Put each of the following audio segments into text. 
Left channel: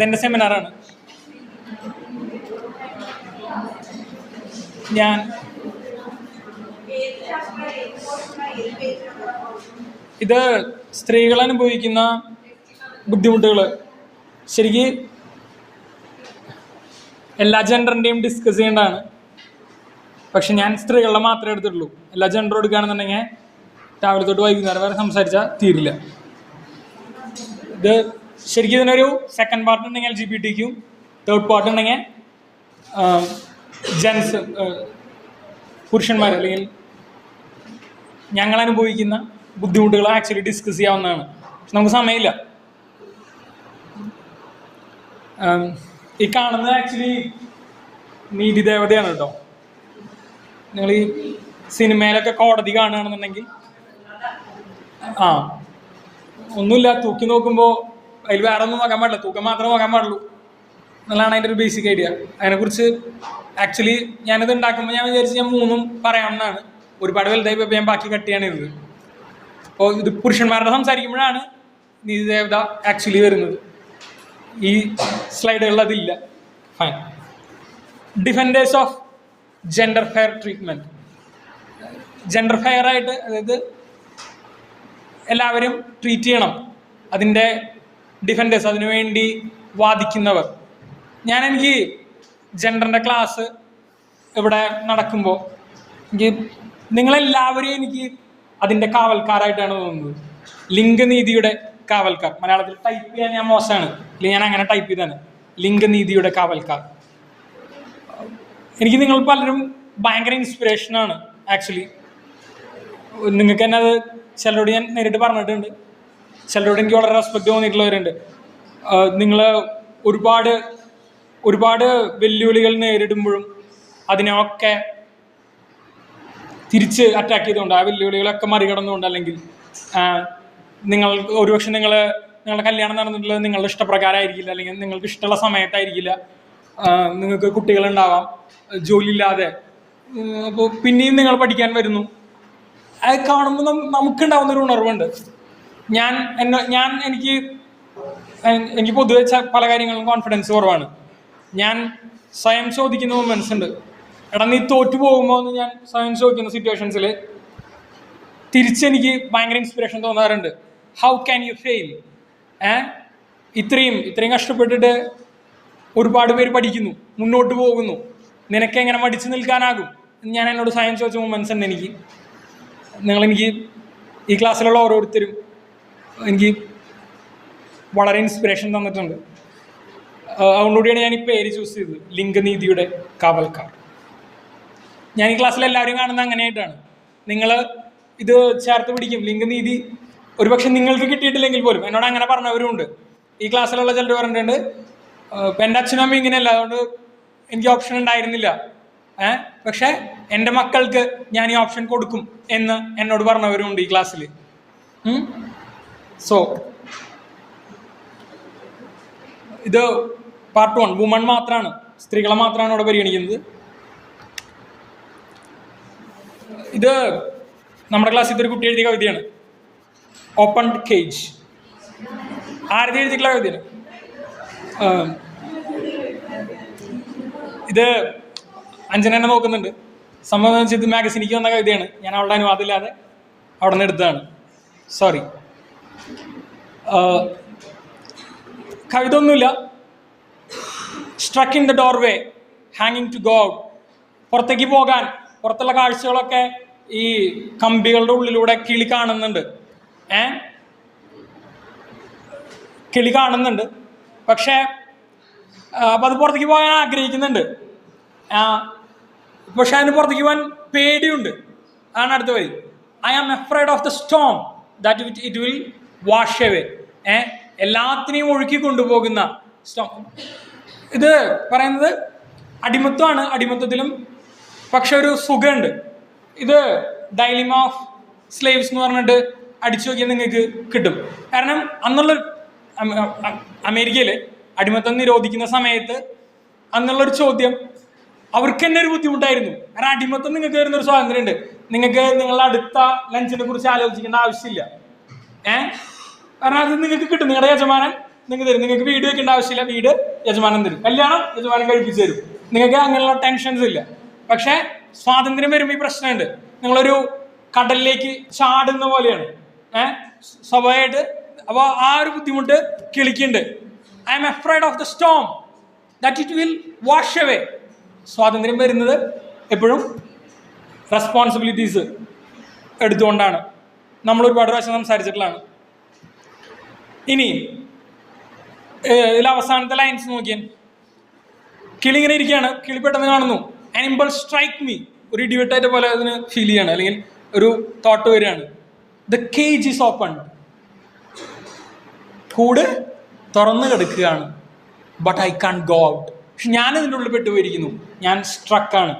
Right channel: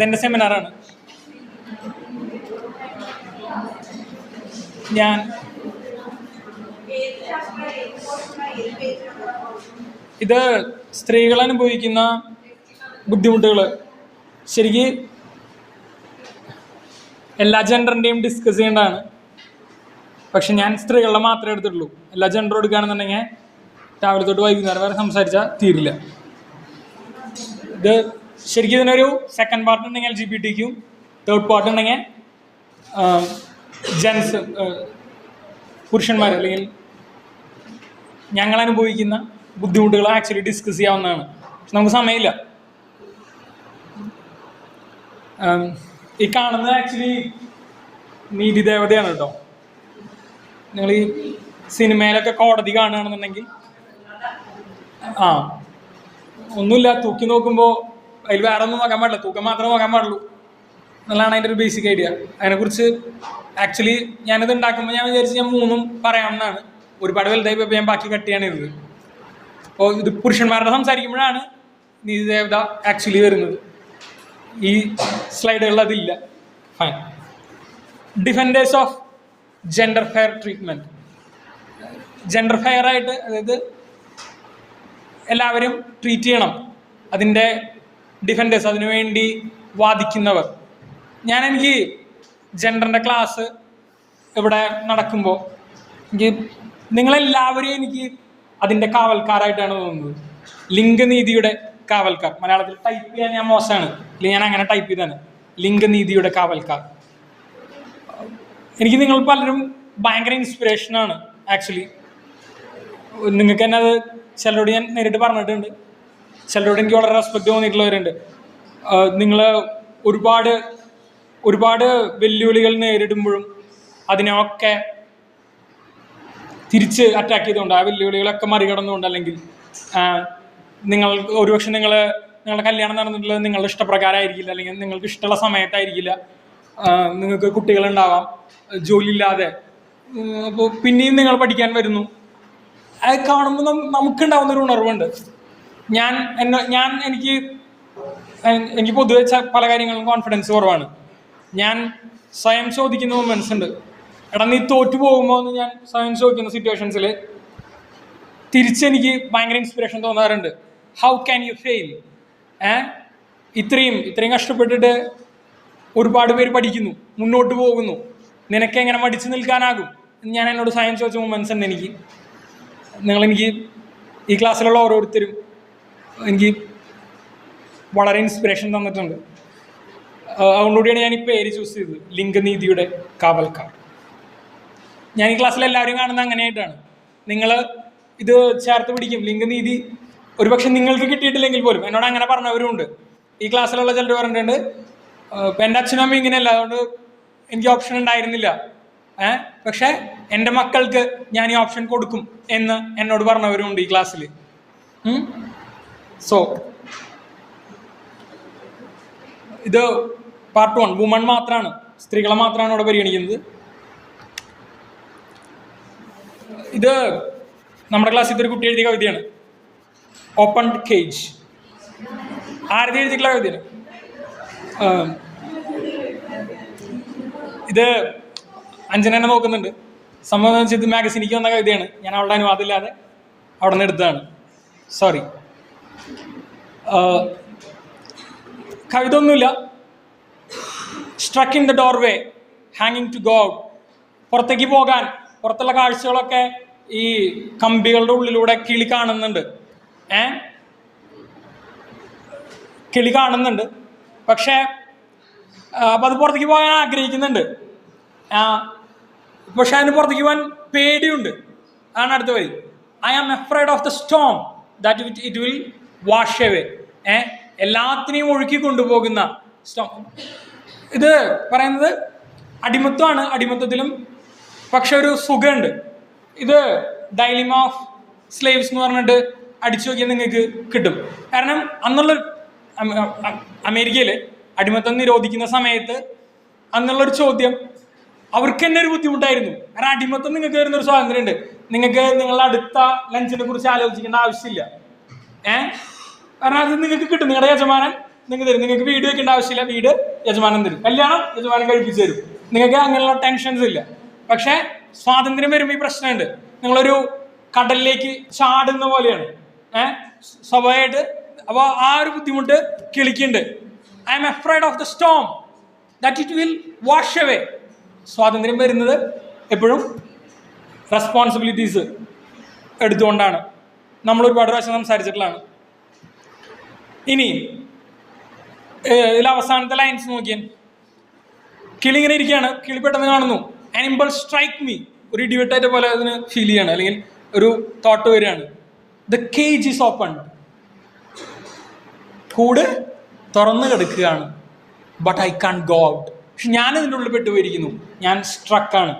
ഇതെൻ്റെ സെമിനാറാണ്. ഞാൻ ഇത് സ്ത്രീകൾ അനുഭവിക്കുന്ന ബുദ്ധിമുട്ടുകൾ ശരിക്കും എല്ലാ ജെൻഡറിൻ്റെയും ഡിസ്കസ് ചെയ്യേണ്ടതാണ്. പക്ഷെ ഞാൻ സ്ത്രീകളുടെ മാത്രമേ എടുത്തിട്ടുള്ളൂ. എല്ലാ ജെൻഡറും എടുക്കുകയാണെന്നുണ്ടെങ്കിൽ രാവിലെ തൊട്ട് വൈകുന്നേരം വരെ സംസാരിച്ചാൽ തീരില്ല. ഇത് ശരിക്കും ഇതിനൊരു സെക്കൻഡ് പാർട്ട് ഉണ്ടെങ്കിൽ LGBT, തേർഡ് പാർട്ട് ഉണ്ടെങ്കിൽ ജെൻസ്, പുരുഷന്മാർ അല്ലെങ്കിൽ ഞങ്ങൾ അനുഭവിക്കുന്ന ബുദ്ധിമുട്ടുകൾ ആക്ച്വലി ഡിസ്കസ് ചെയ്യാവുന്നതാണ്. പക്ഷെ നമുക്ക് സമയമില്ല. ഈ കാണുന്നത് ആക്ച്വലി നീതി ദേവതയാണ് കേട്ടോ. നിങ്ങൾ ഈ സിനിമയിലൊക്കെ കോടതി കാണുകയാണെന്നുണ്ടെങ്കിൽ ഒന്നുമില്ല, തൂക്കി നോക്കുമ്പോൾ അതിൽ വേറെ ഒന്നും നോക്കാൻ പാടില്ല, തൂക്കം മാത്രമേ നോക്കാൻ പാടുള്ളൂ എന്നുള്ളതാണ് അതിൻ്റെ ഒരു ബേസിക് ഐഡിയ. അതിനെക്കുറിച്ച് ആക്ച്വലി ഞാനിത് ഉണ്ടാക്കുമ്പോൾ ഞാൻ വിചാരിച്ച് ഞാൻ മൂന്നും പറയാമെന്നാണ്. ഒരുപാട് വലുതായി പോയപ്പോൾ ഞാൻ ബാക്കി കട്ട് ചെയ്യാനിരുന്നത്. അപ്പോൾ ഇത് പുരുഷന്മാരുടെ സംസാരിക്കുമ്പോഴാണ് നീതി ദേവത ആക്ച്വലി വരുന്നത്. ഈ സ്ലൈഡുകളിൽ അതില്ല. Fine. Defenders of gender fair treatment. Gender fair ആയിട്ട്, അതായത് എല്ലാവരും ട്രീറ്റ് ചെയ്യണം, അതിൻ്റെ ഡിഫൻഡേഴ്സ്, അതിനുവേണ്ടി വാദിക്കുന്നവർ. എനിക്ക് ജെൻഡറിൻ്റെ ക്ലാസ് ഇവിടെ നടക്കുമ്പോൾ നിങ്ങളെല്ലാവരെയും എനിക്ക് അതിൻ്റെ കാവൽക്കാരായിട്ടാണ് തോന്നുന്നത്. ലിംഗനീതിയുടെ കാവൽക്കാർ. മലയാളത്തിൽ ടൈപ്പ് ചെയ്യാൻ ഞാൻ മോശമാണ്, ഇല്ലെങ്കിൽ ഞാൻ അങ്ങനെ ടൈപ്പ് ചെയ്താണ്. ലിംഗനീതിയുടെ കാവൽക്കാർ. എനിക്ക് നിങ്ങൾ പലരും ഭയങ്കര ഇൻസ്പിറേഷനാണ് ആക്ച്വലി. നിങ്ങൾക്ക് തന്നെ അത് ചിലരോട് ഞാൻ നേരിട്ട് പറഞ്ഞിട്ടുണ്ട്, ചിലരോട് എനിക്ക് വളരെ റെസ്പെക്റ്റ് തോന്നിയിട്ടുള്ളവരുണ്ട്. നിങ്ങൾ ഒരുപാട് വെല്ലുവിളികൾ നേരിടുമ്പോഴും അതിനൊക്കെ തിരിച്ച് അറ്റാക്ക് ചെയ്തുകൊണ്ട്, ആ വെല്ലുവിളികളൊക്കെ മറികടന്നുകൊണ്ട്, അല്ലെങ്കിൽ ഒരുപക്ഷെ നിങ്ങളുടെ കല്യാണം നടന്നിട്ടുള്ളത് നിങ്ങളുടെ ഇഷ്ടപ്രകാരമായിരിക്കില്ല, അല്ലെങ്കിൽ നിങ്ങൾക്ക് ഇഷ്ടമുള്ള സമയത്തായിരിക്കില്ല, നിങ്ങൾക്ക് കുട്ടികളുണ്ടാവാം, ജോലിയില്ലാതെ, അപ്പോൾ പിന്നെയും നിങ്ങൾ പഠിക്കാൻ വരുന്നു. അത് കാണുമ്പോൾ നമുക്കുണ്ടാവുന്നൊരു ഉണർവുണ്ട്. എനിക്ക് പൊതുവെ പല കാര്യങ്ങളും കോൺഫിഡൻസ് കുറവാണ്. ഞാൻ സ്വയം ചോദിക്കുന്ന മൊമെന്റ്സ് ഉണ്ട്. എടാ നീ തോറ്റു പോകുമ്പോൾ എന്ന് ഞാൻ സ്വയം ചോദിക്കുന്ന സിറ്റുവേഷൻസിൽ തിരിച്ചെനിക്ക് ഭയങ്കര ഇൻസ്പിറേഷൻ തോന്നാറുണ്ട്. How can you fail? ഇത്രയും കഷ്ടപ്പെട്ടിട്ട് ഒരുപാട് പേര് പഠിക്കുന്നു, മുന്നോട്ട് പോകുന്നു, നിനക്ക് എങ്ങനെ മടിച്ചു നിൽക്കാനാകും? ഞാൻ എന്നോട് സ്വയം ചോദിച്ച മൊമെന്റ്സ് ഉണ്ട് എനിക്ക്. നിങ്ങളെനിക്ക് ഈ ക്ലാസ്സിലുള്ള ഓരോരുത്തരും എനിക്ക് വളരെ ഇൻസ്പിറേഷൻ തന്നിട്ടുണ്ട്. അതുകൊണ്ടുകൂടിയാണ് ഞാൻ ഈ പേര് ചൂസ് ചെയ്തത്, ലിംഗനീതിയുടെ കാവൽക്കാർ. ഞാൻ ഈ ക്ലാസ്സിൽ എല്ലാവരും കാണുന്നത് അങ്ങനെയായിട്ടാണ്. നിങ്ങൾ ഇത് ചേർത്ത് പിടിക്കും. ലിംഗനീതി ഒരുപക്ഷെ നിങ്ങൾക്ക് കിട്ടിയിട്ടില്ലെങ്കിൽ പോലും എന്നോട് അങ്ങനെ പറഞ്ഞവരുമുണ്ട്. ഈ ക്ലാസ്സിലുള്ള ചിലർ പറഞ്ഞിട്ടുണ്ട്, ഇപ്പം എൻ്റെ അച്ഛനും അമ്മയും ഇങ്ങനെയല്ല, അതുകൊണ്ട് എനിക്ക് ഓപ്ഷൻ ഉണ്ടായിരുന്നില്ല, പക്ഷെ എൻ്റെ മക്കൾക്ക് ഞാൻ ഈ ഓപ്ഷൻ കൊടുക്കും എന്ന് എന്നോട് പറഞ്ഞവരുമുണ്ട് ഈ ക്ലാസ്സിൽ. സോ ഇത് പാർട്ട് 1. വുമൺ മാത്രമാണ്, സ്ത്രീകളെ മാത്രമാണ് ഇവിടെ പരിഗണിക്കുന്നത്. ഇത് നമ്മുടെ ക്ലാസ്സിൽ ഇതൊരു കുട്ടി എഴുതിയ കവിതയാണ്, ഓപ്പൺ കേജ്. ആരുടെ എഴുതിയിട്ടുള്ള കവിതയാണ് ഇത്? അഞ്ജന എന്നെ നോക്കുന്നുണ്ട്. സംബന്ധിച്ചത് മാഗസിനിക്ക് വന്ന കവിതയാണ്. ഞാൻ അവളുടെ അനുവാദമില്ലാതെ അവിടെ നിന്ന് എടുത്തതാണ്, സോറി. കവിത ഒന്നുമില്ല. സ്ട്രക്ക് ഇൻ ദ ഡോർവേ, ഹാങ്ങിങ് ടു ഗോഡ്. പുറത്തേക്ക് പോകാൻ, പുറത്തുള്ള കാഴ്ചകളൊക്കെ ഈ കമ്പികളുടെ ഉള്ളിലൂടെ കിളി കാണുന്നുണ്ട്. പക്ഷെ അത് പുറത്തേക്ക് പോകാൻ ആഗ്രഹിക്കുന്നുണ്ട്. പക്ഷെ അതിന് പുറത്തേക്ക് പോകാൻ പേടിയുണ്ട്. ആണ് അടുത്ത വരി. I am afraid of the storm that it will wash away. എല്ലാത്തിനെയും ഒഴുക്കി കൊണ്ടുപോകുന്ന സ്റ്റോം. ഇത് പറയുന്നത് അടിമത്വമാണ്. അടിമത്വത്തിലും പക്ഷെ ഒരു സുഖമുണ്ട്. ഇത് ഡൈലിമ ഓഫ് സ്ലേവ്സ് എന്ന് പറഞ്ഞിട്ട് അടിച്ചു നോക്കിയാൽ നിങ്ങൾക്ക് കിട്ടും. കാരണം അന്നുള്ള അമേരിക്കയിൽ അടിമത്തം നിരോധിക്കുന്ന സമയത്ത് അന്നുള്ളൊരു ചോദ്യം അവർക്ക് തന്നെ ഒരു ബുദ്ധിമുട്ടായിരുന്നു. കാരണം അടിമത്തം നിങ്ങൾക്ക് വരുന്നൊരു സ്വാതന്ത്ര്യം ഉണ്ട്. നിങ്ങൾക്ക് നിങ്ങളുടെ അടുത്ത ലഞ്ചിനെ കുറിച്ച് ആലോചിക്കേണ്ട ആവശ്യമില്ല. കാരണം അത് നിങ്ങൾക്ക് കിട്ടും. നിങ്ങളുടെ യജമാനൻ നിങ്ങൾക്ക് തരും. നിങ്ങൾക്ക് വീട് വെക്കേണ്ട ആവശ്യമില്ല, വീട് യജമാനൻ തരും. കല്യാണം യജമാനൻ കഴിപ്പിച്ച് തരും. നിങ്ങൾക്ക് അങ്ങനെയുള്ള ടെൻഷൻസ് ഇല്ല. പക്ഷെ സ്വാതന്ത്ര്യം വരുമ്പോൾ ഈ പ്രശ്നമുണ്ട്. നിങ്ങളൊരു കടലിലേക്ക് ചാടുന്ന പോലെയാണ് സ്വാഭാവികമായിട്ട്. അപ്പോൾ ആ ഒരു ബുദ്ധിമുട്ട് കിളിക്കുന്നുണ്ട്. I am afraid of the storm that it will wash away. സ്വാതന്ത്ര്യം വരുന്നത് എപ്പോഴും റെസ്പോൺസിബിലിറ്റീസ് എടുത്തുകൊണ്ടാണ്. നമ്മൾ ഒരുപാട് പ്രാവശ്യം സംസാരിച്ചിട്ടുള്ളതാണ്. ഇനി ഇതിൽ അവസാനത്തെ ലൈൻസ് നോക്കിയാൽ കിളി ഇങ്ങനെ ഇരിക്കുകയാണ്. കിളി പെട്ടെന്ന് കാണുന്നു, ആനിമൽ സ്ട്രൈക്ക് മീ. ഒരു ഇടിവെട്ടായിട്ട് പോലെ അതിന് ഫീൽ ചെയ്യാണ്, അല്ലെങ്കിൽ ഒരു തോട്ട് വരികയാണ്. The cage is open. കൂട് തുറന്നു കിടക്കുകയാണ്. But I can go out. പക്ഷെ ഞാൻ ഇതിൻ്റെ ഉള്ളിൽ പെട്ടുപോയിരിക്കുന്നു, ഞാൻ സ്ട്രക്കാണ്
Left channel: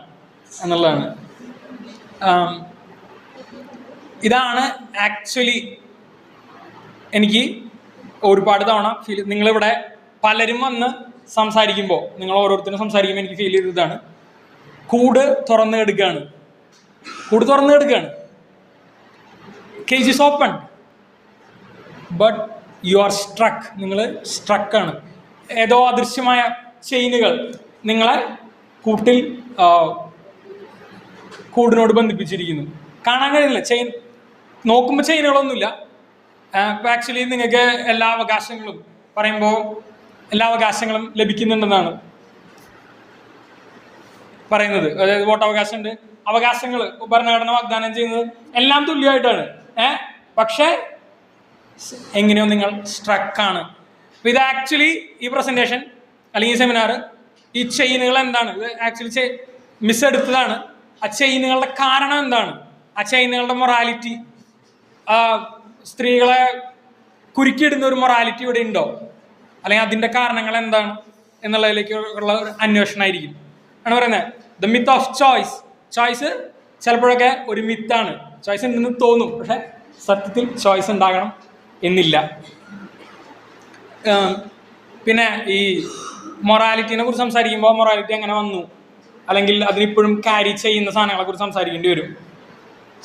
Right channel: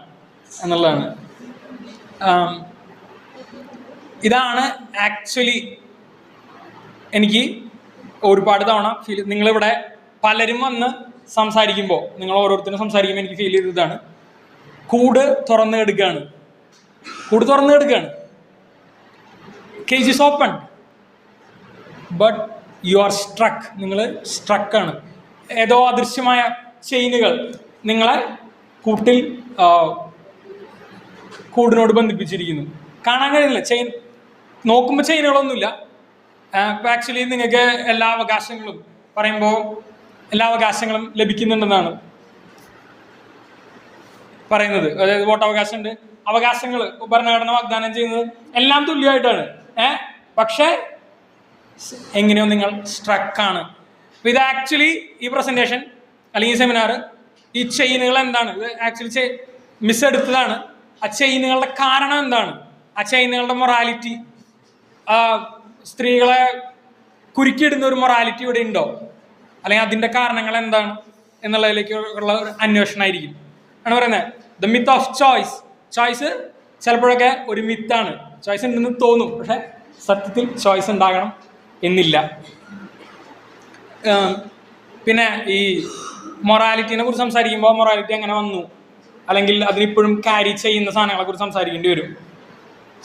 എന്നുള്ളതാണ്. ഇതാണ് ആക്ച്വലി എനിക്ക് ഒരുപാട് തവണ ഫീൽ. നിങ്ങളിവിടെ പലരും വന്ന് സംസാരിക്കുമ്പോൾ, നിങ്ങൾ ഓരോരുത്തരും സംസാരിക്കുമ്പോൾ എനിക്ക് ഫീൽ ചെയ്തതാണ്, കൂട് തുറന്നു കിടക്കുകയാണ്. കൂട് തുറന്നു കിടക്കുകയാണ്. Cage is open but you are സ്ട്രക്ക്. നിങ്ങൾ സ്ട്രക്കാണ്. ഏതോ അദൃശ്യമായ ചെയിനുകൾ നിങ്ങളെ കൂടിനോട് ബന്ധിപ്പിച്ചിരിക്കുന്നു. കാണാൻ കഴിയുന്നില്ല. ചെയിൻ നോക്കുമ്പോൾ ചെയിനുകളൊന്നുമില്ല. ഇപ്പോൾ ആക്ച്വലി നിങ്ങൾക്ക് എല്ലാ അവകാശങ്ങളും പറയുമ്പോൾ എല്ലാ അവകാശങ്ങളും ലഭിക്കുന്നുണ്ടെന്നാണ് പറയുന്നത്. അതായത് വോട്ടവകാശമുണ്ട്, അവകാശങ്ങൾ ഭരണഘടന വാഗ്ദാനം ചെയ്യുന്നത് എല്ലാം തുല്യമായിട്ടാണ്. പക്ഷേ എങ്ങനെയോ നിങ്ങൾ സ്ട്രക്കാണ്. അപ്പോൾ ഇത് ആക്ച്വലി ഈ പ്രസൻറ്റേഷൻ അല്ലെങ്കിൽ ഈ സെമിനാർ, ഈ ചെയിനുകൾ എന്താണ്, ഇത് ആക്ച്വലി മിസ് എടുത്തതാണ്. ആ ചെയിനുകളുടെ കാരണം എന്താണ്, ആ ചെയിനുകളുടെ മൊറാലിറ്റി, സ്ത്രീകളെ കുരുക്കിയിടുന്ന ഒരു മൊറാലിറ്റി ഇവിടെ ഉണ്ടോ, അല്ലെങ്കിൽ അതിൻ്റെ കാരണങ്ങൾ എന്താണ് എന്നുള്ളതിലേക്കുള്ള ഒരു അന്വേഷണമായിരിക്കും ആണ് പറയുന്നത്. The myth of choice. Choice ചിലപ്പോഴൊക്കെ ഒരു മിത്താണ്. ചോയ്സ് ഉണ്ടെന്ന് തോന്നും, പക്ഷെ സത്യത്തിൽ ചോയ്സ് ഉണ്ടാകണം എന്നില്ല. പിന്നെ ഈ മൊറാലിറ്റിനെ കുറിച്ച് സംസാരിക്കുമ്പോൾ മൊറാലിറ്റി അങ്ങനെ വന്നു, അല്ലെങ്കിൽ അതിനിപ്പോഴും ക്യാരി ചെയ്യുന്ന സാധനങ്ങളെ കുറിച്ച് സംസാരിക്കേണ്ടി വരും.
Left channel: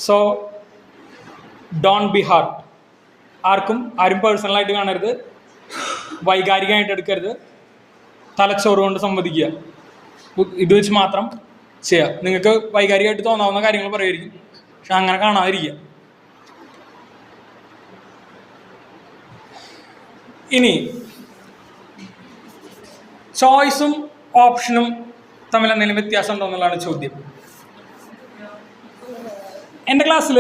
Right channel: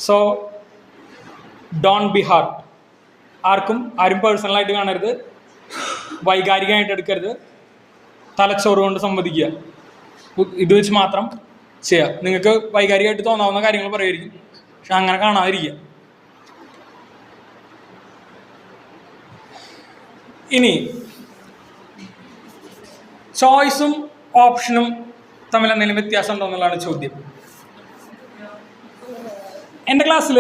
So don't be hurt. ആരും പേഴ്സണലായിട്ട് കാണരുത്, വൈകാരികമായിട്ട് എടുക്കരുത്, തലച്ചോറ് കൊണ്ട് സംവദിക്കുക. ഇത് വെച്ച് മാത്രം ചെയ്യാം. നിങ്ങൾക്ക് വൈകാരികമായിട്ട് തോന്നാവുന്ന കാര്യങ്ങൾ പറയുമായിരിക്കും, പക്ഷെ അങ്ങനെ കാണാതിരിക്കുക. ഇനി ചോയ്സും ഓപ്ഷനും തമ്മിൽ എന്തെങ്കിലും വ്യത്യാസം ഉണ്ടോ എന്നുള്ളതാണ് ചോദ്യം. എൻ്റെ ക്ലാസ്സിൽ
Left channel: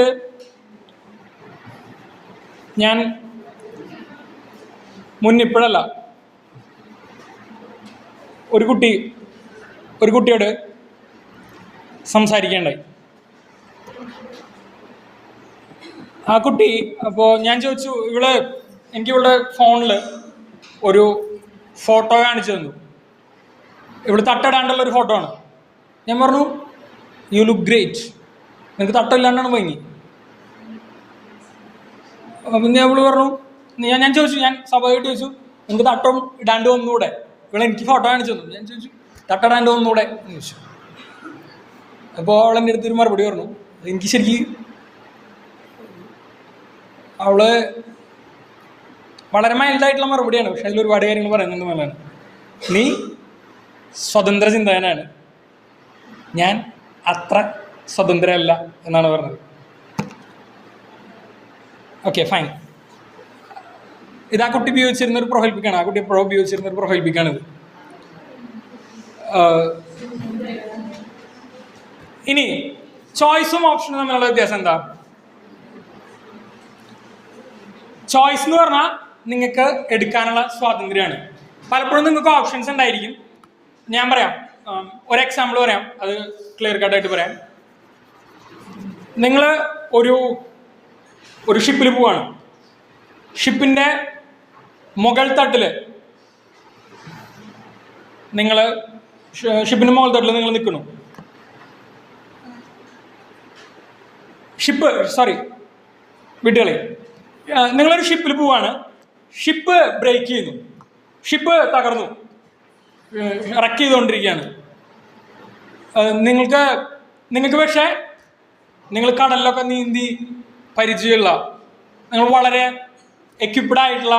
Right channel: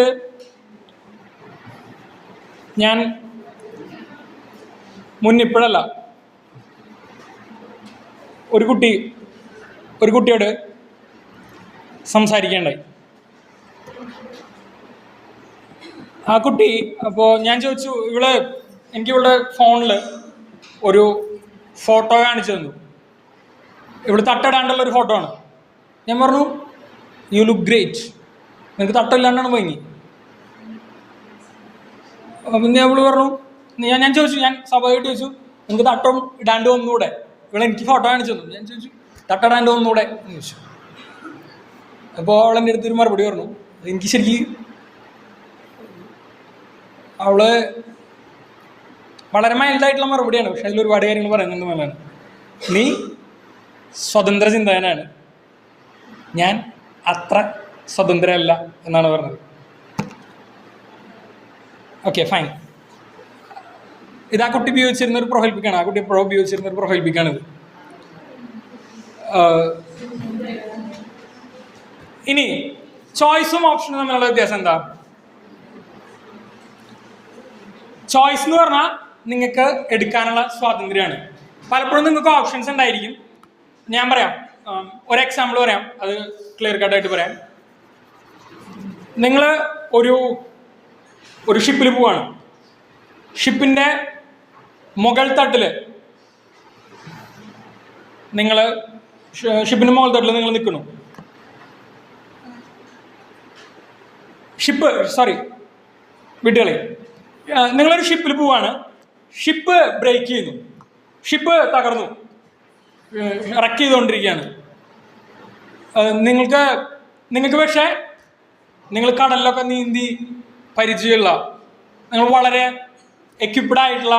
ഞാൻ മുന്നിപ്പോഴല്ല, ഒരു കുട്ടിയോട് സംസാരിക്കേണ്ടായി. ആ കുട്ടി, അപ്പോൾ ഞാൻ ചോദിച്ചു, എനിക്ക് ഇവളുടെ ഫോണിൽ ഒരു ഫോട്ടോ കാണിച്ചു തന്നു. ഇവിടെ തട്ടിടാണ്ടുള്ള ഒരു ഫോട്ടോ ആണ്. ഞാൻ പറഞ്ഞു, യു ലുക്ക് ഗ്രേറ്റ്. എനിക്ക് തട്ടില്ലാണ്ടാണ് ഭംഗി. അപ്പം അവള് പറഞ്ഞു, ഞാൻ ചോദിച്ചു, ഞാൻ സ്വാഭാവികമായിട്ട് ചോദിച്ചു, നമുക്ക് തട്ടം ഇടാണ്ട് വന്നൂടെ? എനിക്ക് ഫോട്ടോ കാണിച്ചു തന്നു. ഞാൻ ചോദിച്ചു, തട്ടിടാണ്ട് വന്നൂടെ എന്ന് ചോദിച്ചു. അപ്പോൾ അവൾ എൻ്റെ അടുത്തൊരു മറുപടി പറഞ്ഞു. എനിക്ക് ശരിക്കും അവള് വളരെ മൈൽഡായിട്ടുള്ള മറുപടിയാണ്, പക്ഷെ അതിൽ ഒരുപാട് കാര്യങ്ങൾ പറയുന്നുണ്ട് നല്ലതാണ്. നീ സ്വതന്ത്ര ചിന്തകനാണ്, ഞാൻ അത്ര സ്വതന്ത്രമല്ല എന്നാണ് പറഞ്ഞത്. Okay, fine. ഇത് ആ കുട്ടി ഉപയോഗിച്ചിരുന്ന ഒരു പ്രൊഫൈൽ പിക്കാണ്. ആ കുട്ടി എപ്പോഴും ഉപയോഗിച്ചിരുന്ന ഒരു പ്രൊഫൈൽ പിക്കാണിത്. ഇനി ചോയ്സും ഓപ്ഷനും തമ്മിലുള്ള വ്യത്യാസം എന്താ? ചോയ്സ് എന്ന് പറഞ്ഞാൽ നിങ്ങൾക്ക് എടുക്കാനുള്ള സ്വാതന്ത്ര്യമാണ്. പലപ്പോഴും നിങ്ങൾക്ക് ഓപ്ഷൻസ് ഉണ്ടായിരിക്കും. ഞാൻ പറയാം, ഒരു എക്സാമ്പിൾ പറയാം, അത് ക്ലിയർ കട്ടായിട്ട് പറയാം. നിങ്ങൾ ഒരു ഷിപ്പിൽ പോവാണ്. ഷിപ്പിൻ്റെ മുകൾ തട്ടിൽ നിങ്ങൾ നിൽക്കുന്നു. നിങ്ങളൊരു ഷിപ്പിൽ പോവാണ്. ഷിപ്പ് ബ്രേക്ക് ചെയ്യുന്നു, ഷിപ്പ് തകർന്നു, റക്ക് ചെയ്തുകൊണ്ടിരിക്കുകയാണ്. നിങ്ങൾക്ക് പക്ഷേ നിങ്ങൾ കടലിലൊക്കെ നീന്തി പരിചയമുള്ള, നിങ്ങൾ വളരെ എക്വിപ്ഡ് ആയിട്ടുള്ള,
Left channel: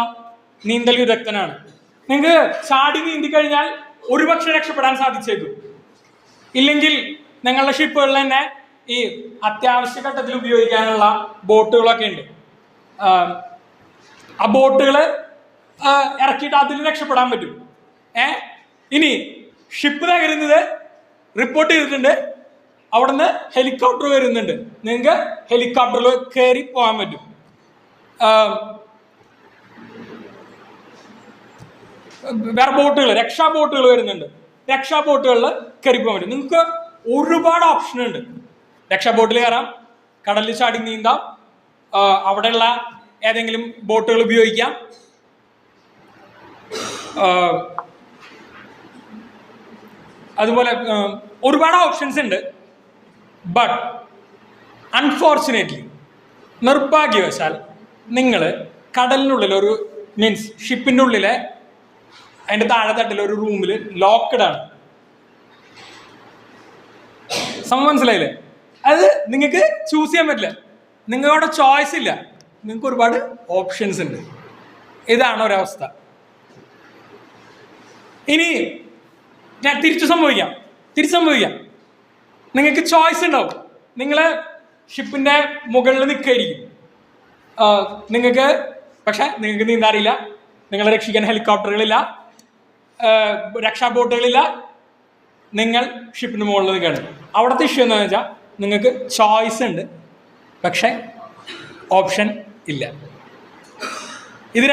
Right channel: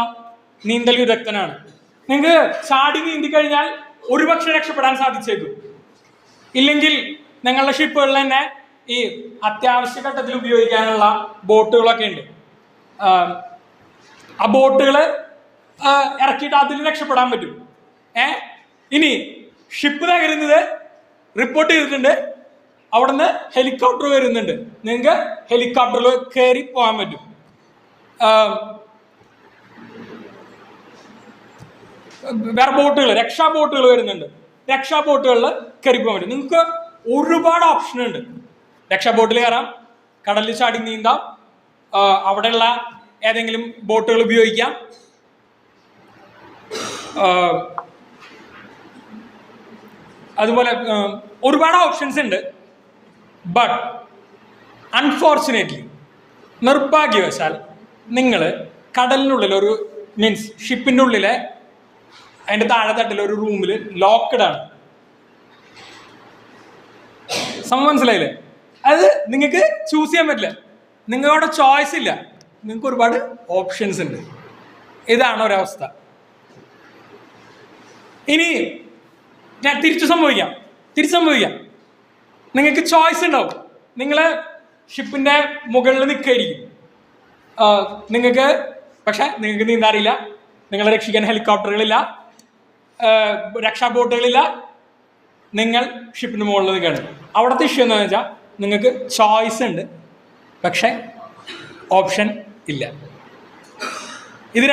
നീന്തൽ വിദഗ്ധനാണ്. നിങ്ങൾക്ക് ചാടി നീന്തി കഴിഞ്ഞാൽ ഒരുപക്ഷെ രക്ഷപ്പെടാൻ സാധിച്ചേക്കും. ഇല്ലെങ്കിൽ ഞങ്ങളുടെ ഷിപ്പുകളിൽ തന്നെ ഈ അത്യാവശ്യ ഘട്ടത്തിൽ ഉപയോഗിക്കാനുള്ള ബോട്ടുകളൊക്കെ ഉണ്ട്. ആ ബോട്ടുകൾ ഇറക്കിയിട്ട് അതിൽ രക്ഷപ്പെടാൻ പറ്റും. ഇനി ഷിപ്പ് തകരുന്നത് റിപ്പോർട്ട് ചെയ്തിട്ടുണ്ട്. അവിടുന്ന് ഹെലികോപ്റ്റർ വരുന്നുണ്ട്. നിങ്ങൾക്ക് ഹെലികോപ്റ്ററിൽ കയറി പോകാൻ പറ്റും. വേറെ ബോട്ടുകൾ, രക്ഷാ ബോട്ടുകൾ വരുന്നുണ്ട്. രക്ഷാ ബോട്ടുകളിൽ കയറി പോകാൻ പറ്റും. നിങ്ങൾക്ക് ഒരുപാട് ഓപ്ഷൻ ഉണ്ട്. രക്ഷാ ബോട്ടിൽ കയറാം, കടലിൽ ചാടി നീന്താം, അവിടെയുള്ള ഏതെങ്കിലും ബോട്ടുകൾ ഉപയോഗിക്കാം. അതുപോലെ ഒരുപാട് ഓപ്ഷൻസ് ഉണ്ട്. ബട്ട് അൺഫോർച്ചുനേറ്റ്ലി, നിർഭാഗ്യവശാൽ നിങ്ങൾ കടലിനുള്ളിൽ ഒരു മീൻസ് ഷിപ്പിൻ്റെ ഉള്ളിലെ അതിൻ്റെ താഴെ തട്ടിൽ ഒരു റൂമിൽ ലോക്ക്ഡ് ആണ്. സംഭവം മനസ്സിലായില്ലേ? അത് നിങ്ങൾക്ക് ചൂസ് ചെയ്യാൻ പറ്റില്ല. നിങ്ങളുടെ ചോയ്സ് ഇല്ല. നിങ്ങൾക്ക് ഒരുപാട് ഓപ്ഷൻസ് ഉണ്ട്. ഇതാണ് ഒരവസ്ഥ. ഇനി ഞാൻ തിരിച്ചു സംഭവിക്കാം. നിങ്ങൾക്ക് ചോയ്സ് ഉണ്ടാവും. നിങ്ങൾ ഷിപ്പിൻ്റെ മുകളിൽ നിൽക്കായിരിക്കും. പക്ഷെ നിങ്ങൾക്ക് നീന്താൻ അറിയില്ല. നിങ്ങളെ രക്ഷിക്കാൻ ഹെലികോപ്റ്ററുകളില്ല, രക്ഷാ ബോട്ടുകളില്ല. നിങ്ങൾ ഷിപ്പിന് മുകളിൽ നിൽക്കുകയാണ്. അവിടുത്തെ ഇഷ്യൂ എന്താണെന്ന് വെച്ചാൽ നിങ്ങൾക്ക് ചോയ്സ് ഉണ്ട്, പക്ഷെ ഓപ്ഷൻ ഇല്ല. ഇത്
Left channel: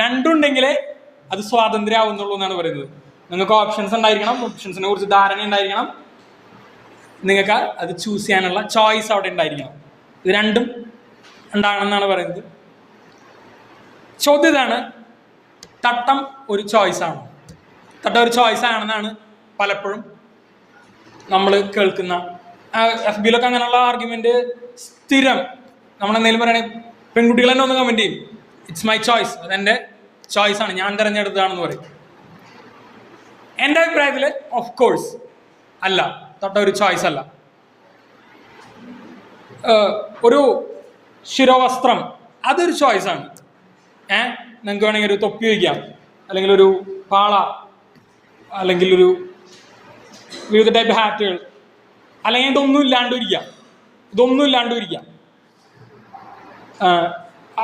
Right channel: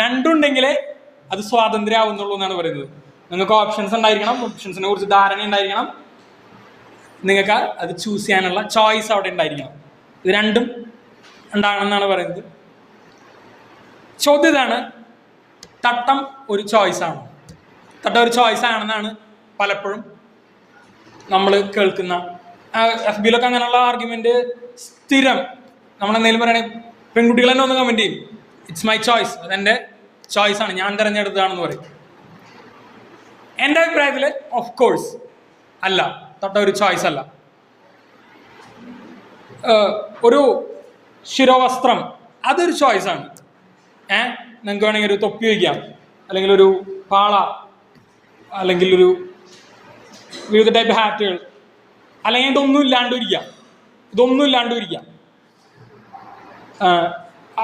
രണ്ടും ഉണ്ടെങ്കിലേ അത് സ്വാതന്ത്ര്യം ആവുന്നുള്ളൂ എന്നാണ് പറയുന്നത്. നിങ്ങൾക്ക് ഓപ്ഷൻസ് ഉണ്ടായിരിക്കണം, ഓപ്ഷൻസിനെ കുറിച്ച് ധാരണ ഉണ്ടായിരിക്കണം, നിങ്ങൾക്ക് അത് ചൂസ് ചെയ്യാനുള്ള ചോയ്സ് അവിടെ ഉണ്ടായിരിക്കണം. ഇത് രണ്ടും ഉണ്ടാകണമെന്നാണ് പറയുന്നത്. ചോദ്യം ഇതാണ്: തട്ടം ഒരു ചോയ്സാണ്. തട്ടം ഒരു ചോയ്സ് ആണെന്നാണ് പലപ്പോഴും നമ്മൾ കേൾക്കുന്ന. എഫ് ബിയിലൊക്കെ അങ്ങനെയുള്ള ആർഗ്യുമെന്റ് സ്ഥിരം. നമ്മളെന്തെങ്കിലും പറയണേ, പെൺകുട്ടികൾ തന്നെ ഒന്ന് കമന്റ് ചെയ്യും, ഇറ്റ്സ് മൈ ചോയ്സ്, അതെൻ്റെ ചോയ്സാണ്, ഞാൻ തിരഞ്ഞെടുത്തതാണെന്ന് പറയും. എൻ്റെ അഭിപ്രായത്തിൽ ഓഫ് കോഴ്സ് അല്ല, തട്ട ഒരു ചോയ്സ് അല്ല. ഒരു ശിരോവസ്ത്രം അതൊരു ചോയ്സാണ്. നിങ്ങൾക്ക് വേണമെങ്കിൽ ഒരു തൊപ്പി വയ്ക്കാം, അല്ലെങ്കിൽ ഒരു പാള, അല്ലെങ്കിൽ ഒരു വിവിധ ടൈപ്പ് ഹാറ്റുകൾ, അല്ലെങ്കിൽ ഇതൊന്നും ഇല്ലാണ്ടും ഇരിക്കാം.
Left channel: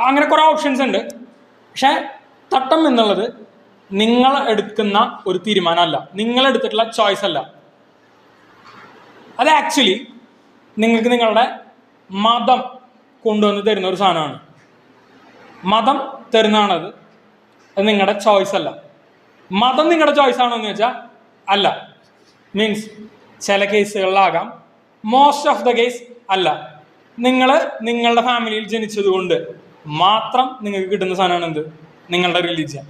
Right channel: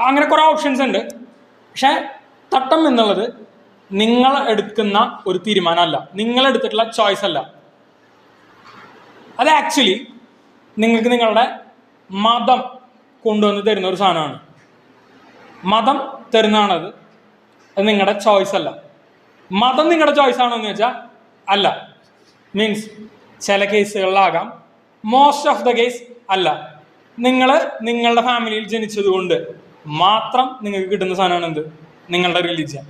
അങ്ങനെ കുറേ ഓപ്ഷൻസ് ഉണ്ട്. പക്ഷെ തട്ടം എന്നുള്ളത് നിങ്ങൾ എടുക്കുന്ന ഒരു തീരുമാനമല്ല, നിങ്ങൾ എടുത്തിട്ടുള്ള ചോയ്സ് അല്ല. അത് ആക്ച്വലി നിങ്ങൾക്ക് നിങ്ങളുടെ മതം കൊണ്ടുവന്ന് തരുന്ന ഒരു സാധനമാണ്. മതം തരുന്നതാണത്. അത് നിങ്ങളുടെ ചോയ്സ് അല്ല. മതം നിങ്ങളുടെ ചോയ്സ് ആണോ എന്ന് വെച്ചാൽ അല്ല. മീൻസ് ചില കേസുകളിലാകാം, മോസ്റ്റ് ഓഫ് ദ കേസ് അല്ല. നിങ്ങളുടെ ഫാമിലിയിൽ ജനിച്ചത് കൊണ്ട് മാത്രം നിങ്ങൾക്ക് കിട്ടുന്ന സാധനമാണ് എന്ത്? നിങ്ങളുടെ റിലീജിയൻ.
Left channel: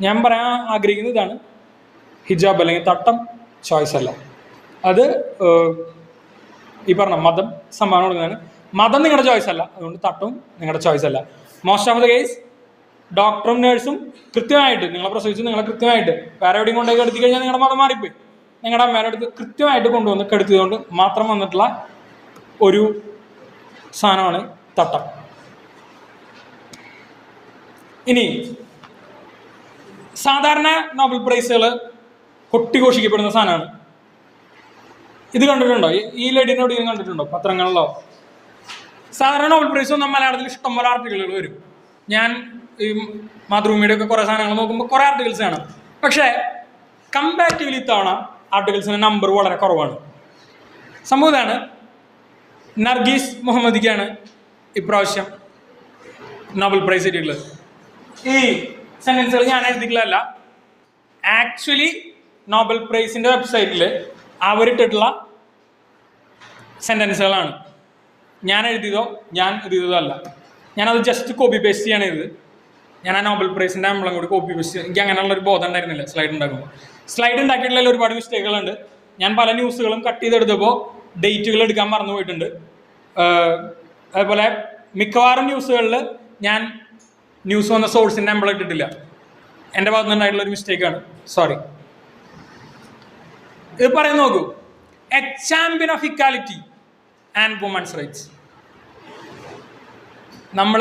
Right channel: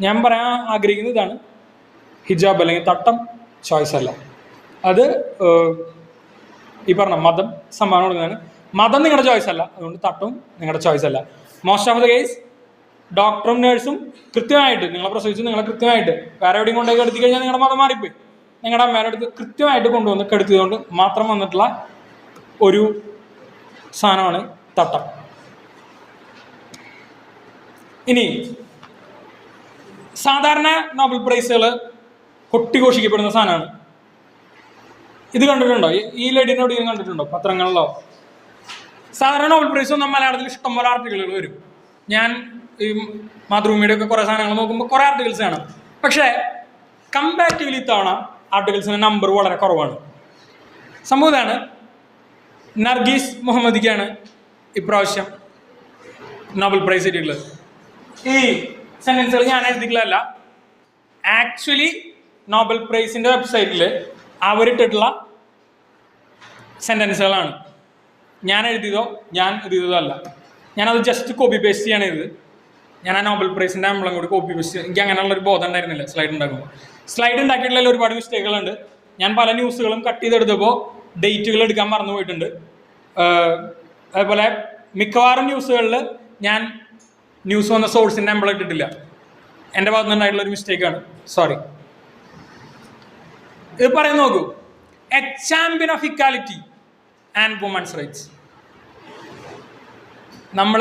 ഞാൻ പറയാൻ ആഗ്രഹിക്കുന്നത് ഇതാണ്: ഹിജാബ് അല്ലെങ്കിൽ തട്ടം ചോയ്സ് അല്ല. അത് ഈ പറഞ്ഞ മതം സമ്മാനം കൊടുക്കുന്നതാണ്. മതം നിങ്ങളുടെ ചോയ്സ് അല്ല, അതുകൊണ്ട് തട്ടവും നിങ്ങളുടെ ചോയ്സ് അല്ല. മോസ്റ്റ് ഓഫ് ദ കേസ് ഡോക്ടറും നേഴ്സും കൃത്യമായിട്ട് നിങ്ങളെ പ്രസവിച്ച് നിങ്ങളെ കൃത്യമായിട്ട് വേറെ എവിടെയും കൊണ്ടുപോയി കെടുത്തി കഴിഞ്ഞാൽ നിങ്ങളുടെ മതം മാറിപ്പോയി. നിങ്ങളുടെ അമ്മയുടെ അടുത്ത് കൃത്യമായിട്ട് കൊണ്ടുവന്ന് കെടുത്തിയതുകൊണ്ട് മാത്രം വന്നിട്ടുള്ള ഒരു സാധനമാണ് തട്ടം. ഇനി സാധാരണ നോബൽ പ്രൈസുകൾ കൊട്ടിഘോഷിക്കപ്പെടുന്ന സാധനമാണ്. ഇത് കണ്ടിട്ടുണ്ടോ? ഈ ലേഡിനോട് ഇത് കണ്ടിട്ടുണ്ടോ പത്രങ്ങളിലോ? സാധാരണ നോബൽ പ്രൈസ് വന്നാൽ മലയാളത്തിൽ ഇഷ്ടംപോലെ ആർട്ടിക്കിളുകൾ വരും. ഞാൻ ഈ മാതൃഭൂമിയുടെ ഒക്കെ കുറേ സാധനങ്ങൾ നോക്കുമ്പോൾ കുറേ ആർട്ടിക്കിൾസ് കാണാം. പക്ഷേ കമ്പാരിറ്റീവ്ലി ഇത്തവണ ആർട്ടിക്കിൾസിന്റെ നമ്പർ വളരെ കുറവാണ്. സംഭവം ഇതാണ്: നർഗീസ് മുഹമ്മദിക്കാണ് ഇപ്രാവശ്യം നോബൽ പ്രൈസ് കിട്ടിയിട്ടുള്ളത്. ഈ സെന്റൻസുകൾ ഞാൻ എഴുതിയിട്ടില്ല. ആക്ച്വലി നോബൽ പ്രൈസിന്റെ വെബ്സൈറ്റിൽ അവരിട്ടിട്ടുള്ള സെന്റൻസുകളാണ്. ഞാൻ എഴുതിയതോ അല്ല. ഞാനത് ജസ്റ്റ് കോപ്പി പേസ്റ്റ് ചെയ്യാണ് ചെയ്തത്. ഞാൻ ആ നോബൽ പ്രൈസിന്റെ ആംബ്ലം കൂടി കോപ്പി പേസ്റ്റ്. എനിക്ക് അങ്ങനെയുള്ളൊരു ബോധം ഉണ്ടായിരുന്നില്ല സ്ലൈഡ് ഉണ്ടാക്കുമ്പോൾ. സ്ലൈഡ് ഉണ്ടാക്കിയിട്ടുള്ള ഒരുപാട് മിസ്റ്റേക്കുകളുണ്ട്. ഞാൻ പല ന്യൂസുകളും കട്ട് ചെയ്തെടുത്തപ്പോൾ ഡേറ്റുകൾ എടുക്കാൻ മറന്നു പോയിട്ടുണ്ട്. അതുപോലെ മിക്കവാറും ന്യൂസുകളിൽ ഞാൻ ന്യൂസ് വന്ന സോഴ്സിൻ്റെ എംബ്ലം ഇട്ടിട്ടില്ല. എൻ്റെ ഭാഗത്ത് നിന്നുണ്ടായിട്ടുള്ളൊരു മിസ്റ്റേക്കാണ്, സോറി. ഇത് പറയാൻ നോക്കൂ: a champion of equality and women's rights. നമ്മൾ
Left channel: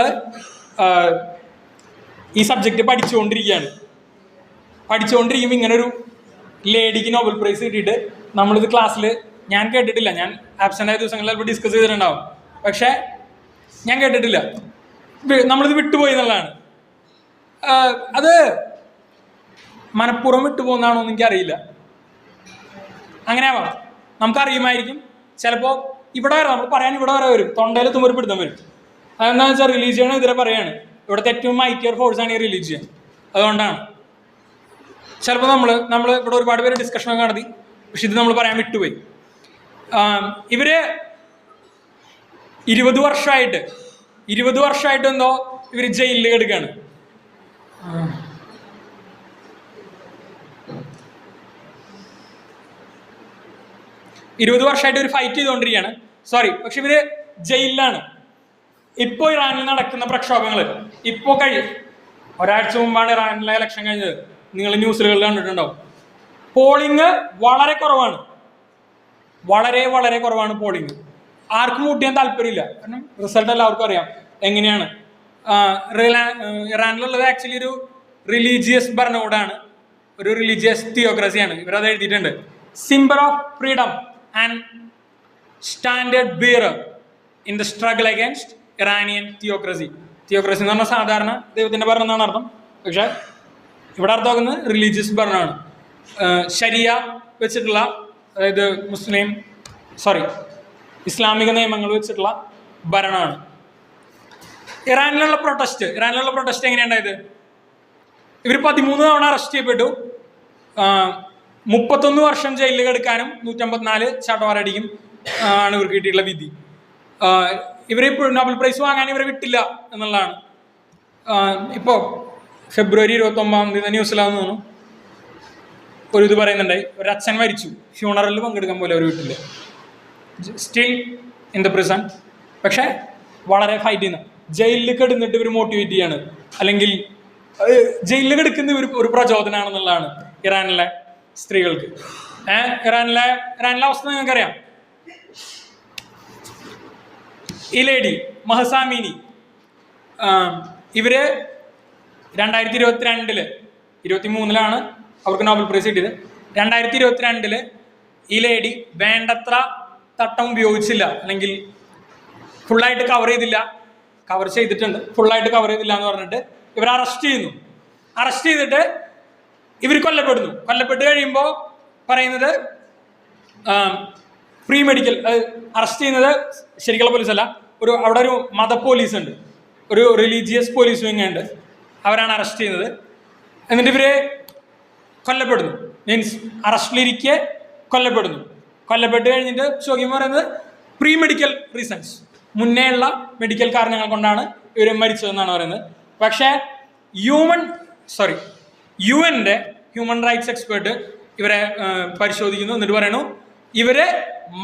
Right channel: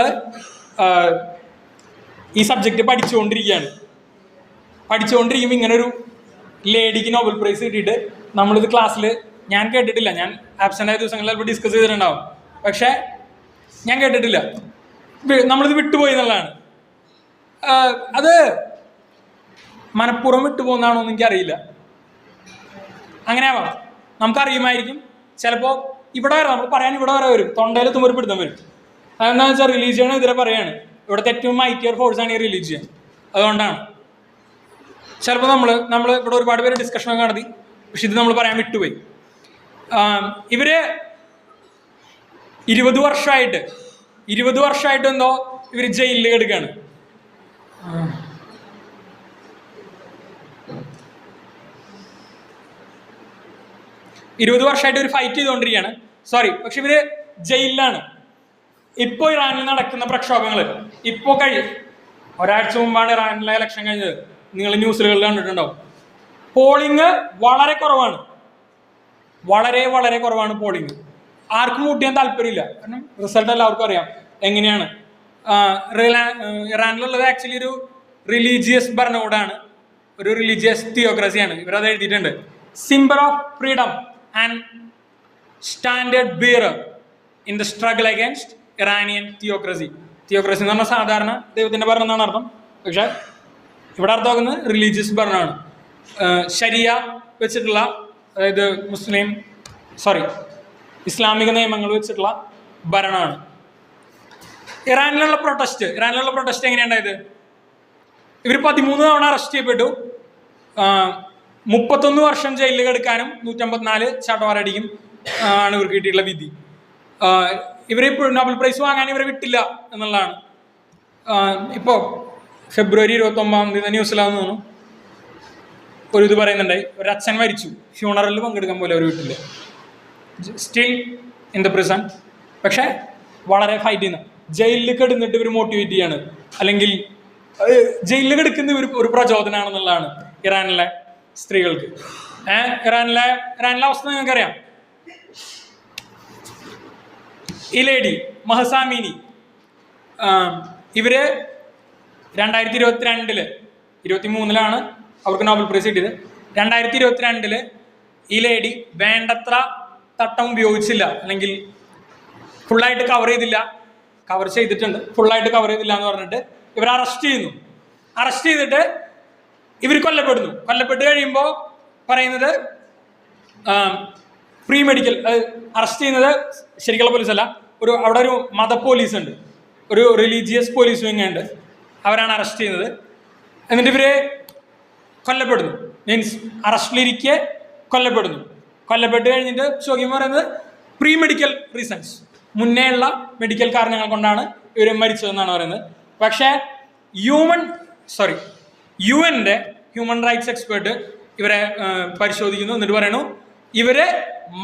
ഈ സബ്ജക്റ്റ് പഠിച്ചുകൊണ്ടിരിക്കുമ്പോൾ ഇങ്ങനെ ഒരു ലേഡിക്ക് നോബൽ പ്രൈസ് കിട്ടിയിട്ട് നമ്മളിത് ക്ലാസ്സിൽ ഞാൻ കേട്ടിട്ടില്ല. ഞാൻ ആബ്സെൻ്റ് ആയ ദിവസങ്ങളിൽ ചിലപ്പോൾ ഡിസ്കസ് ചെയ്തിട്ടുണ്ടാവും, പക്ഷേ ഞാൻ കേട്ടിട്ടില്ല. നമ്മളിത് വിട്ടുപോയി എന്നുള്ളതാണ്. അത് മനഃപൂർവ്വം വിട്ടുപോകുന്നതാണോ എന്ന് എനിക്കറിയില്ല. അങ്ങനെയാണോ? നമുക്കറിയുമായിരിക്കും. ചിലപ്പോൾ ഇവിടെ വരാം, നമ്മൾ പറയാൻ ഇവിടെ വരാൻ വരും, തൊണ്ടയിൽ തുമ്പൊരു പിടുത്തം വരും. അതെന്താണെന്ന് വെച്ചാൽ റിലീജിയൻ എതിരെ പറയാണ്. ഇവിടുത്തെ ഏറ്റവും മൈറ്റിയർ ഫോഴ്സാണ് ഈ റിലീജിയൻ. അതുകൊണ്ടാണ് ചിലപ്പോൾ നമ്മൾ ഇവിടെ ഒരുപാട് പേര് ഡിസ്കഷനൊക്കെ നടത്തി, പക്ഷെ ഇത് നമ്മൾ പറയാൻ വിട്ടുപോയി. ഇവര് 20 വർഷമായിട്ട് എന്തോ ഇവര് ജയിലിൽ കിടക്കുകയാണ്. ഒരു ഫൈറ്റ് ചെയ്തുകൊണ്ടിരിക്കുകയാണ്. പക്ഷെ ഇവര് ജയിലിലാണ്. ഇപ്പോ ഇറാനിൽ നടക്കുന്ന പ്രക്ഷോഭങ്ങള് ഒരാഴ്ച മുമ്പാണ് ഇറാനിലെ ഇലക്ഷൻ കഴിഞ്ഞത്. നിങ്ങൾ ന്യൂസുകളിൽ കണ്ടിട്ടുണ്ടാവും. പോളിംഗ് വളരെ കുറവാണ്, വളരെ കുറവാണ് പോളിംഗ്. ആർക്കും വോട്ട് ചെയ്യാൻ താല്പര്യമില്ല. കാരണം റിസൾട്ട് എല്ലാവർക്കും അറിയാം എങ്ങനെയാണ്. ഇറാനിലുള്ളത് ആക്ച്വലി ഒരു റിലീജിയസ് ഭരണകൂടമാണ്, ഒരു റിലീജിയസ് തിയോക്രസിയാണ്. ഇവരത് എഴുതിയിട്ടുണ്ട്. Symbol of freedom and standard bearer in the struggle against Iranian theocracy. Theocracy എന്ന് പറഞ്ഞാൽ സാധാരണ ദൈവത്തിന്റെ ഭരണം എന്നാണ് അർത്ഥം, പക്ഷെ ഇവിടെ അർത്ഥമാക്കുന്നത് റിലീജിയസ് ഭരണമാണ്. ശരിയ വെച്ചിട്ടുള്ള, അതായത് ഇസ്ലാമിക നിയമങ്ങൾ വെച്ചിട്ടുള്ള ഭരണമാണ്. ഇറാനിലുള്ള പ്രൊട്ടസ്റ്റ് എങ്ങനെയുണ്ടായത്? ഇവർ 13 തവണ അറസ്റ്റ് ചെയ്യപ്പെട്ടു. 31 വർഷം ജയിലിൽ കിടക്കാനും 154 ചാട്ടവാറടിക്കും ആണ് ഇവർക്ക് കിട്ടിയിട്ടുള്ള വിധി. ഇവരെ നോബൽ പ്രൈസ് വാങ്ങാൻ ഇവരെ വിട്ടില്ല എന്നുള്ളതാണ്. ഇപ്പോൾ ഫെബ്രുവരി 29 ന്യൂസിലാന്ന് തോന്നുന്നു ഒരു ഇത് പറയുന്നുണ്ടായി. ഒരു അച്ഛൻ മരിച്ചു, ഫ്യൂണറലിൽ പങ്കെടുക്കാൻ പോലെ അവർ വിട്ടില്ല. Still in the prison. പക്ഷെ വളരെ ഫൈറ്റ് ചെയ്യുന്ന, ജയിലിൽ കിടന്നിട്ട് ഇവർ മോട്ടിവേറ്റ് ചെയ്യാണ്, അല്ലെങ്കിൽ ജയിലിൽ കിടക്കുന്ന ഒരു പ്രചോദനമാണെന്നുള്ളതാണ് ഇറാനിലെ സ്ത്രീകൾക്ക്. ഇറാനിലെ അവസ്ഥ നിങ്ങൾക്കറിയാം. ഈ ലേഡി മഹസാമീനി, ഇവര് 2022 23 അവർക്ക് നോബൽ പ്രൈസ് കിട്ടിയത്. 2022 ഈ ലേഡി വേണ്ടത്ര തട്ടം ഉപയോഗിച്ചില്ല, അല്ലെങ്കിൽ ഫുള്ളായിട്ട് കവർ ചെയ്തിട്ടുണ്ട്, ഫുള്ളായിട്ട് കവർ ചെയ്തില്ല എന്ന് പറഞ്ഞിട്ട് ഇവർ അറസ്റ്റ് ചെയ്തിട്ട് ഇവർ കൊല്ലപ്പെട്ട് കഴിയുമ്പോൾ പറയുന്നത് പ്രീ മെഡിക്കൽ അറസ്റ്റ് ചെയ്യുന്നത് ശരിക്കുള്ള പോലീസല്ല, അവിടെ ഒരു മത പോലീസ് ഉണ്ട്, ഒരു റിലീജിയസ് പോലീസ് വിങ്ങുണ്ട്, അവരാണ് അറസ്റ്റ് ചെയ്യുന്നത്. എന്നിട്ട് ഇവര് കൊല്ലപ്പെടുന്നു. മീൻസ് അറസ്റ്റിലിരിക്കെ കൊല്ലപ്പെട്ട് കഴിഞ്ഞിട്ട് ചോദ്യം പറയുന്നത് പ്രീ മെഡിക്കൽ റീസൺസ്, മുന്നേ ഉള്ള മെഡിക്കൽ കാരണങ്ങൾ കൊണ്ടാണ് ഇവർ മരിച്ചതെന്നാണ് പറയുന്നത്. പക്ഷേ യുഎൻ്റെ ഹ്യൂമൻ റൈറ്റ്സ് എക്സ്പേർട്ട് ഇവരെ പരിശോധിക്കുന്നു. എന്നിട്ട് പറയുന്നു ഇവരെ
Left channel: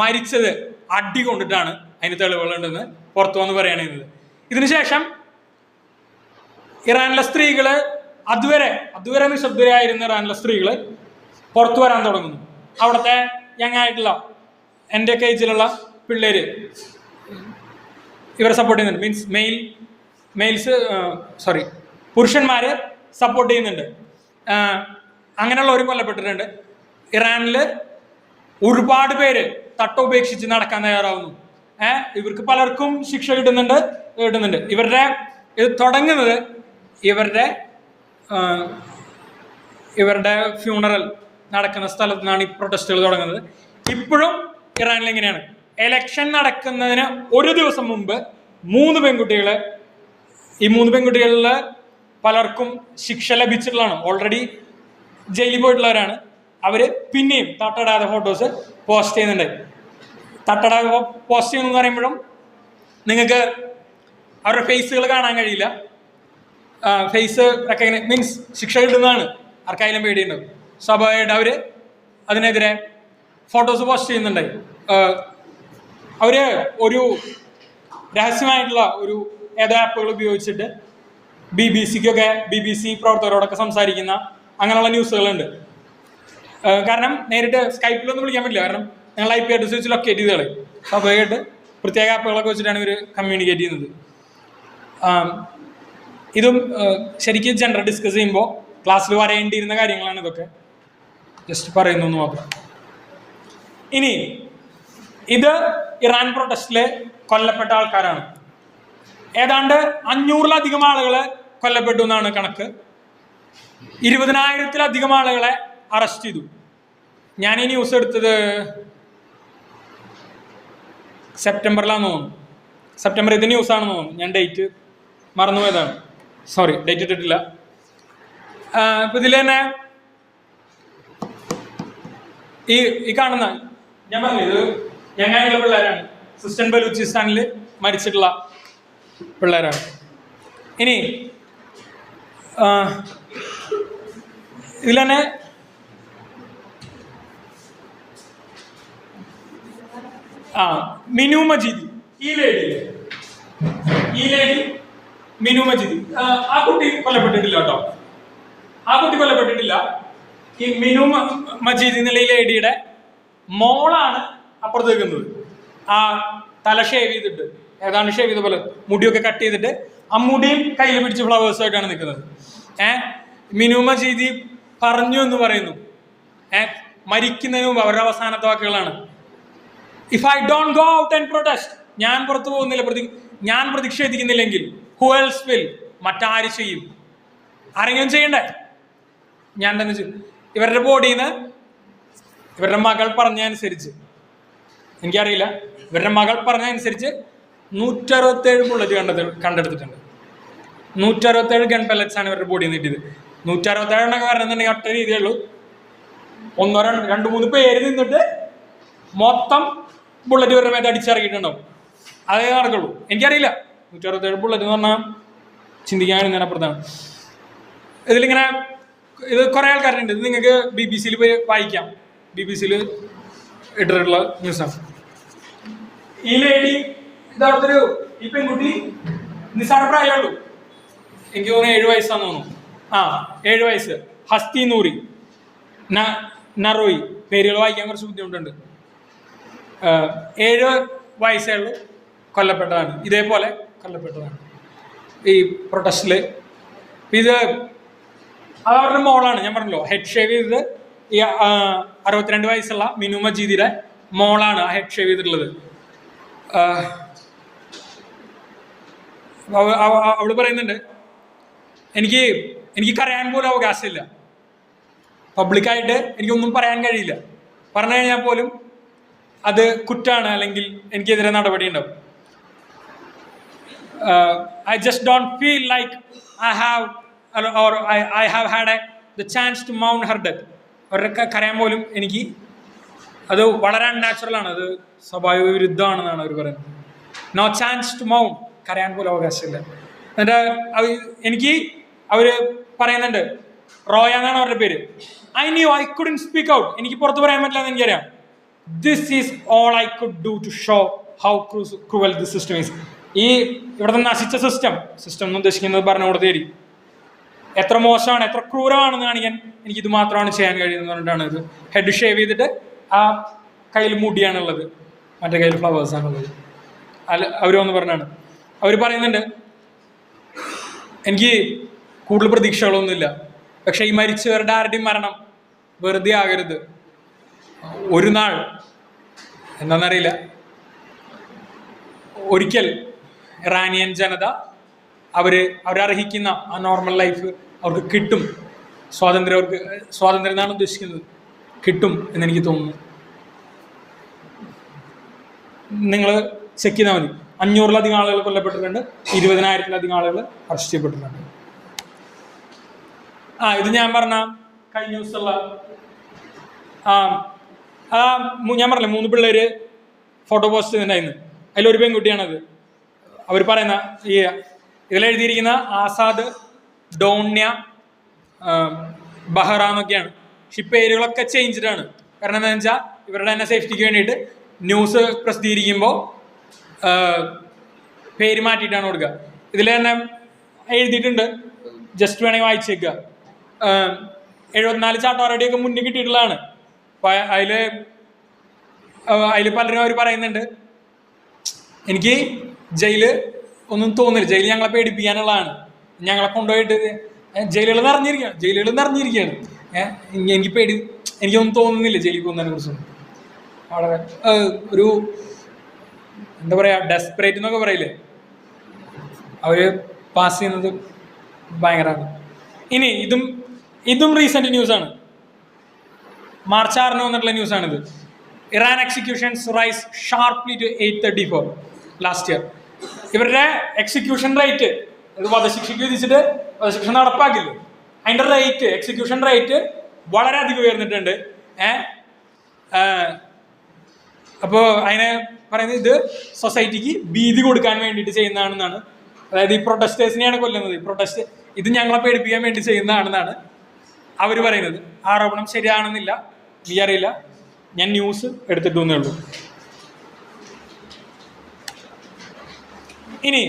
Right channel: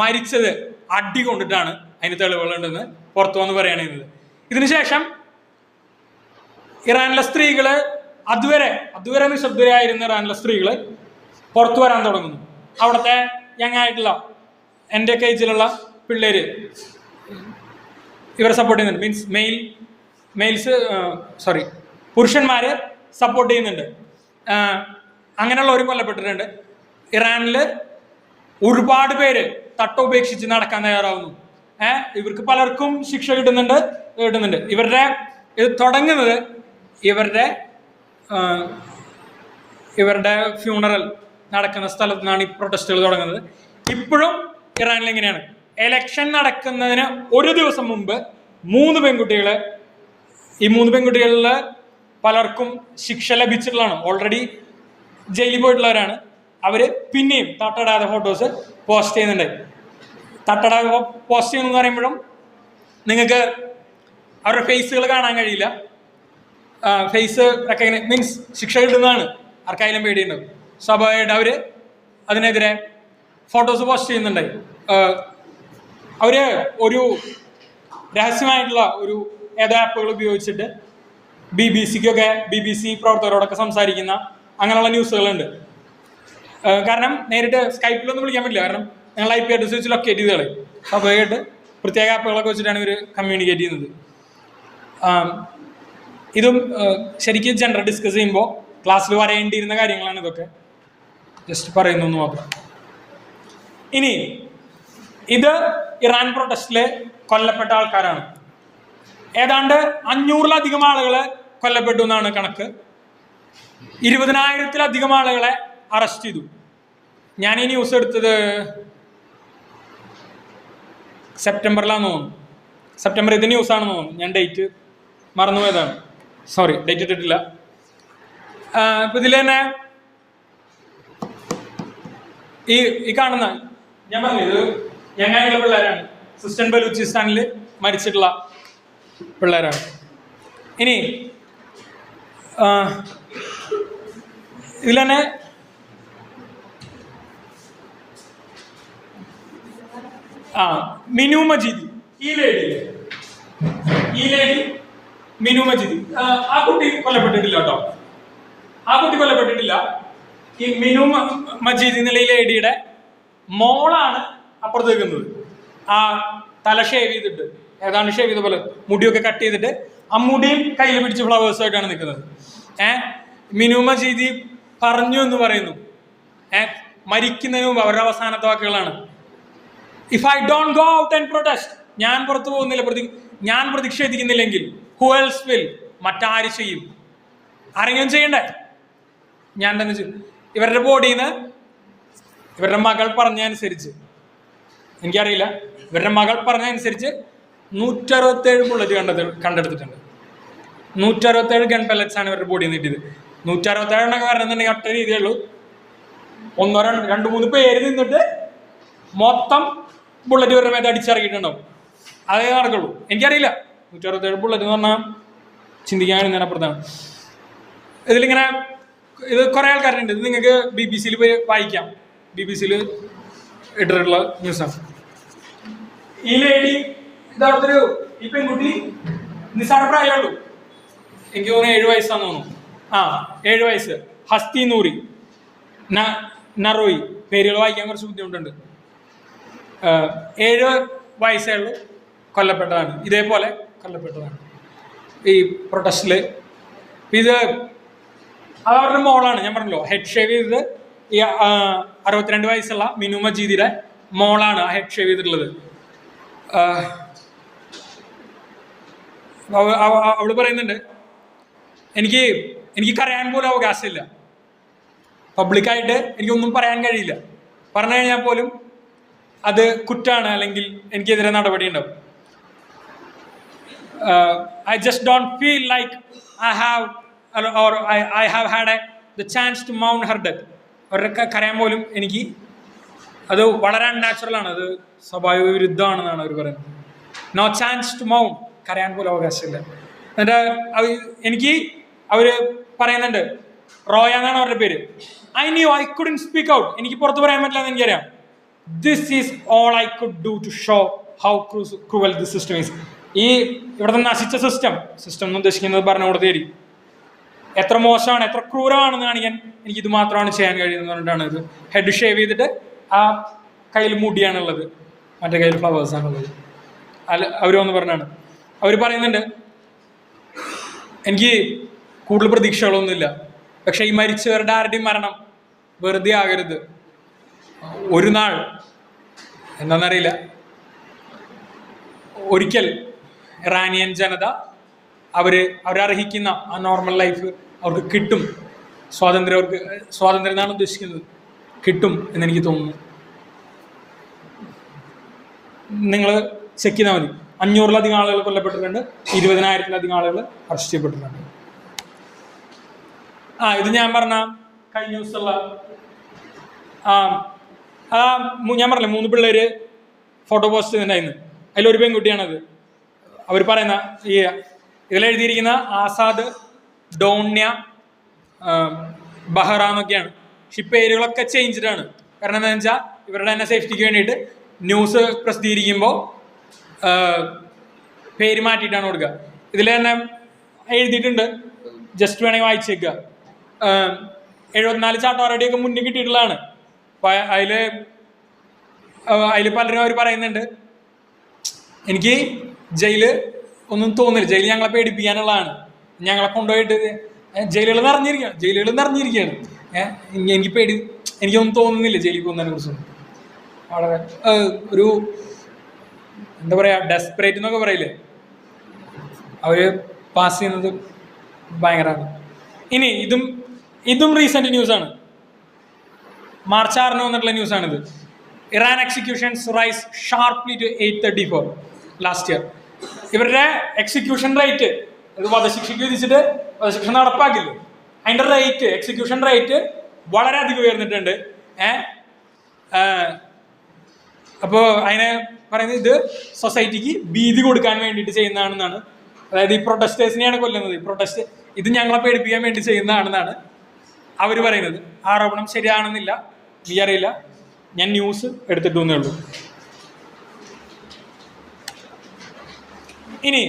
മരിച്ചത് അടി കൊണ്ടിട്ടാണ്, അതിന് തെളിവുകളുണ്ടെന്ന് പുറത്തു വന്ന് പറയുകയാണ് ചെയ്യുന്നത്. ഇതിനുശേഷം ഇറാനിലെ സ്ത്രീകള് അതുവരെ നിശബ്ദരായിരുന്ന ഇറാനിലെ സ്ത്രീകള് പുറത്തു വരാൻ തുടങ്ങുന്നു. അവിടുത്തെ യങ് ആയിട്ടുള്ള എൻ്റെ ഏജിലുള്ള പിള്ളേര് ഇവരെ സപ്പോർട്ട് ചെയ്യുന്നുണ്ട്. മീൻസ് പുരുഷന്മാരെ സപ്പോർട്ട് ചെയ്യുന്നുണ്ട്. അങ്ങനെയുള്ളവരും കൊല്ലപ്പെട്ടിട്ടുണ്ട്. ഇറാനില് ഒരുപാട് പേര് ഉപേക്ഷിച്ച് നടക്കാൻ തയ്യാറാവുന്നു. ഇവർക്ക് പലർക്കും ശിക്ഷ കിട്ടുന്നുണ്ട്. ഇവരുടെ തുടങ്ങുന്നത് ഇവരുടെ ഫ്യൂണറൽ നടക്കുന്ന സ്ഥലത്ത് നിന്നാണ് ഈ പ്രൊട്ടസ്റ്റുകൾ തുടങ്ങുന്നത്. ഇപ്പോഴും ഇറാനിൽ എങ്ങനെയാണ്, എലക്ഷൻ നടക്കുന്നതിന് ഒരു ദിവസം മുമ്പ് 3 പെൺകുട്ടികളെ, ഈ 3 പെൺകുട്ടികളിൽ പലർക്കും ശിക്ഷ ലഭിച്ചിട്ടുള്ളതാണ്, ഓൾറെഡി ജയിലിൽ പോയിട്ടുള്ളവരാണ്. അവര് പിന്നെയും തട്ടടാതെ ഫോട്ടോസ് പോസ്റ്റ് ചെയ്യുന്നുണ്ട്. തട്ടടാതെ പോസ്റ്റ് ചെയ്യുന്നു പറയുമ്പോഴും നിങ്ങൾക്ക് അവരുടെ ഫേസുകൾ കാണാൻ കഴിയില്ല. ഫേസ് ഒക്കെ മീൻസ് ശിക്ഷ കിട്ടുന്നതാണ്, ആർക്കായാലും പേടിയുണ്ടാവും. സ്വാഭാവികമായിട്ട് അവര് അതിനെതിരെ ഫോട്ടോസ് പോസ്റ്റ് ചെയ്യുന്നുണ്ടായി. അവര് ഒരു രഹസ്യമായിട്ടുള്ള ഏതോ ആപ്പുകൾ ഉപയോഗിച്ചിട്ട് BBC പ്രവർത്തകരോടൊക്കെ സംസാരിക്കുന്ന അങ്ങനെയുള്ള ന്യൂസുകളുണ്ട്. കാരണം നേരിട്ട് സ്കൈപ്പിലൊന്നും വിളിക്കാൻ പറ്റില്ല, കാരണം ഞങ്ങൾ IP അഡ്രസ് വെച്ച് ലൊക്കേറ്റ് ചെയ്ത് കളയും. സ്വാഭാവികമായിട്ട് പ്രത്യേക ആപ്പുകളൊക്കെ വെച്ചിട്ടാണ് ഇവർ കമ്മ്യൂണിക്കേറ്റ് ചെയ്യുന്നത്. ഇതും ശരിക്കും ജെൻഡർ ഡിസ്കസ് ചെയ്യുമ്പോൾ ക്ലാസ്സിൽ പറയേണ്ടിയിരുന്ന കാര്യങ്ങളാണ് ഇതൊക്കെ. ജസ്റ്റ് പറയുന്നു എന്ന് നോക്കാം. ഇനി ഇത് ഇറാൻ പ്രൊട്ടസ്റ്റില് കൊല്ലപ്പെട്ട ആൾക്കാരാണ്. ഏതാണ്ട് 500-ലധികം ആളുകളെ കൊല്ലപ്പെട്ടു എന്നാണ് കണക്ക്. 20,000-ലധികം ആളുകളെ അറസ്റ്റ് ചെയ്തു. ഞാൻ ഈ ന്യൂസ് എടുത്തത് സെപ്റ്റംബറിലാന്ന് തോന്നുന്നു. സെപ്റ്റംബർ ഇത് ന്യൂസാണെന്ന് തോന്നുന്നു. ഞാൻ ഡേറ്റ് മറന്നുപോയതാണ്, സോറി, ഡേറ്റ് ഇട്ടിട്ടില്ല. ഇപ്പൊ ഇതിൽ തന്നെ ഈ കാണുന്ന ഞാൻ പറഞ്ഞത് ഞങ്ങളുടെ പിള്ളേരാണ്. സിസ്റ്റൻ ബലൂചിസ്ഥാനിൽ മരിച്ചിട്ടുള്ള പിള്ളേരാണ്. ഇനി ഇതിൽ തന്നെ മിനു മജീദ്, ഈ ലേഡി മിനു മജീദ്, ആ കുട്ടി കൊല്ലപ്പെട്ടിട്ടില്ല കേട്ടോ. ആ കുട്ടി കൊല്ലപ്പെട്ടിട്ടില്ല. ഈ മിനു മജീദ് എന്നുള്ള ഈ ലേഡിയുടെ മോളാണ് അപ്പുറത്ത് നിൽക്കുന്നത്. ആ തല ഷേവ് ചെയ്തിട്ട്, ഏതാണ്ട് ഷേവ് ചെയ്ത പോലെ മുടിയൊക്കെ കട്ട് ചെയ്തിട്ട് ആ മുടിയും കയ്യിൽ പിടിച്ച് ഫ്ലവേഴ്സായിട്ടാണ് നിൽക്കുന്നത്. മിനു മജീദ് പറഞ്ഞു എന്ന് പറയുന്നു. മരിക്കുന്നതിന് മുമ്പ് അവരുടെ അവസാനത്തെ വാക്കുകളാണ്, if I don't go out and protest, ഞാൻ പുറത്തു പോകുന്നില്ല, ഞാൻ പ്രതിഷേധിക്കുന്നില്ലെങ്കിൽ ഹു എൽസ് വിൽ, മറ്റാര് ചെയ്യും? ആരെങ്കിലും ചെയ്യണ്ടേ? ഞാൻ തന്നെ ചെയ്യും. ഇവരുടെ ബോഡിന്ന് ഇവരുടെ മകൾ പറഞ്ഞതനുസരിച്ച്, എനിക്കറിയില്ല, ഇവരുടെ മകൾ പറഞ്ഞതനുസരിച്ച് 167 ബുള്ളറ്റ് കണ്ടെടുത്തിട്ടുണ്ട്. 167 ഗൺ പെല്ലറ്റ്സ് ആണ് ഇവരുടെ ബോഡിയിൽ നിന്ന് കിട്ടിയത്. 167 എന്നൊക്കെ പറയുന്നുണ്ടെങ്കിൽ ഒറ്റ രീതിയുള്ളൂ. 2-3 പേര് നിന്നിട്ട് മൊത്തം ബുള്ളറ്റ് ഇവരുടെ മേത്ത് അടിച്ചിറങ്ങിയിട്ടുണ്ടാവും. അതേ നടക്കുള്ളൂ. എനിക്കറിയില്ല, 167 ബുള്ളറ്റ് എന്ന് പറഞ്ഞാൽ ചിന്തിക്കാൻ കഴിയുന്നതിനപ്പുറത്താണ്. ഇതിലിങ്ങനെ ഇത് കുറെ ആൾക്കാരുണ്ട്. ഇത് നിങ്ങൾക്ക് BBC പോയി വായിക്കാം. BBC ഇട്ടിട്ടുള്ള ന്യൂസാണ്. ഈ ലേഡി ഈ പെൺകുട്ടി നിസാര പ്രായമുള്ളൂ. എനിക്ക് തോന്നുന്നു 7 വയസ്സാന്ന് തോന്നുന്നു. 7 വയസ്സ്. ഹസ്തി നൂറി നറോയി, പേരുകൾ വായിക്കാൻ കുറച്ച് ബുദ്ധിമുട്ടുണ്ട്. 7 വയസ്സേ ഉള്ളൂ. കൊല്ലപ്പെട്ടതാണ്, ഇതേപോലെ കൊല്ലപ്പെട്ടതാണ് ഈ പ്രൊട്ടസ്റ്റില്. ഇത് അവരുടെ മോളാണ്. ഞാൻ പറഞ്ഞല്ലോ, ഹെഡ് ഷേവ് ചെയ്തത് ഈ 62 വയസ്സുള്ള മിനു മജീദിയുടെ മോളാണ് ഹെഡ് ഷേവ് ചെയ്തിട്ടുള്ളത്. അവള് പറയുന്നുണ്ട്, എനിക്ക് കരയാൻ പോലും അവകാശമില്ല, പബ്ലിക്കായിട്ട് എനിക്കൊന്നും പറയാൻ കഴിയില്ല, പറഞ്ഞു കഴിഞ്ഞാൽ പോലും അത് കുറ്റാണ്, അല്ലെങ്കിൽ എനിക്കെതിരെ നടപടി ഉണ്ടാവും. I just don't feel like I have had the chance to mourn her death. അവരുടെ കരയാൻ പോലും എനിക്ക് അത് വളരെ അൺനാച്ചുറലാണ്, അത് സ്വാഭാവിക വിരുദ്ധമാണെന്നാണ് അവർ പറയുന്നത്. നോ ചാൻസ് ടു മൗൺ, കരയാൻ പോലും അവകാശമില്ല. എനിക്ക് അവര് പറയുന്നുണ്ട്, റോയ എന്നാണ് അവരുടെ പേര്. I couldn't speak out, എനിക്ക് പുറത്ത് പറയാൻ പറ്റില്ല എന്ന് എനിക്കറിയാം. This is all I could do to show how cruel this system is. ഈ ഇവിടുത്തെ നശിച്ച സിസ്റ്റം എന്ന് ഉദ്ദേശിക്കുന്നത് ഭരണകൂടത്തേരി എത്ര മോശമാണ്, എത്ര ക്രൂരമാണെന്ന് കാണിക്കാൻ എനിക്കിത് മാത്രമാണ് ചെയ്യാൻ കഴിയുന്നത് പറഞ്ഞിട്ടാണ് ഇത് ഹെഡ് ഷേവ് ചെയ്തിട്ട് ആ കയ്യിൽ മുടിയാണുള്ളത്, മറ്റേ കയ്യിൽ ഫ്ലവേഴ്സാണുള്ളത്. അവർ വന്ന് പറഞ്ഞാണ്. അവർ പറയുന്നുണ്ട്, എനിക്ക് കൂടുതൽ പ്രതീക്ഷകളൊന്നുമില്ല, പക്ഷെ ഈ മരിച്ചവരുടെ ആരുടെയും മരണം വെറുതെ ആകരുത്. ഒരു നാൾ എന്താണെന്നറിയില്ല, ഒരിക്കൽ ഇറാനിയൻ ജനത അവരർഹിക്കുന്ന ആ നോർമൽ ലൈഫ് അവർക്ക് കിട്ടും. സ്വാതന്ത്ര്യം എന്നാണ് ഉദ്ദേശിക്കുന്നത്, കിട്ടും എന്നെനിക്ക് തോന്നുന്നു. നിങ്ങൾ ചെക്ക് ചെയ്താൽ മതി. 500-ലധികം ആളുകൾ കൊല്ലപ്പെട്ടിട്ടുണ്ട്, 20,000-ലധികം ആളുകൾ അറസ്റ്റ് ചെയ്യപ്പെട്ടിട്ടുണ്ട്. ഇത് ഞാൻ പറഞ്ഞ കഴിഞ്ഞ ദിവസമുള്ള ഞാൻ പറഞ്ഞില്ലേ 3 പിള്ളേര് ഫോട്ടോ പോസ്റ്റ് ചെയ്തിട്ടുണ്ടായിരുന്നു. അതിലൊരു പെൺകുട്ടിയാണത്. അവർ പറയുന്ന ഇതിലെഴുതിയിരിക്കുന്ന ആസാദ്, ഡോണ്യ, ബഹ്റ എന്നൊക്കെയാണ്. പക്ഷെ ഈ പേരുകളൊക്കെ ചേഞ്ച്ഡാണ്. കാരണം എന്താണെന്ന് വെച്ചാൽ ഇവരുടെ തന്നെ സേഫ്റ്റിക്ക് വേണ്ടിയിട്ട് ന്യൂസ് പ്രസിദ്ധീകരിക്കുമ്പോൾ പേര് മാറ്റിയിട്ടാണ് കൊടുക്കുക. ഇതിൽ തന്നെ എഴുതിയിട്ടുണ്ട്, ജസ്റ്റ് വേണമെങ്കിൽ വായിച്ചേക്കുക. 74 ചാട്ടവാറടിയൊക്കെ മുന്നിൽ കിട്ടിയിട്ടുള്ളതാണ്. അതിൽ പലരും അവർ പറയുന്നുണ്ട്, എനിക്ക് ജയില് ഒന്നും തോന്നില്ല, ജയില് ഞങ്ങളെ പേടിപ്പിക്കാനുള്ളതാണ്, ഞങ്ങളെ കൊണ്ടുപോയിട്ട് ജയിലുകൾ നിറഞ്ഞിരിക്കുകയാണ്. എനിക്ക് പേടി, എനിക്കൊന്നും തോന്നുന്നില്ല ജയിലിൽ പോകുന്നതിനെ കുറിച്ചൊന്നും. വളരെ ഒരു എന്താ പറയാ, ഡെസ്പറേറ്റ് എന്നൊക്കെ പറയില്ലേ, അവര് പാസ് ചെയ്യുന്നത് ഭയങ്കരമാണ്. ഇനി ഇതും റീസെന്റ് ന്യൂസാണ്. മാർച്ച് 6 വന്നിട്ടുള്ള ന്യൂസാണിത്. Iran executions rise sharply to 834 last year. ഇവരുടെ എക്സിക്യൂഷൻ റേറ്റ്, ഒരു വധശിക്ഷയ്ക്ക് വിധിച്ചിട്ട് വധശിക്ഷ നടപ്പാക്കില്ലേ, അതിന്റെ റേറ്റ്, എക്സിക്യൂഷൻ റേറ്റ് വളരെ അധികം ഉയർന്നിട്ടുണ്ട്. അപ്പോൾ അതിന് പറയുന്നത് ഇത് സൊസൈറ്റിക്ക് ഭീതി കൊടുക്കാൻ വേണ്ടിയിട്ട് ചെയ്യുന്നതാണെന്നാണ്. അതായത് ഈ പ്രൊട്ടസ്റ്റേഴ്സിനെയാണ് കൊല്ലുന്നത്, ഇത് ഞങ്ങളെ പേടിപ്പിക്കാൻ വേണ്ടി ചെയ്യുന്നതാണെന്നാണ് അവർ പറയുന്നത്. ആരോപണം ശരിയാണെന്നില്ല, അറിയില്ല, ഞാൻ ന്യൂസ് എടുത്തിട്ടേ ഉള്ളൂ. ഇനി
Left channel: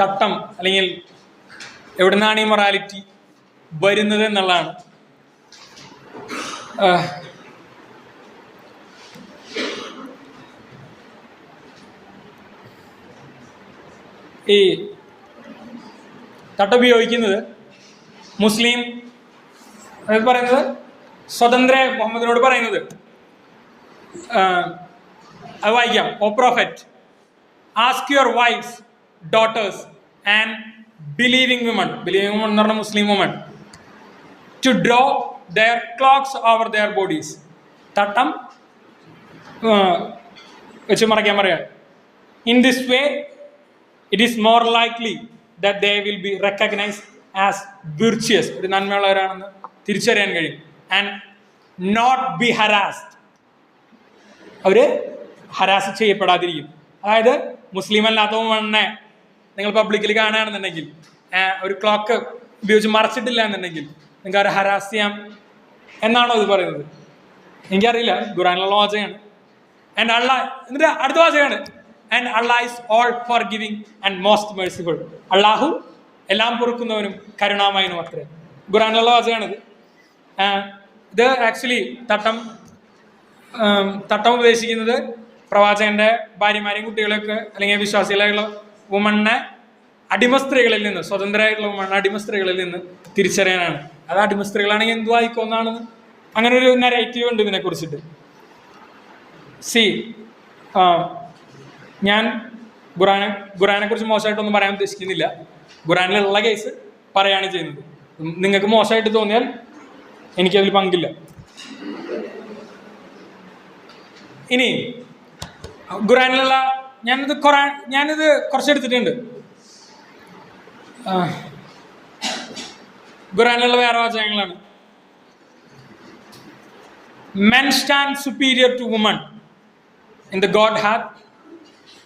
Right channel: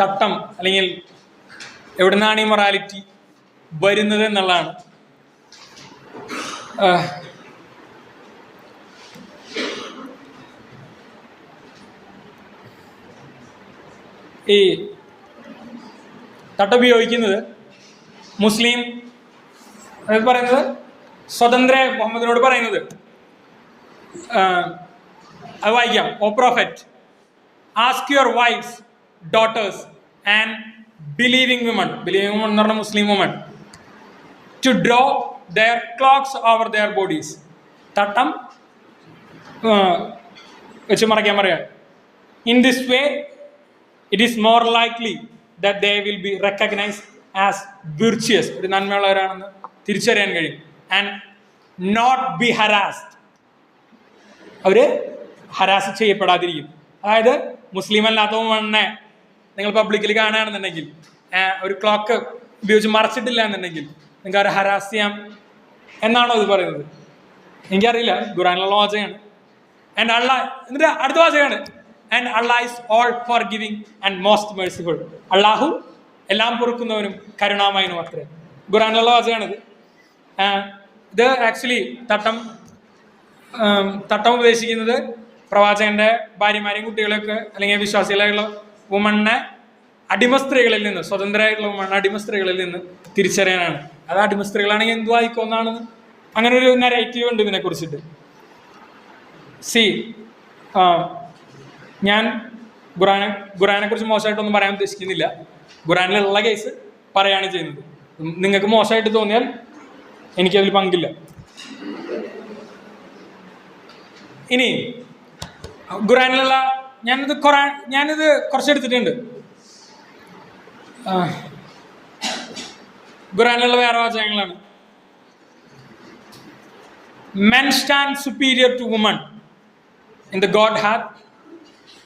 തട്ടം അല്ലെങ്കിൽ എവിടുന്നാണ് ഈ മൊറാലിറ്റി വരുന്നത് എന്നുള്ളതാണ്. ഈ തട്ടം ഉപയോഗിക്കുന്നത് മുസ്ലിം പറയുന്നത് സ്വതന്ത്ര മുഹമ്മദിനോട് പറയുന്നത് അത് വായിക്കാം. O prophet, ask your wives, daughters and believing women എന്ന് പറഞ്ഞ Muslim women to draw their cloaks over their bodies. തട്ടം വെച്ച് മറയ്ക്കാൻ പറയാം. In this way it is more likely that they will be recognized as virtuous, ഒരു നന്മയുള്ളവരാണെന്ന് തിരിച്ചറിയാൻ കഴിയും, and not be ഹരാസ്ഡ്, അവര് ഹരാസ് ചെയ്യപ്പെടാതിരിക്കും. അതായത് മുസ്ലിം അല്ലാത്ത മണ്ണെ നിങ്ങൾ പബ്ലിക്കിൽ കാണുകയാണെന്നുണ്ടെങ്കിൽ, ഒരു ക്ലോക്ക് ഉപയോഗിച്ച് മറച്ചിട്ടില്ല എന്നുണ്ടെങ്കിൽ നിങ്ങൾക്ക് അവരെ ഹരാസ് ചെയ്യാം എന്നാണോ ഇത് പറയുന്നത്? എനിക്കറിയില്ല, ഖുറാനിലുള്ള വാചകമാണ്. ആൻഡ് അള്ളാഹ്, എന്നിട്ട് അടുത്ത വാചകമാണ്, and Allah is all forgiving and most merciful. അള്ളാഹു എല്ലാം പൊറുക്കുന്നവനും കരുണാമയനും അത്രേ. ഖുറാനുള്ള വാചകമാണിത്. ഇത് ആക്ച്വലി തട്ടം ഉദ്ദേശിക്കുന്നത് പ്രവാചകന്റെ ഭാര്യമാരെയും കുട്ടികളൊക്കെ അല്ലെങ്കിൽ വിശ്വാസികളായുള്ള വുമണിനെ അടിമ സ്ത്രീകളിൽ നിന്ന്, സ്വതന്ത്രമായിട്ടുള്ള വുമണിനെ അടിമ സ്ത്രീകളിൽ നിന്ന് തിരിച്ചറിയാനാണ്. അത് അടിമ സ്ത്രീകളാണെങ്കിൽ എന്തു ആയിക്കോന്നാണെന്ന് അങ്ങനെ ഒരു നെറേറ്റീവ് ഉണ്ട് ഇതിനെ കുറിച്ചിട്ട്. ഞാൻ ഖുറാനെ കുറിച്ച് മോശമായിട്ടൊന്നും പറയാൻ ഉദ്ദേശിക്കുന്നില്ല. ഖുറാനിലുള്ള കേസ് പറയാണ് ചെയ്യുന്നത്. നിങ്ങൾക്ക് മോശമായിട്ട് തോന്നിയാൽ എനിക്കതിൽ പങ്കില്ല. ഇനി ഖുറാനിലുള്ള ഞാനിത് കുറച്ചെടുത്തിട്ടുണ്ട്. ഖുറാനിലുള്ള വേറെ വാചകങ്ങളാണ്. Men stand superior to women in the God hath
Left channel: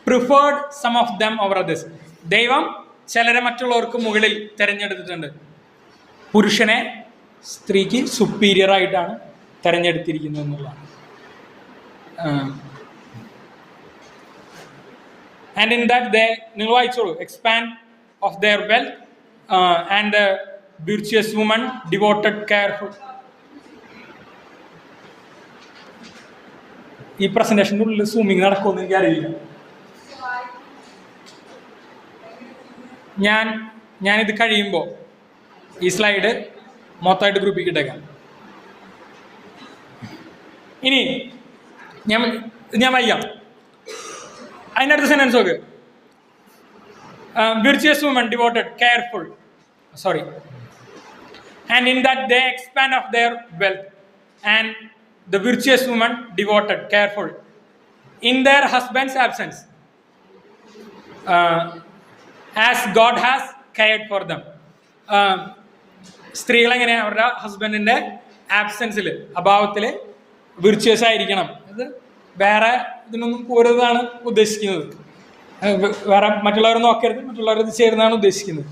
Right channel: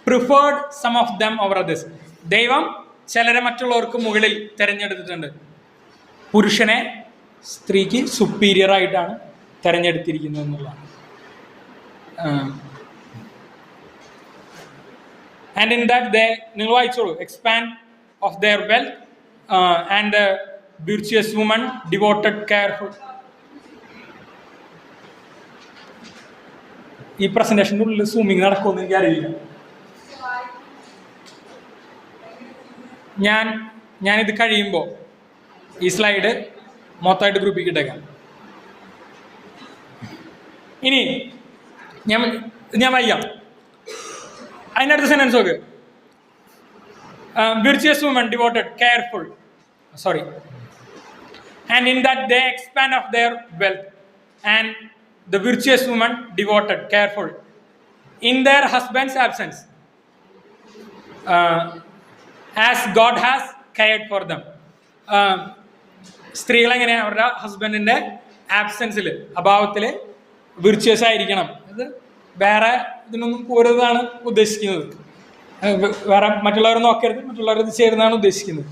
preferred some of them over others. ദൈവം ചിലരെ മറ്റുള്ളവർക്ക് മുകളിൽ തിരഞ്ഞെടുത്തിട്ടുണ്ട്. പുരുഷനെ സ്ത്രീക്ക് സുപ്പീരിയർ ആയിട്ടാണ് തിരഞ്ഞെടുത്തിരിക്കുന്നത് എന്നുള്ളതാണ്. ആൻഡ് ഇൻ ദാറ്റ് ദേ, നിങ്ങൾ വായിച്ചോളൂ, expand of their wealth and virtuous women devoted careful. ഈ പ്രസന്റേഷൻ്റെ ഉള്ളിൽ സൂമിങ് നടക്കുമെന്ന് എനിക്കറിയില്ല. ഞാനിത് കഴിയുമ്പോൾ ഈ സ്ലൈഡ് മൊത്തമായിട്ട് ഗ്രൂപ്പിൽ ഇട്ടേക്കാം. ഇനി ഞാൻ വായിക്കാം. അതിനടുത്ത സെന്റൻസ് നോക്ക്. Virtuous women devoted, careful, and in that they expand of their wealth, and the virtuous woman devoted, careful, in their husband's absence, as God has cared for them. സ്ത്രീകൾ എങ്ങനെയാണ് അവരുടെ ഹസ്ബൻഡിന്റെ ആബ്സെൻസിൽ, അഭാവത്തിൽ വിർച്വസ് ആയിരിക്കണം. അത് വേറെ ഇതിനൊന്നും പോരുന്നതാണ് ഉദ്ദേശിക്കുന്നത്. വേറെ മറ്റുള്ളവരെ നോക്കരുത്, മറ്റുള്ളവർ ഇത് ചേരുന്നതാണ് ഉദ്ദേശിക്കുന്നത്.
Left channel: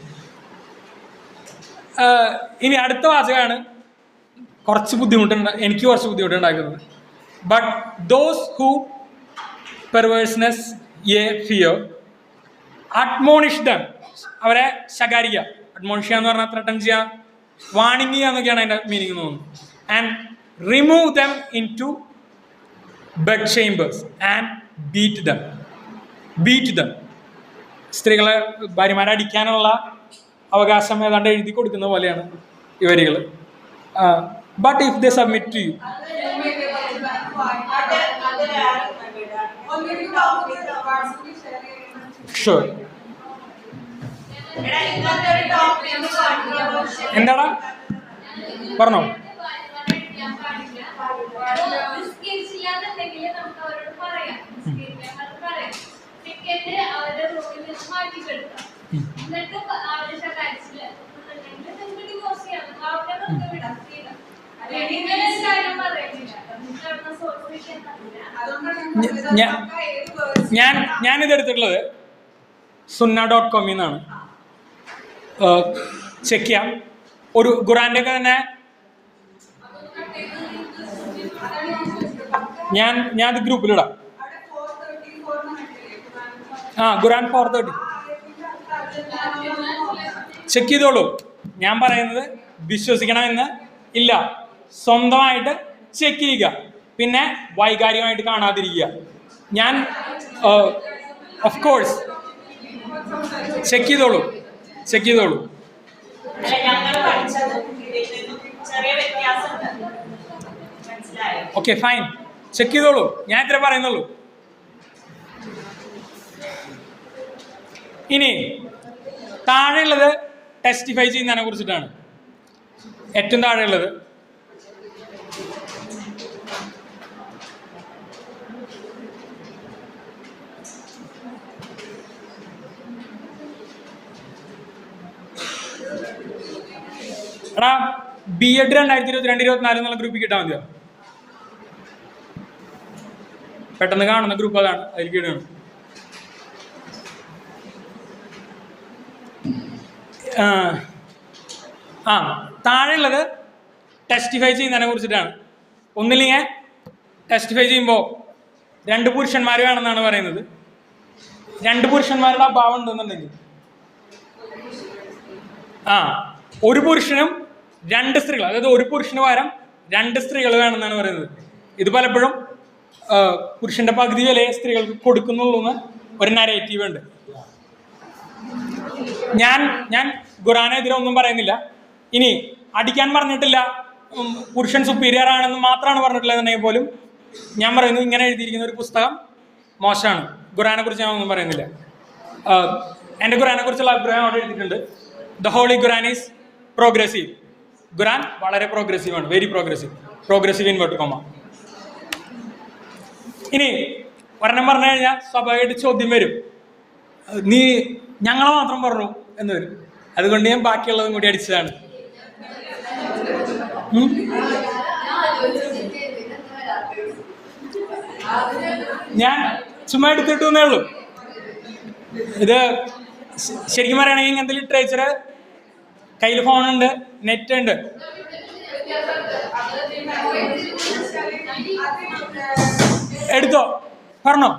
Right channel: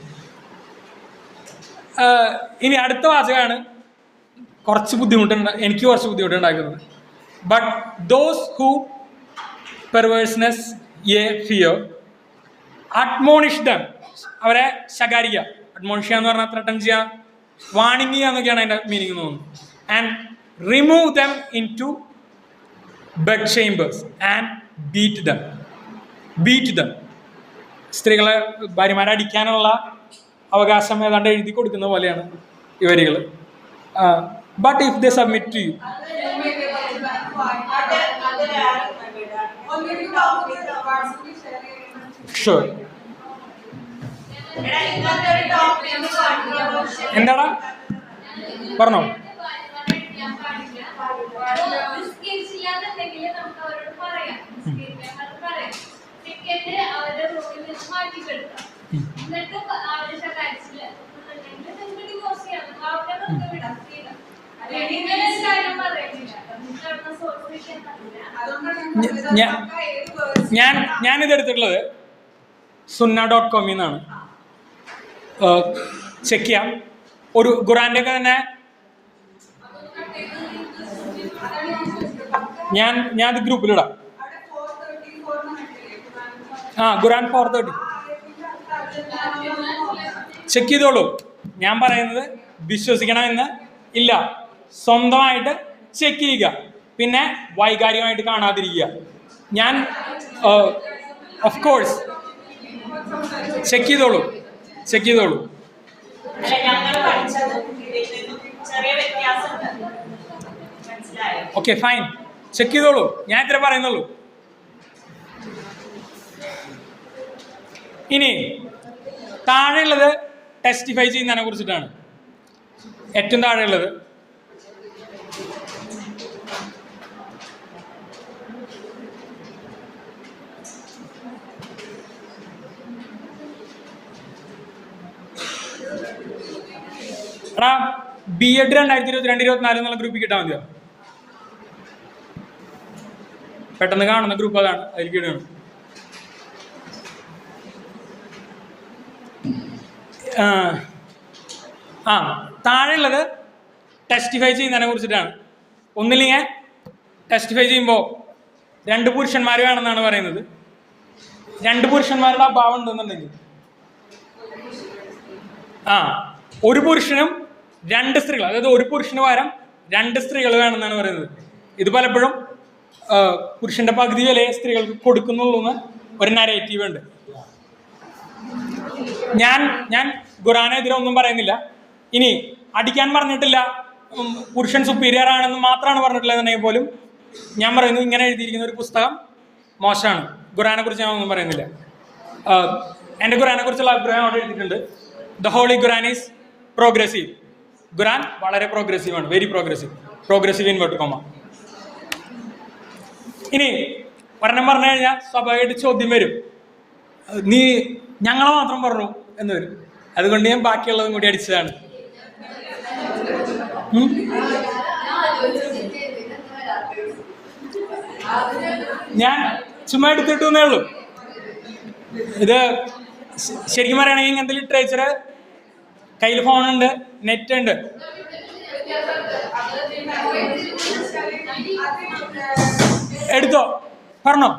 ഇനി അടുത്ത വാചകമാണ് എനിക്ക് കുറച്ച് ബുദ്ധിമുട്ടുണ്ടാക്കുന്നത്. But those who perverseness ye fear admonish them, അവരെ ശകാരിക്കുക. അഡ്മോണിഷ് എന്ന് പറഞ്ഞാൽ ത്രട്ടൻ ചെയ്യുക, വാണിംഗ് ചെയ്യുക എന്നൊക്കെയാണ് അതിൻ്റെ മീനിങ് തോന്നുന്നു. And remove them into bed chambers and beat them. സ്ത്രീകളെ ഭാര്യമാരെ അടിക്കാനുള്ള അവകാശം ഏതാണ്ട് എഴുതി കൊടുക്കുന്ന പോലെയാണ് ഈ വരികൾ. But if they submit to you. Sure. എന്താടാ പറഞ്ഞോ? ഞാനിത് എടുത്തിട്ടുള്ളത് sunna.com എന്നാണ്. ചെക്ക് ചെയ്യാം. ഒരു ഖുറാന്റെ ഒക്കെ തന്നെ ഞാൻ അത് ഗ്രൂപ്പിലിടാം. ഖുറാൻ 430 ചെക്ക് ചെയ്തോളൂ. ഞാൻ പറയുന്നത് വിശ്വസിക്കണമെന്ന് ഇല്ല, സ്വന്തമായിട്ട് ചെക്ക് ചെയ്യുക, പിന്നെ വൈകാരികമായിട്ട് കാണാതിരിക്കുക. ഞാൻ ഓഫ് കോഴ്സ് ചെക്ക് ചെയ്തോളൂ. ഓക്കെ ഫൈൻ, ചെക്ക് ചെയ്തോളൂ. ഞാൻ ഇത്ര പറയുന്നുള്ളൂ. ഇനി താഴെയുള്ളത് ടെസ്റ്റിഫൈ ചെയ്യുന്നതിനെ കുറിച്ചിട്ടാണ്. ഏറ്റവും താഴെയുള്ളത് B.Ed 2022-24 എന്നുള്ള ഗ്രൂപ്പിൽ കിട്ടാൻ മതിയോ? പെട്ടെന്ന് കാണുന്ന ഗ്രൂപ്പ് അതാണ്, അതിലേക്ക് ഇടണം. താഴെയുള്ളത് ടെസ്റ്റിഫൈ ചെയ്യുന്നതിനെ കുറിച്ചിട്ടാണ്. ഒന്നില്ലെങ്കിൽ ടെസ്റ്റിഫൈ ചെയ്യുമ്പോൾ 2 പുരുഷന്മാർ വേണമെന്നാണ് പറയുന്നത്. 2 പുരുഷന്മാരുടെ അഭാവം ഉണ്ടെന്നുണ്ടെങ്കിൽ ഒരു പുരുഷനും 2 സ്ത്രീകൾ, അതായത് ഒരു പുരുഷന് പകരം 2 സ്ത്രീകൾ വേണമെന്നാണ് പറയുന്നത്. ഇത് പലപ്പോഴും പുരുഷന്റെ പകുതി വിലയെ സ്ത്രീകൾക്ക് കൊടുക്കുന്നുള്ളൂ എന്ന് ഒരു നരേറ്റീവ് ഉണ്ട്. ഞാൻ ഖുറാനെതിരെ ഒന്നും പറയുന്നില്ല. ഇനി അടിക്കാൻ പറഞ്ഞിട്ടില്ല, പുരുഷൻ സുപ്പീരിയർ ആണെന്ന് മാത്രമാണ് പറഞ്ഞിട്ടുള്ളത് എന്നുണ്ടെങ്കിൽ പോലും ഞാൻ പറയുന്നത് ഇങ്ങനെ എഴുതിയിരിക്കുന്ന ഒരു പുസ്തകം മോശമാണ്. ഖുറാനെ കുറിച്ച് ഞാൻ ഒന്നും പറയുന്നില്ല. എൻ്റെ ഖുറാനെ കുറിച്ചുള്ള അഭിപ്രായം അവിടെ എഴുതിയിട്ടുണ്ട്. The holy Quran is progressive. Quran വളരെ പ്രോഗ്രസീവ് ആണ്, വെരി പ്രോഗ്രസീവ് ഇൻവേർട്ട് കോമ. ഇനി ഒരെണ്ണം പറഞ്ഞു കഴിഞ്ഞാൽ സ്വാഭാവികമായിട്ട് ചോദ്യം വരും, നീ ഞങ്ങളെ മാത്രം പറഞ്ഞു എന്ന് വരും. അതുകൊണ്ട് ഞാൻ ബാക്കിയുള്ളതും കൂടി അടിച്ചതാണ്. ഞാൻ ചുമ്മാ എടുത്തിട്ടേ ഉള്ളൂ. ഇത് ശരിക്കും പറയുകയാണെങ്കിൽ ഇങ്ങനത്തെ ലിറ്ററേച്ചർ കയ്യിൽ ഫോണുണ്ട്, നെറ്റ് ഉണ്ട്. എടുത്തോ, പറഞ്ഞോ.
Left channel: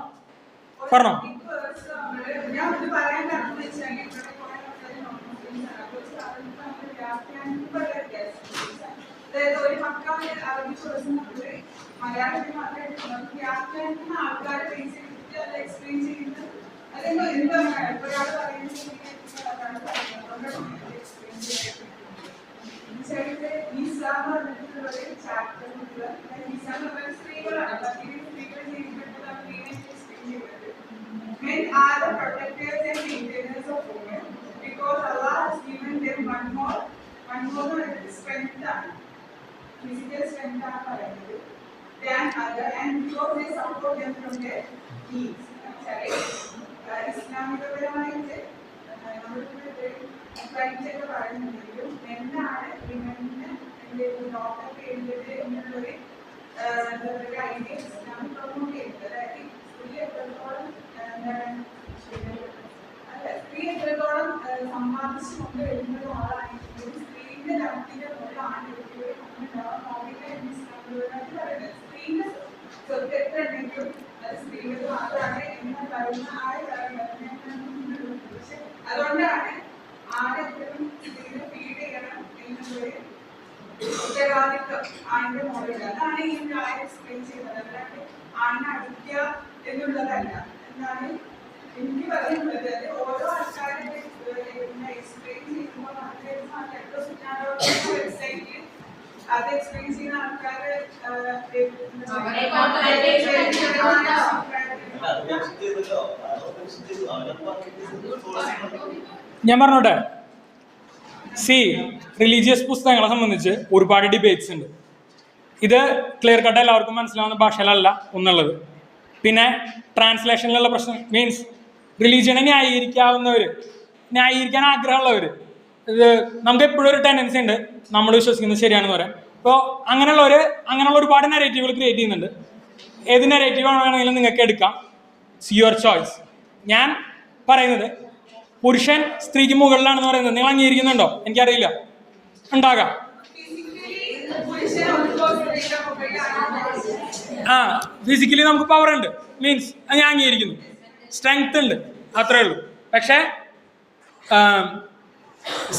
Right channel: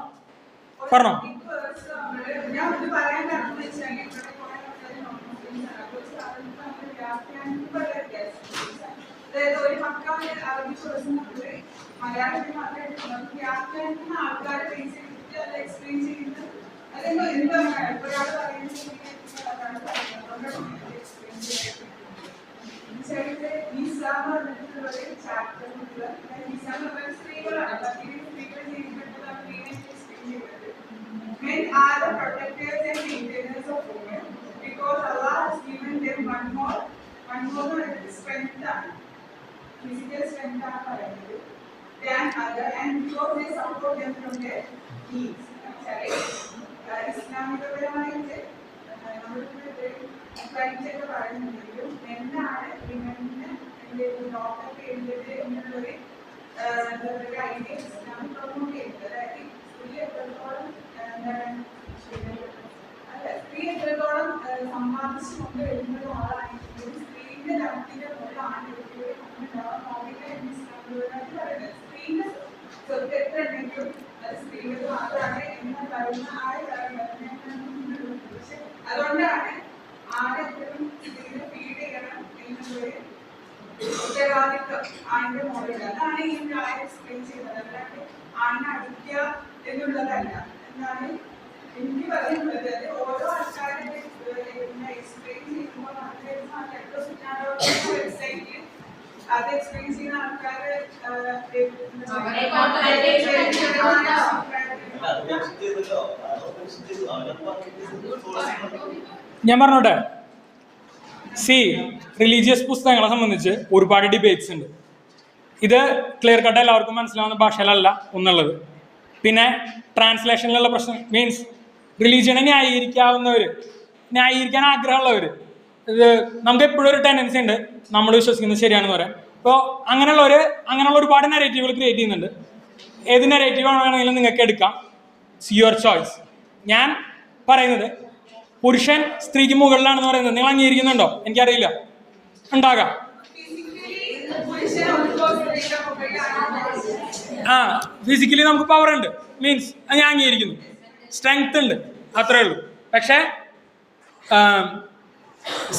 Men are the protectors and maintainers of women because Allah has given them one more strength, physical strength than other, and because they support them from their needs. സമ്പാദിച്ചുകൊണ്ട് വരുന്ന ആളാണെങ്കിലും സ്ത്രീയുടെ രണ്ടിന്റെ മുഖമാണ് സ്ത്രീകളും സ്ത്രീകൾ മാത്രമാണ് എന്ന് പറയുന്ന പക്ഷെ അതുകൊണ്ടാണ് ആരെങ്കിലും സ്ത്രീയെ ഫീഡ് ചെയ്യണം എന്നൊരു ഉത്തരവാദിത്വം ആണിന് മുകളിൽ. അതാണ് ഈ കാര്യം എക്സ്പ്ലെയിൻ ചെയ്യുന്നത്. ആണിനെ അടിക്കുക എന്നുള്ളതല്ല, എന്നാണ് വ്യക്തി പറയുന്നത്. ഓരോ എക്സ്പീരിയൻസ് ചെയ്യുന്ന ആൾക്കാര് ഞാൻ പറഞ്ഞോട്ടെ, റിലീജിയസ് പുസ്തകങ്ങളെ സംബന്ധിച്ച് ഒരുപാട് ഡിബേറ്റ്സ് ഉണ്ട്. ഇത് ക്ലിയർ കട്ട് എല്ലാവർക്കും മനസ്സിലാവുന്ന ഭാഷയിലല്ല ഒന്നുള്ളത്. പിന്നെ ട്രാൻസ്ലേഷനിലുള്ള പ്രശ്നം മീൻസ് റിലീജിയനെ ന്യായീകരിക്കാൻ ആഗ്രഹമുള്ളവർ, ഇത് നമുക്ക് എപ്പോഴും ഒരു ടെൻഡൻസി ഉണ്ട് നമ്മൾ വിശ്വസിക്കുന്നത് ശരിയാണെന്ന് പറയാം. അപ്പോൾ അങ്ങനെയുള്ള ഒരുപാട് നെറേറ്റീവുകൾ ക്രിയേറ്റ് ചെയ്യുന്നുണ്ട്. ഏത് നെറേറ്റീവ് വേണമെങ്കിലും നിങ്ങൾക്ക് എടുക്കാം, യുവർ ചോയ്സ്. ഞാൻ പറയുന്നത് പുരുഷൻ സ്ത്രീക്ക് മുകളിലാണെന്ന് പറയുന്നത് നിങ്ങൾ അംഗീകരിക്കുന്നുണ്ടോ? എനിക്കറിയില്ല, ഉണ്ടാകാം. ഫിസിക്കലി നമുക്ക് പവർ ഉണ്ട്, മീൻസ് അത് ഞാൻ അംഗീകരിക്കുന്നു, സ്ട്രെങ്ത് ഉണ്ട്, അത്രേ ഉള്ളൂ. പക്ഷേ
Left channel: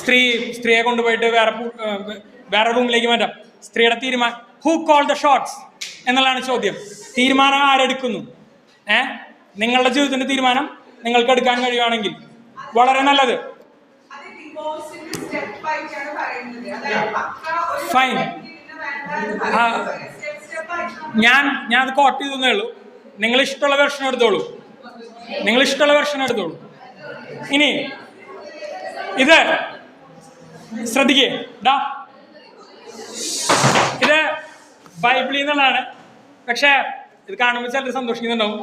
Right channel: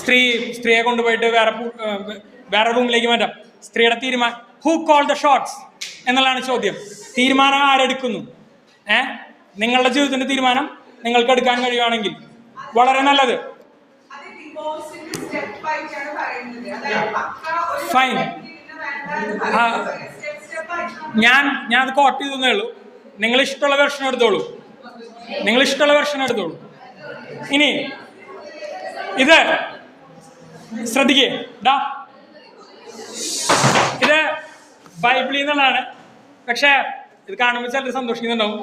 സ്ത്രീയെ കൊണ്ടുപോയിട്ട് വേറെ റൂമിലേക്ക് മാറ്റാം. സ്ത്രീയുടെ തീരുമാനം, ഹൂ കോൾ ദ ഷോട്ട്സ് എന്നുള്ളതാണ് ചോദ്യം. തീരുമാനം ആരെടുക്കുന്നു? നിങ്ങളുടെ ജീവിതത്തിന്റെ തീരുമാനം നിങ്ങൾക്ക് എടുക്കാൻ കഴിയുകയാണെങ്കിൽ വളരെ നല്ലത്. ഫൈൻ, ഞാൻ അത് കോട്ട് ചെയ്തേ ഉള്ളൂ. നിങ്ങൾ ഇഷ്ടമുള്ള വെർഷൻ എടുത്തോളൂ. ഇനി ഇത് ശ്രദ്ധിക്കേ, ഇത് ബൈബിളിൽ നിന്നുള്ളതാണ്. പക്ഷെ ഇത് കാണുമ്പോൾ ചിലർ സന്തോഷിക്കുന്നുണ്ടാവും,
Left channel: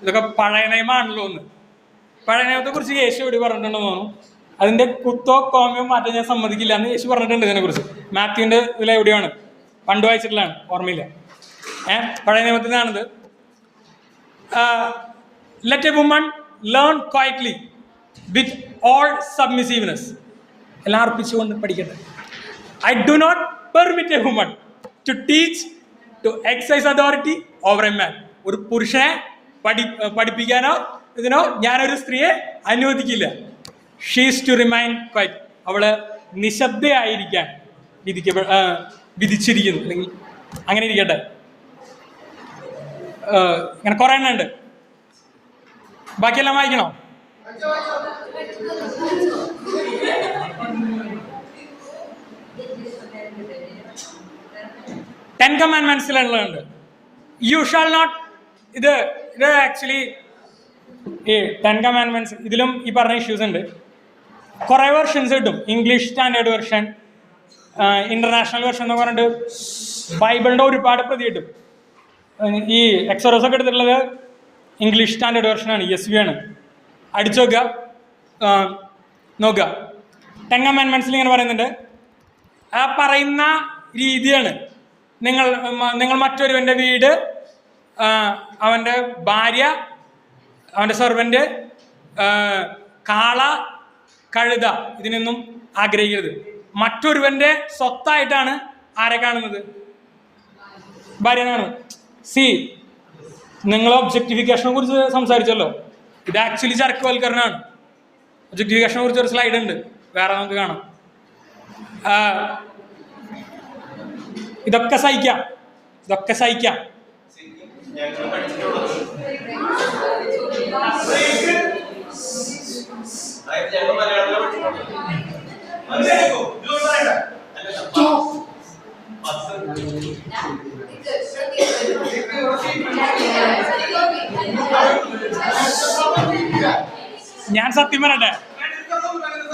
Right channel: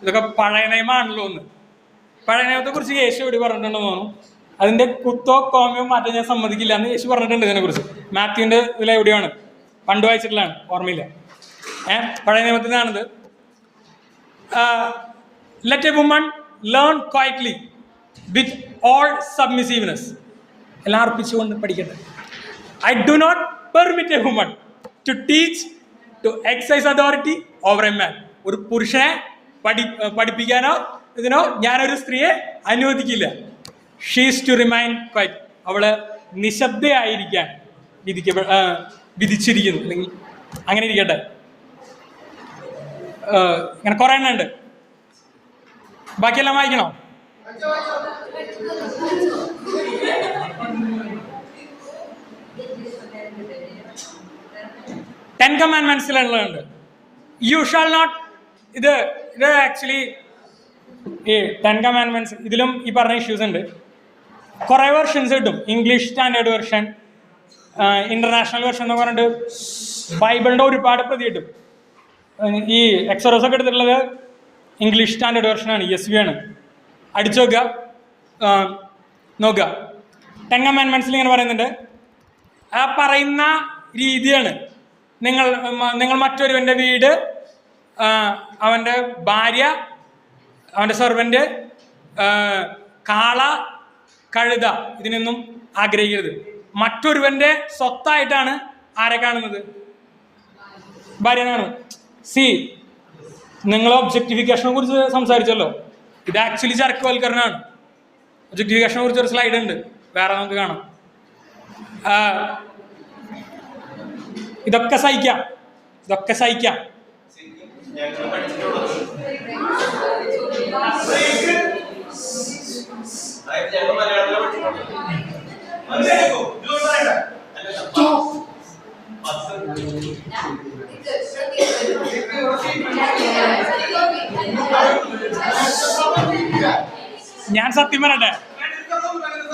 ഇതൊക്കെ പഴയ നിയമമാണല്ലോ എന്ന്. പഴയ നിയമത്തെ കുറിച്ച് യേശു എവിടെ പറഞ്ഞിട്ടുണ്ടെന്ന് തോന്നുന്നു. അതിന്റെ കുത്തോ കോമിയോ മാറ്റാൻ ഞാൻ സമ്മതിക്കില്ല എന്ന് യേശു പറഞ്ഞിട്ടുണ്ട് ഇതിനെ കുറിച്ച്. മാത്യുവിന്റെ ഇതിലെവിടെയാണ്, പണ്ട് വായിച്ചിട്ടുള്ളതാണ്, ഓർമ്മയില്ല. പഴയ നിയമത്തിലാണിത്. Let a woman learn quietly with all submissiveness. എല്ലാം അർപ്പിച്ചുകൊണ്ട് പഠിക്കട്ടെ. I do not permit a woman to teach to excise authority over a man. ഒരു പുരുഷനെ പഠിപ്പിക്കാനോ ഇതിനോ ഞാനൊരു സ്ത്രീയെ അനുവദിക്കില്ല. She's to remain quiet. അവള് നിശബ്ദയായിരിക്കാൻ വിധിച്ചിരിക്കുന്നു. അല്ലെങ്കിൽ അങ്ങനെ ഇരിക്കട്ടെ. ഇങ്ങനെ കുറെ എണ്ണം ഉണ്ട്, ബാക്കിയെല്ലാം വായിക്കണോ? ടെൻ കമാൻഡ്മെന്റ്സിലുള്ളതുണ്ട്. You shall not. ഇത് ആക്ച്വലി ഈ 10 കമാൻഡ്മെന്റ്സ് ഇതിലും ഈ പറഞ്ഞ ഇഷ്യൂസ് ഉണ്ട്. കുറെ വെർഷൻസ് കിട്ടും. English standard version, international version എന്ന് പറഞ്ഞിട്ട് ബൈബിളിന്റെ ഒരുപാട് പ്രതി കിട്ടും. ഈ എക്സോറസ് ഒക്കെ എടുത്തിട്ടുള്ളത് ഇംഗ്ലീഷ് സ്റ്റാൻഡേർഡ് വെർഷനാണ്, ESV ആണ്. അടിച്ചു നോക്കുക. 10 കമാൻഡ്മെന്റ്സിൽ ഇങ്ങനെ പറയുന്നുണ്ട്, ആ പറയുന്ന രീതിയാണ് നിങ്ങൾ മറ്റൊരുവന്റെ വീട്, അവന്റെ ഭാര്യ, അവന്റെ സെർവന്റ്, കാള, കഴുത, ഇതിനൊന്നും ആഗ്രഹിക്കരുത്. മറ്റൊരുവന്റെ സ്വത്തായിട്ടാണ് ആരെ കാണുന്നത്? ഭാര്യനാണ്. നിങ്ങൾ ഒബ്ജക്ടിഫിക്കേഷനെ കുറിച്ച് സംസാരിച്ചല്ലോ, ഇത് ആക്ച്വലി ചരക്കുവൽക്കരണമാണ്. ഒബ്ജക്ടിഫിക്കേഷനെ കുറിച്ച് ഒരു സ്ലൈഡ് ഉണ്ട്, വേറെ നമുക്ക് കാണാം. ഇതൊക്കെ സഹിക്കാം. ഞാൻ സത്യം പറയട്ടെ,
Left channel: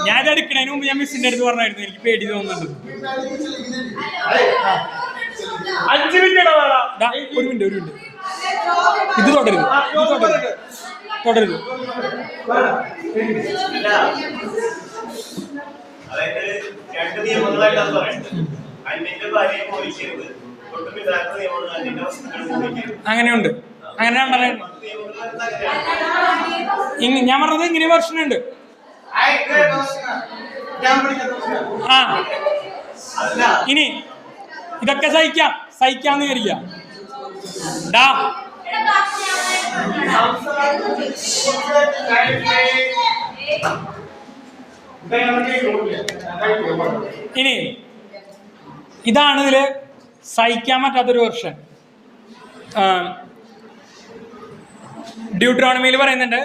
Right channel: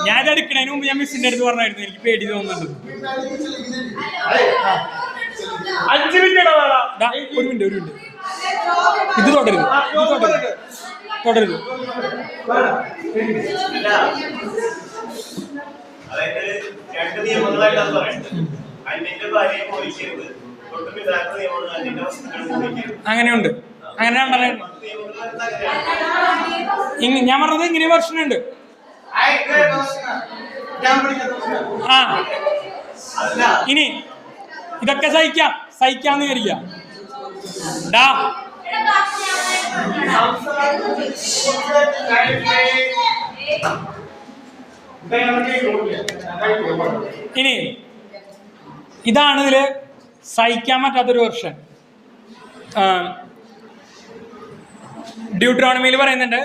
ഞാൻ എടുക്കണതിന് മുമ്പ് ഞാൻ മിസ്സിന്റെ അടുത്ത് പറഞ്ഞായിരുന്നു എനിക്ക് പേടി തോന്നുന്നുണ്ട്. 5 മിനിറ്റ്. ഒരു മിനിറ്റ്. ഇത് തുടരുത്. അങ്ങനെയുണ്ട്. ഞാൻ പറഞ്ഞത് ഇങ്ങനെ വെർഷൻ ഉണ്ട്. ഇനി ഇതൊക്കെ സഹിക്കാന്ന് വിചാരിക്കാം. ഇനി ഇതാണ് ഇതില് സഹിക്കാൻ പറ്റാത്തൊരു വെർഷൻ. ഡ്യൂട്രോണമിയിൽ പറയുന്നുണ്ട്.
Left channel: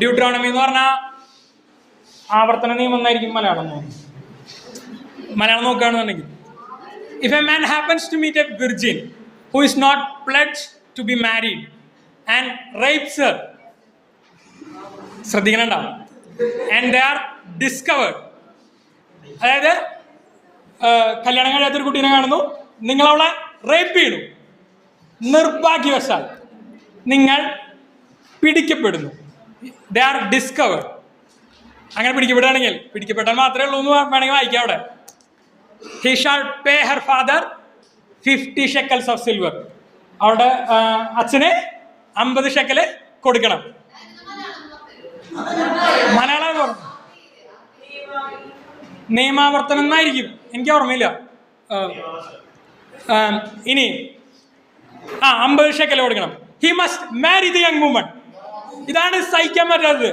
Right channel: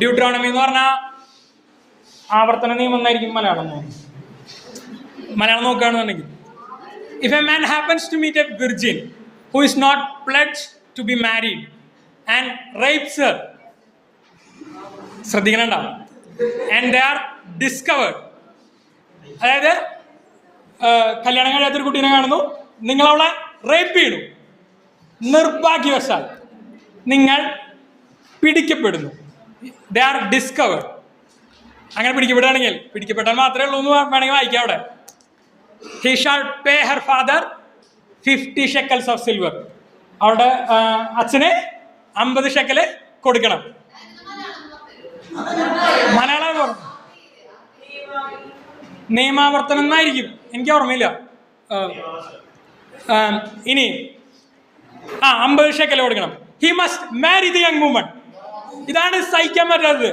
ഡ്യൂട്രോണമി എന്ന് പറഞ്ഞാൽ ആവർത്തന നിയമം എന്നായിരിക്കും മലയാളം നോക്കുകയാണെന്നുണ്ടെങ്കിൽ. if a man happens to meet a virgin who is not pledged to be married and rapes her, ശ്രദ്ധിക്കണണ്ട, and they are discovered, അതായത് കല്യാണം കഴിയാത്തൊരു കുട്ടീനെ കാണുന്നു, നിങ്ങൾ അവളെ റേപ്പ് ചെയ്തു, നിർഭാഗ്യവശാൽ നിങ്ങൾ പിടിക്കപ്പെടുന്നു, ദേ ആർ ഡിസ്കവേർഡ്. അങ്ങനെ പിടിക്കപ്പെടുകയാണെങ്കിൽ, പിടിക്കപ്പെട്ടാൽ മാത്രമേ ഉള്ളൂ എന്ന് വേണമെങ്കിൽ വായിക്കാം അവിടെ. He shall pay her father 50 shekels of silver. അവരുടെ അച്ഛന് 50 ഷെക്കല് കൊടുക്കണം. മലയാളം നിയമാവർത്തനം എന്നായിരിക്കും, എനിക്ക് ഓർമ്മയില്ല. ഇനി 50 ഷെക്കല് കൊടുക്കണം. He must marry the young woman. ഇതാണ് സഹിക്കാൻ പറ്റാത്തത്.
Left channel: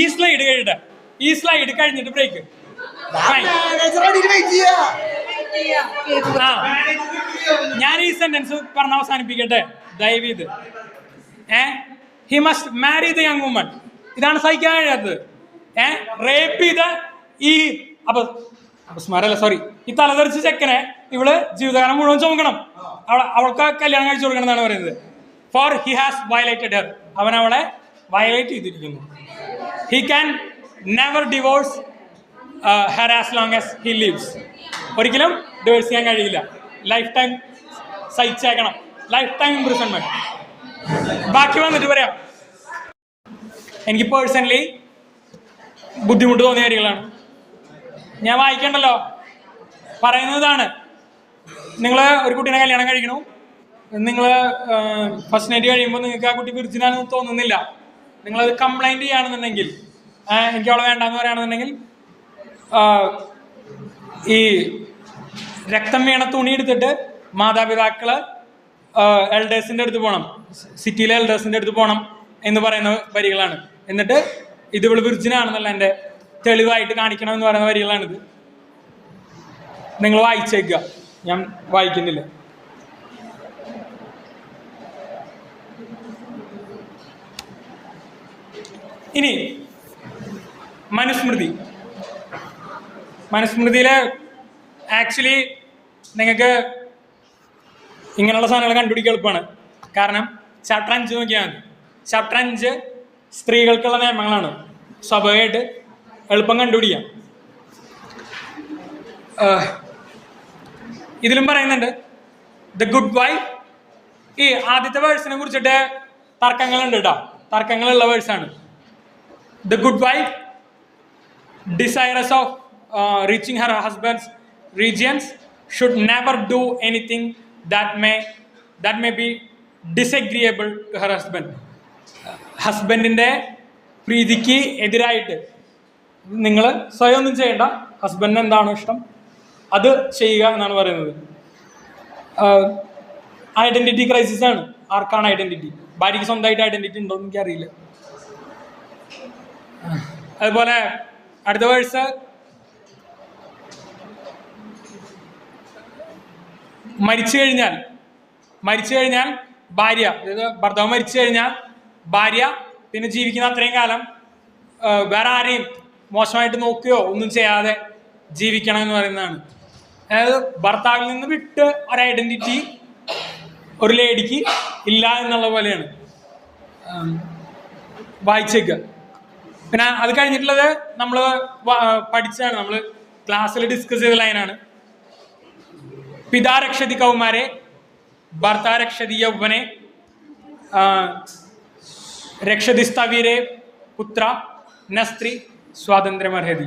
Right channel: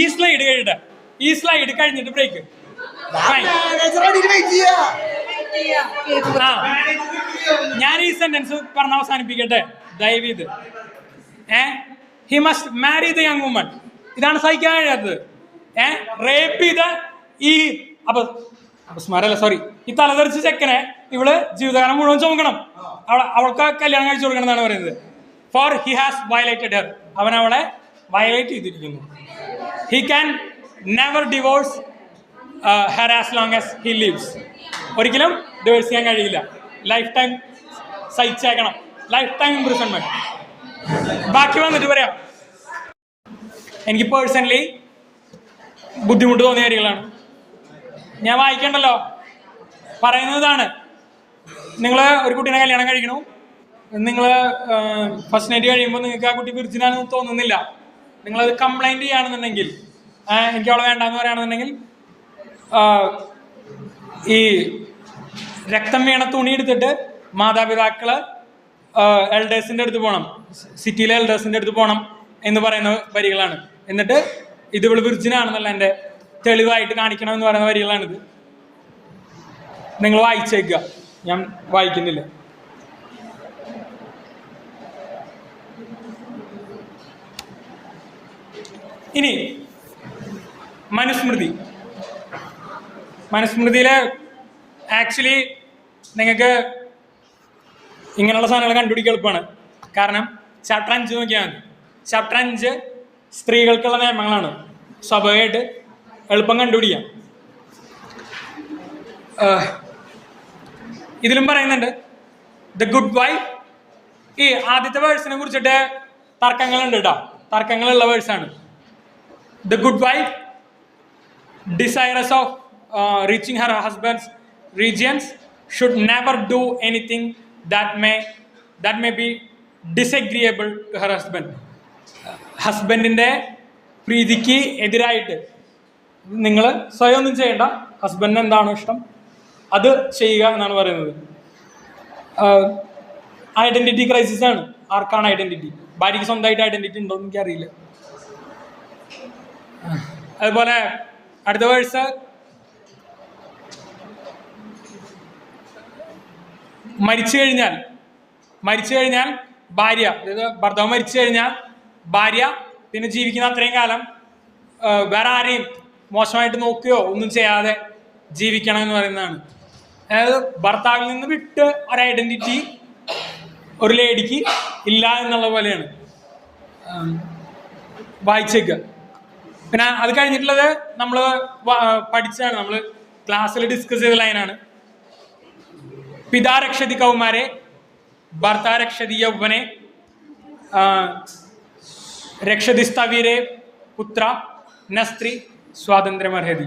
ഈ സ്ലൈഡ് കഴിഞ്ഞിട്ട്, ഈ സ്ലൈഡ് കഴിഞ്ഞിട്ട് ബ്രേക്ക്. ഞാൻ ഈ സെന്റൻസ് പറഞ്ഞ് അവസാനിപ്പിക്കട്ടെ ദയവീത്. He must marry the young woman. ഇതാണ് സഹിക്കാൻ കഴിയാത്തത്. റേപ്പ് ചെയ്ത ഈ അപസ്മാരല്ല, സോറി, ഈ തലതെറിച്ച ചെക്കനെ ഇവള് ജീവിതകാലം മുഴുവൻ ചുമക്കണം. അവൾക്ക് കല്യാണം കഴിച്ചു കൊടുക്കണം എന്നാണ് പറയുന്നത്. For he has violated her. അവൻ അവളെ വയലേറ്റ് ചെയ്തിരിക്കുന്നു. He can never divorce her as long as he lives. ഒരിക്കലും ഡിവോഴ്സ് ചെയ്യാൻ കഴിയില്ല. ലൈഫ് ടൈം സഹിച്ചേക്കണം, ലൈഫ് ടൈം ഇംപ്രിസൺമെന്റ്. ബാക്കി വന്നിട്ട് പറയാം. എനിക്ക് പേഴ്സണലി ബുദ്ധിമുട്ട് തോന്നിയ കാര്യങ്ങളാണ്. ഞാൻ വായിക്കണ്ടല്ലോ, പറയുന്നതാണ്. നിങ്ങൾ ഒരു കുട്ടീനെ കല്യാണം കഴിക്കണു, നിങ്ങൾ ഫസ്റ്റ് നൈറ്റ് കഴിയുമ്പോൾ നിങ്ങൾക്ക് ആ കുട്ടി വിർജിനാണെന്ന് തോന്നുന്നില്ല, നിങ്ങളത് കംപ്ലൈൻറ്റ് ചെയ്യുകയാണെന്നുണ്ടെങ്കിൽ, എനിക്ക് അവളെ വേണ്ടാന്ന് പറയുകയാണെന്നുണ്ടെങ്കിൽ, ഈ രക്തം വീണ തുണി എടുത്തിട്ട് മാതാപിതാക്കള് എൽഡേഴ്സിൻ്റെ അടുത്ത് പോകണം, സിറ്റിയിലെ എൽഡേഴ്സിൻ്റെ അടുത്ത് പോകണം എന്ന് പറയുന്ന വരികളാണ്. എന്നിട്ട് ഇത് ഇവള് വിർജിനാണെന്നല്ല എൻ്റെ തെളിവായിട്ട് കാണിക്കണം എന്ന് പറയുന്ന വരികളാണിത്. നിങ്ങൾ വായിച്ചേക്കുക, ഞാൻ വായിക്കുന്നില്ല. ഇനി മനുസ്മൃതി. മനുസ്മൃതിയില് ആക്ച്വലി നിങ്ങൾക്ക് ഇങ്ങനെയുള്ള സാധനങ്ങൾ കണ്ടുപിടിക്കാൻ എളുപ്പമാണ്. കാരണം ചാപ്റ്റർ 5 നോക്കിയാൽ മതി. ചാപ്റ്റർ 5 സ്ത്രീകൾക്കുള്ള നിയമങ്ങളാണ്. സ്വാഭാവികമായിട്ട് എളുപ്പം കണ്ടുപിടിക്കാം. ഇതിലും പറയുന്നുണ്ട് ദ ഗുഡ് വൈഫ്. ഈ ആദ്യത്തെ വേഴ്സിനെ കുറിച്ചിട്ട് തർക്കങ്ങളുണ്ട് കേട്ടോ, തർക്കങ്ങളുള്ള വേഴ്സാണ്. The good wife desirous of reaching her husband's regions should never do anything that may be disagreeable to her husband. ഹസ്ബൻഡിൻ്റെ പ്രീതിക്ക് എതിരായിട്ട് നിങ്ങൾ സ്വയം ഒന്നും ചെയ്യേണ്ട, ഹസ്ബൻഡിന് എന്താണോ ഇഷ്ടം അത് ചെയ്യുക എന്നാണ് പറയുന്നത്. ഐഡന്റിറ്റി ക്രൈസിസ് ആണ്. ആർക്കാണ് ഐഡന്റിറ്റി? ഭാര്യയ്ക്ക് സ്വന്തമായിട്ട് ഐഡന്റിറ്റി ഉണ്ടോ എന്ന് എനിക്കറിയില്ല. അതുപോലെ അടുത്ത വേഴ്സ് മരിച്ചു കഴിഞ്ഞാൽ ഭാര്യ, അതായത് ഭർത്താവ് മരിച്ചു കഴിഞ്ഞാൽ ഭാര്യ പിന്നെ ജീവിക്കുന്ന അത്രയും കാലം വേറെ ആരെയും മോശമായിട്ട് നോക്കുകയോ ഒന്നും ചെയ്യാതെ ജീവിക്കണം എന്ന് പറയുന്നതാണ്. അതായത് ഭർത്താവിൽ നിന്ന് വിട്ട് ഒരു ഐഡന്റിറ്റി ഒരു ലേഡിക്ക് ഇല്ല എന്നുള്ള പോലെയാണ്. വായിച്ചേക്കുക. പിന്നെ അത് കഴിഞ്ഞിട്ടുള്ളത് നമ്മൾ പഠിച്ചതാണ്, നമ്മൾ ക്ലാസ്സിൽ ഡിസ്കസ് ചെയ്ത ലൈനാണ്. പിതാ രക്ഷതി കൗമാരെ ഭർത്താ രക്ഷതി യൗവനെ രക്ഷതി സ്ഥവീരെ പുത്ര ന സ്ത്രീ സ്വാതന്ത്ര്യമർഹതി.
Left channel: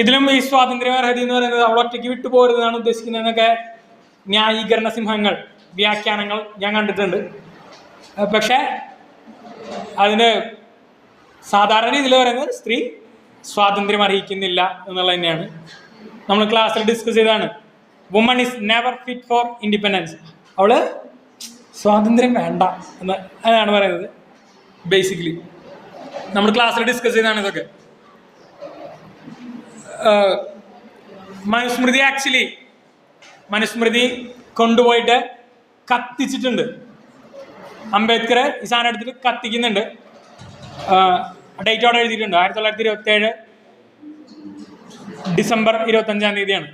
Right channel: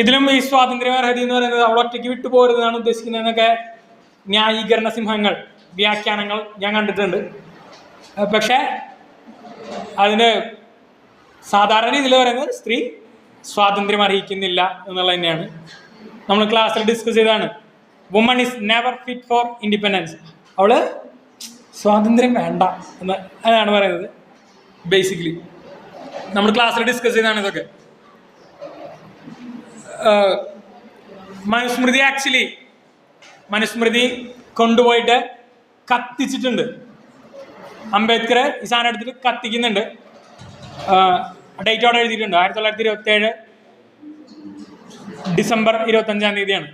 ഇതിലും ഈ സ്വാതന്ത്ര്യമർഹതി എന്ന് പറയുന്നത് അവൾ ഒറ്റയ്ക്ക് വിട്ടുപോരുന്നതാണ് ഉദ്ദേശിക്കുന്നതെന്നൊക്കെ ന്യായീകരണ സിംഹങ്ങൾ, വ്യാഖ്യാനങ്ങൾ ഞാൻ കണ്ടിട്ടുണ്ട്. പക്ഷെ അതിന് സാധാരണ രീതിയിൽ പറയുന്നത് സ്ത്രീ സ്വാതന്ത്ര്യം അറിയിക്കുന്നില്ല എന്നുള്ളത് തന്നെയാണ്. നമ്മൾ ക്ലാസ്സിൽ ഡിസ്കസ് ചെയ്തതാണ്. Woman is never fit for independence. അവള് സ്വാതന്ത്ര്യം വേണ്ട എന്നാണ് പറയുന്നത്. ബേസിക്കലി നമ്മൾ ക്ലാസ്സിൽ ഡിസ്കസ് ചെയ്തതാണ് ഇതൊക്കെ. മനുസ്മൃതി കൊണ്ടുപോയിട്ട് കത്തിച്ചിട്ടുണ്ട്. അംബേദ്കർ ഈ സാധനം എടുത്തിട്ട് കത്തിക്കുന്നുണ്ട്. ഡേറ്റോടെ എഴുതിയിട്ടുണ്ട് 1927 ഡിസംബർ 25-ാം തീയതിയാണ്.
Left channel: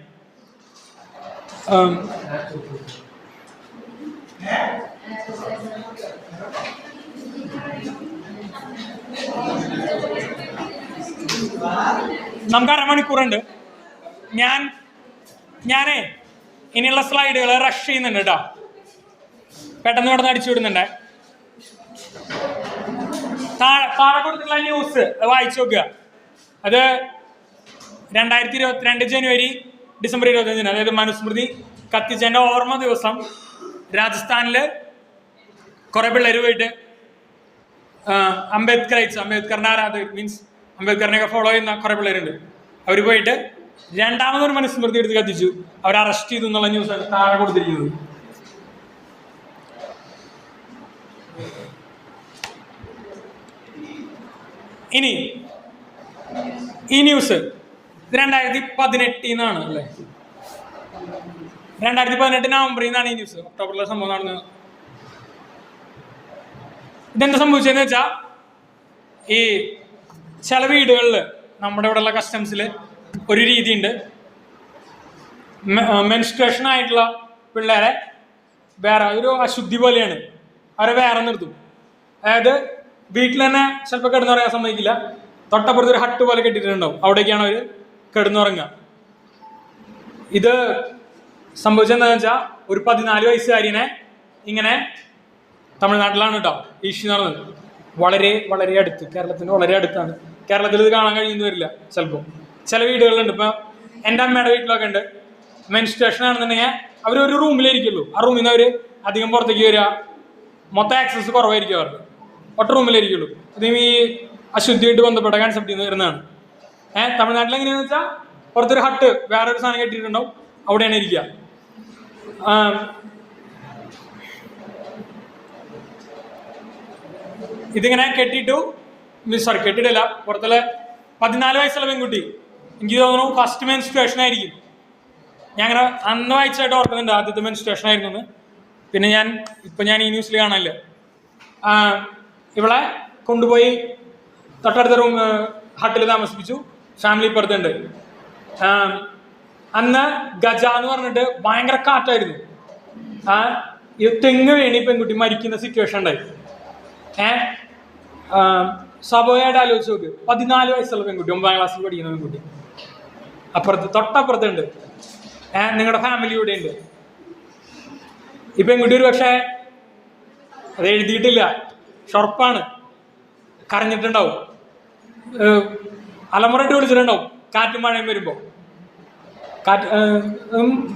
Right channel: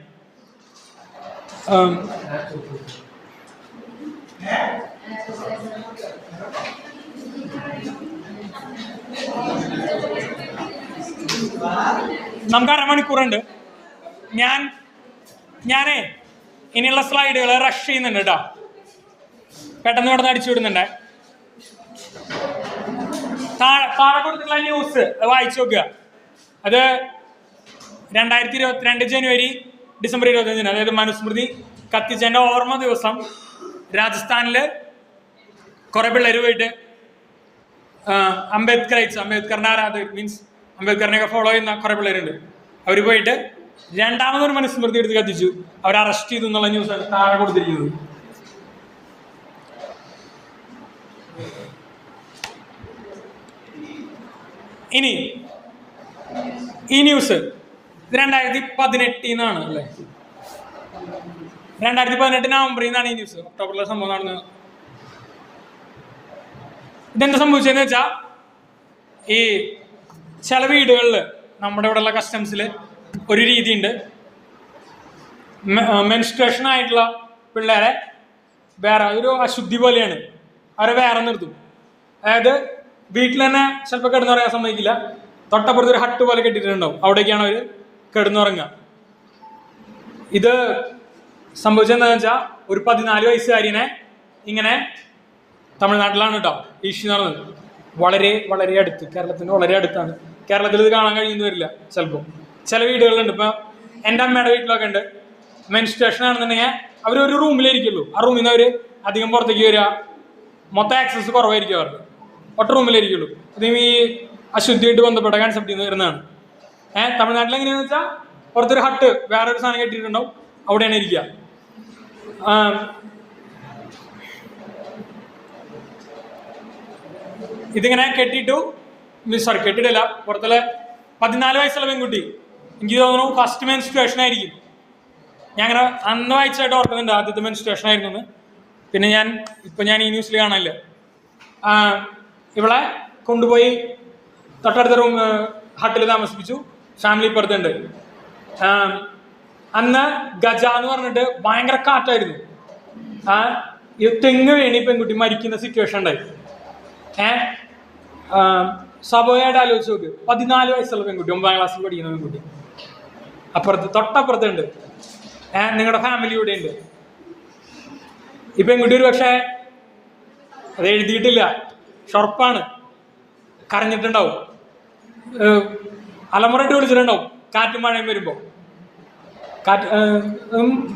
നമുക്ക് അരമണിക്കൂറുണ്ട്. ഞാനേ ഇനിയുള്ള സ്ലൈഡുകൾ റഷ് ചെയ്യുന്നുണ്ട് കേട്ടോ. പെട്ടെന്ന് ഇവിടെ അടിച്ചു വിടുന്നുണ്ട്. താഴെ കൊടുത്തുള്ള ന്യൂസ് വായിച്ചു നോക്കുക. അത് 2022 ജനുവരി ഡിസംബർ 25-ന്, അതായത് മനുസ്മൃതി കത്തിച്ചതിൻ്റെ ഓർമ്മ ദിവസം രാജസ്ഥാനില് കുറെ പിള്ളേർ പോയിട്ട് അംബേദ്കറിനെ മീൻസ് അംബേദ്കറിനെ ഫോളോ ചെയ്യുന്ന കുറെ പിള്ളേരുണ്ട്. അവർ പോയിട്ട് രണ്ടാമതൊരു മനുസ്മൃതി എടുത്ത് കത്തിച്ചു. അവർ അറസ്റ്റ് ചെയ്തു എന്നുള്ള ന്യൂസ് താഴെ കൊടുത്തിരിക്കുന്നത്. ഇനി ഈ ന്യൂസ് 2018 അല്ലേ, 2018 നവംബറിൽ നിന്നാണ് ഈ ന്യൂസ്. ഒക്ടോബറിലെ സംഭവം നടന്നത്. ഇതെന്താ സംഭവിച്ചതെന്ന് വെച്ചാൽ, ഈ ചില വീടുകളിൽ നമ്മുടെ ഇവിടെയുള്ള കസ്റ്റംസിൽ ഒരു രീതിയുണ്ട്. മെൻസ്ട്രേഷൻ ആയിട്ടുള്ള പിള്ളേരെ വേറെ ഒരു അശുദ്ധി പോലെയാണ് അവരെ വേറെ നിർത്തും. അതായത് വീട്ടിൽ തന്നെ ചിലപ്പോൾ കിടന്നുറങ്ങാൻ സമ്മതിക്കില്ല. തൊട്ടപ്പുറത്ത് ഒരു ഹട്ട് പോലെ കെട്ടിയിട്ടുണ്ടാവും, അവിടേക്കാണ് അവർ കിടന്നുറങ്ങുക. ഇത് സംഭവിച്ചതെന്ന് വെച്ചാൽ ഒരു 14 വയസ്സുകാരിനെ ഇങ്ങനെ തമിഴ്നാട്ടിലാണ് കേട്ടോ ഇഷ്യൂ നടന്നത്. വളരെ വളരെ അടുത്ത്, കേരളത്തിന് വളരെ അടുത്താണ്. കേരളത്തിൽ ഇത് കാണാൻ കഴിയുന്നു വരില്ല ചിലപ്പോൾ. ചില വീടുകളുണ്ട്. ഇപ്പം എൻ്റെ അമ്മയുടെ വീട്ടിലൊക്കെ ഉണ്ട്. മെൻസ്ട്രേഷൻ ആണെന്നുണ്ടെങ്കിൽ അവർ ഒരു റൂമിലായിരിക്കുള്ളൂ. ആ റൂമിൽ നിന്ന് അവർ അധികം പുറത്തേക്ക് വരിക, മൊത്തം ആക്സസ് കുറവായിരിക്കും അവർക്ക്. ഒറ്റ റൂമിലായിരിക്കുള്ളൂ. അതേ ഈ അശുദ്ധിയായിട്ട് ബന്ധപ്പെട്ട കൺസെപ്റ്റിൽ നിന്ന് വരുന്നതാണ്. തമിഴ്നാട്ടിൽ എങ്ങനെയാണെന്ന് വെച്ചാൽ പുറത്തൊരു ഹട്ട് വേറൊരു സാധനം കെട്ടിയിട്ടുണ്ടാവും, അവിടെയാണ് ഇരിക്കുക. ഇതിങ്ങനെ കെട്ടിയിട്ടില്ല. പുറത്തുള്ള 14 വയസ്സുള്ള പെൺകുട്ടി, എനിക്ക് തോന്നുന്നു ഫസ്റ്റ് മെൻസ്ട്രേഷൻ ആയിരിക്കും. ഞാൻ അങ്ങനെ അന്ന് വായിച്ചായിട്ട് ഓർക്കുന്നുണ്ട് ആദ്യത്തെ മെൻസ്ട്രേഷൻ ആയിരുന്നു. പിന്നെ ഞാൻ ഈ ന്യൂസിൽ കാണില്ല. ഇവളെ കൊണ്ടുപോയി തൊട്ടടുത്ത ഹട്ടിൽ താമസിപ്പിച്ചു. ഫാമിലി പുറത്തുണ്ട്. അന്ന് ഗജ എന്ന് പറഞ്ഞിട്ട് ഭയങ്കര കാറ്റായിരുന്നു. തെങ്ങ് വീണി പെൺകുട്ടി മരിക്കുന്ന സിറ്റുവേഷൻ ഉണ്ടായി. സ്വാഭാവികമായിട്ട് ആലോചിച്ച് നോക്ക്, 14 വയസ്സുള്ള പെൺകുട്ടി, 9ാം ക്ലാസ്സിൽ പഠിക്കുന്ന പെൺകുട്ടി തൊട്ടപ്പുറത്തുണ്ട്. നിങ്ങളുടെ ഫാമിലി ഇവിടെ ഉണ്ട്. ഈ പെൺകുട്ടി ഒരു പക്ഷേ അത് എഴുതിയിട്ടില്ല, ഷൊർപ്പാണ്, കരഞ്ഞിട്ടുണ്ടാവും, അലമുറയിട്ട് വിളിച്ചിട്ടുണ്ടാവും കാറ്റും മഴയും വരുമ്പോൾ.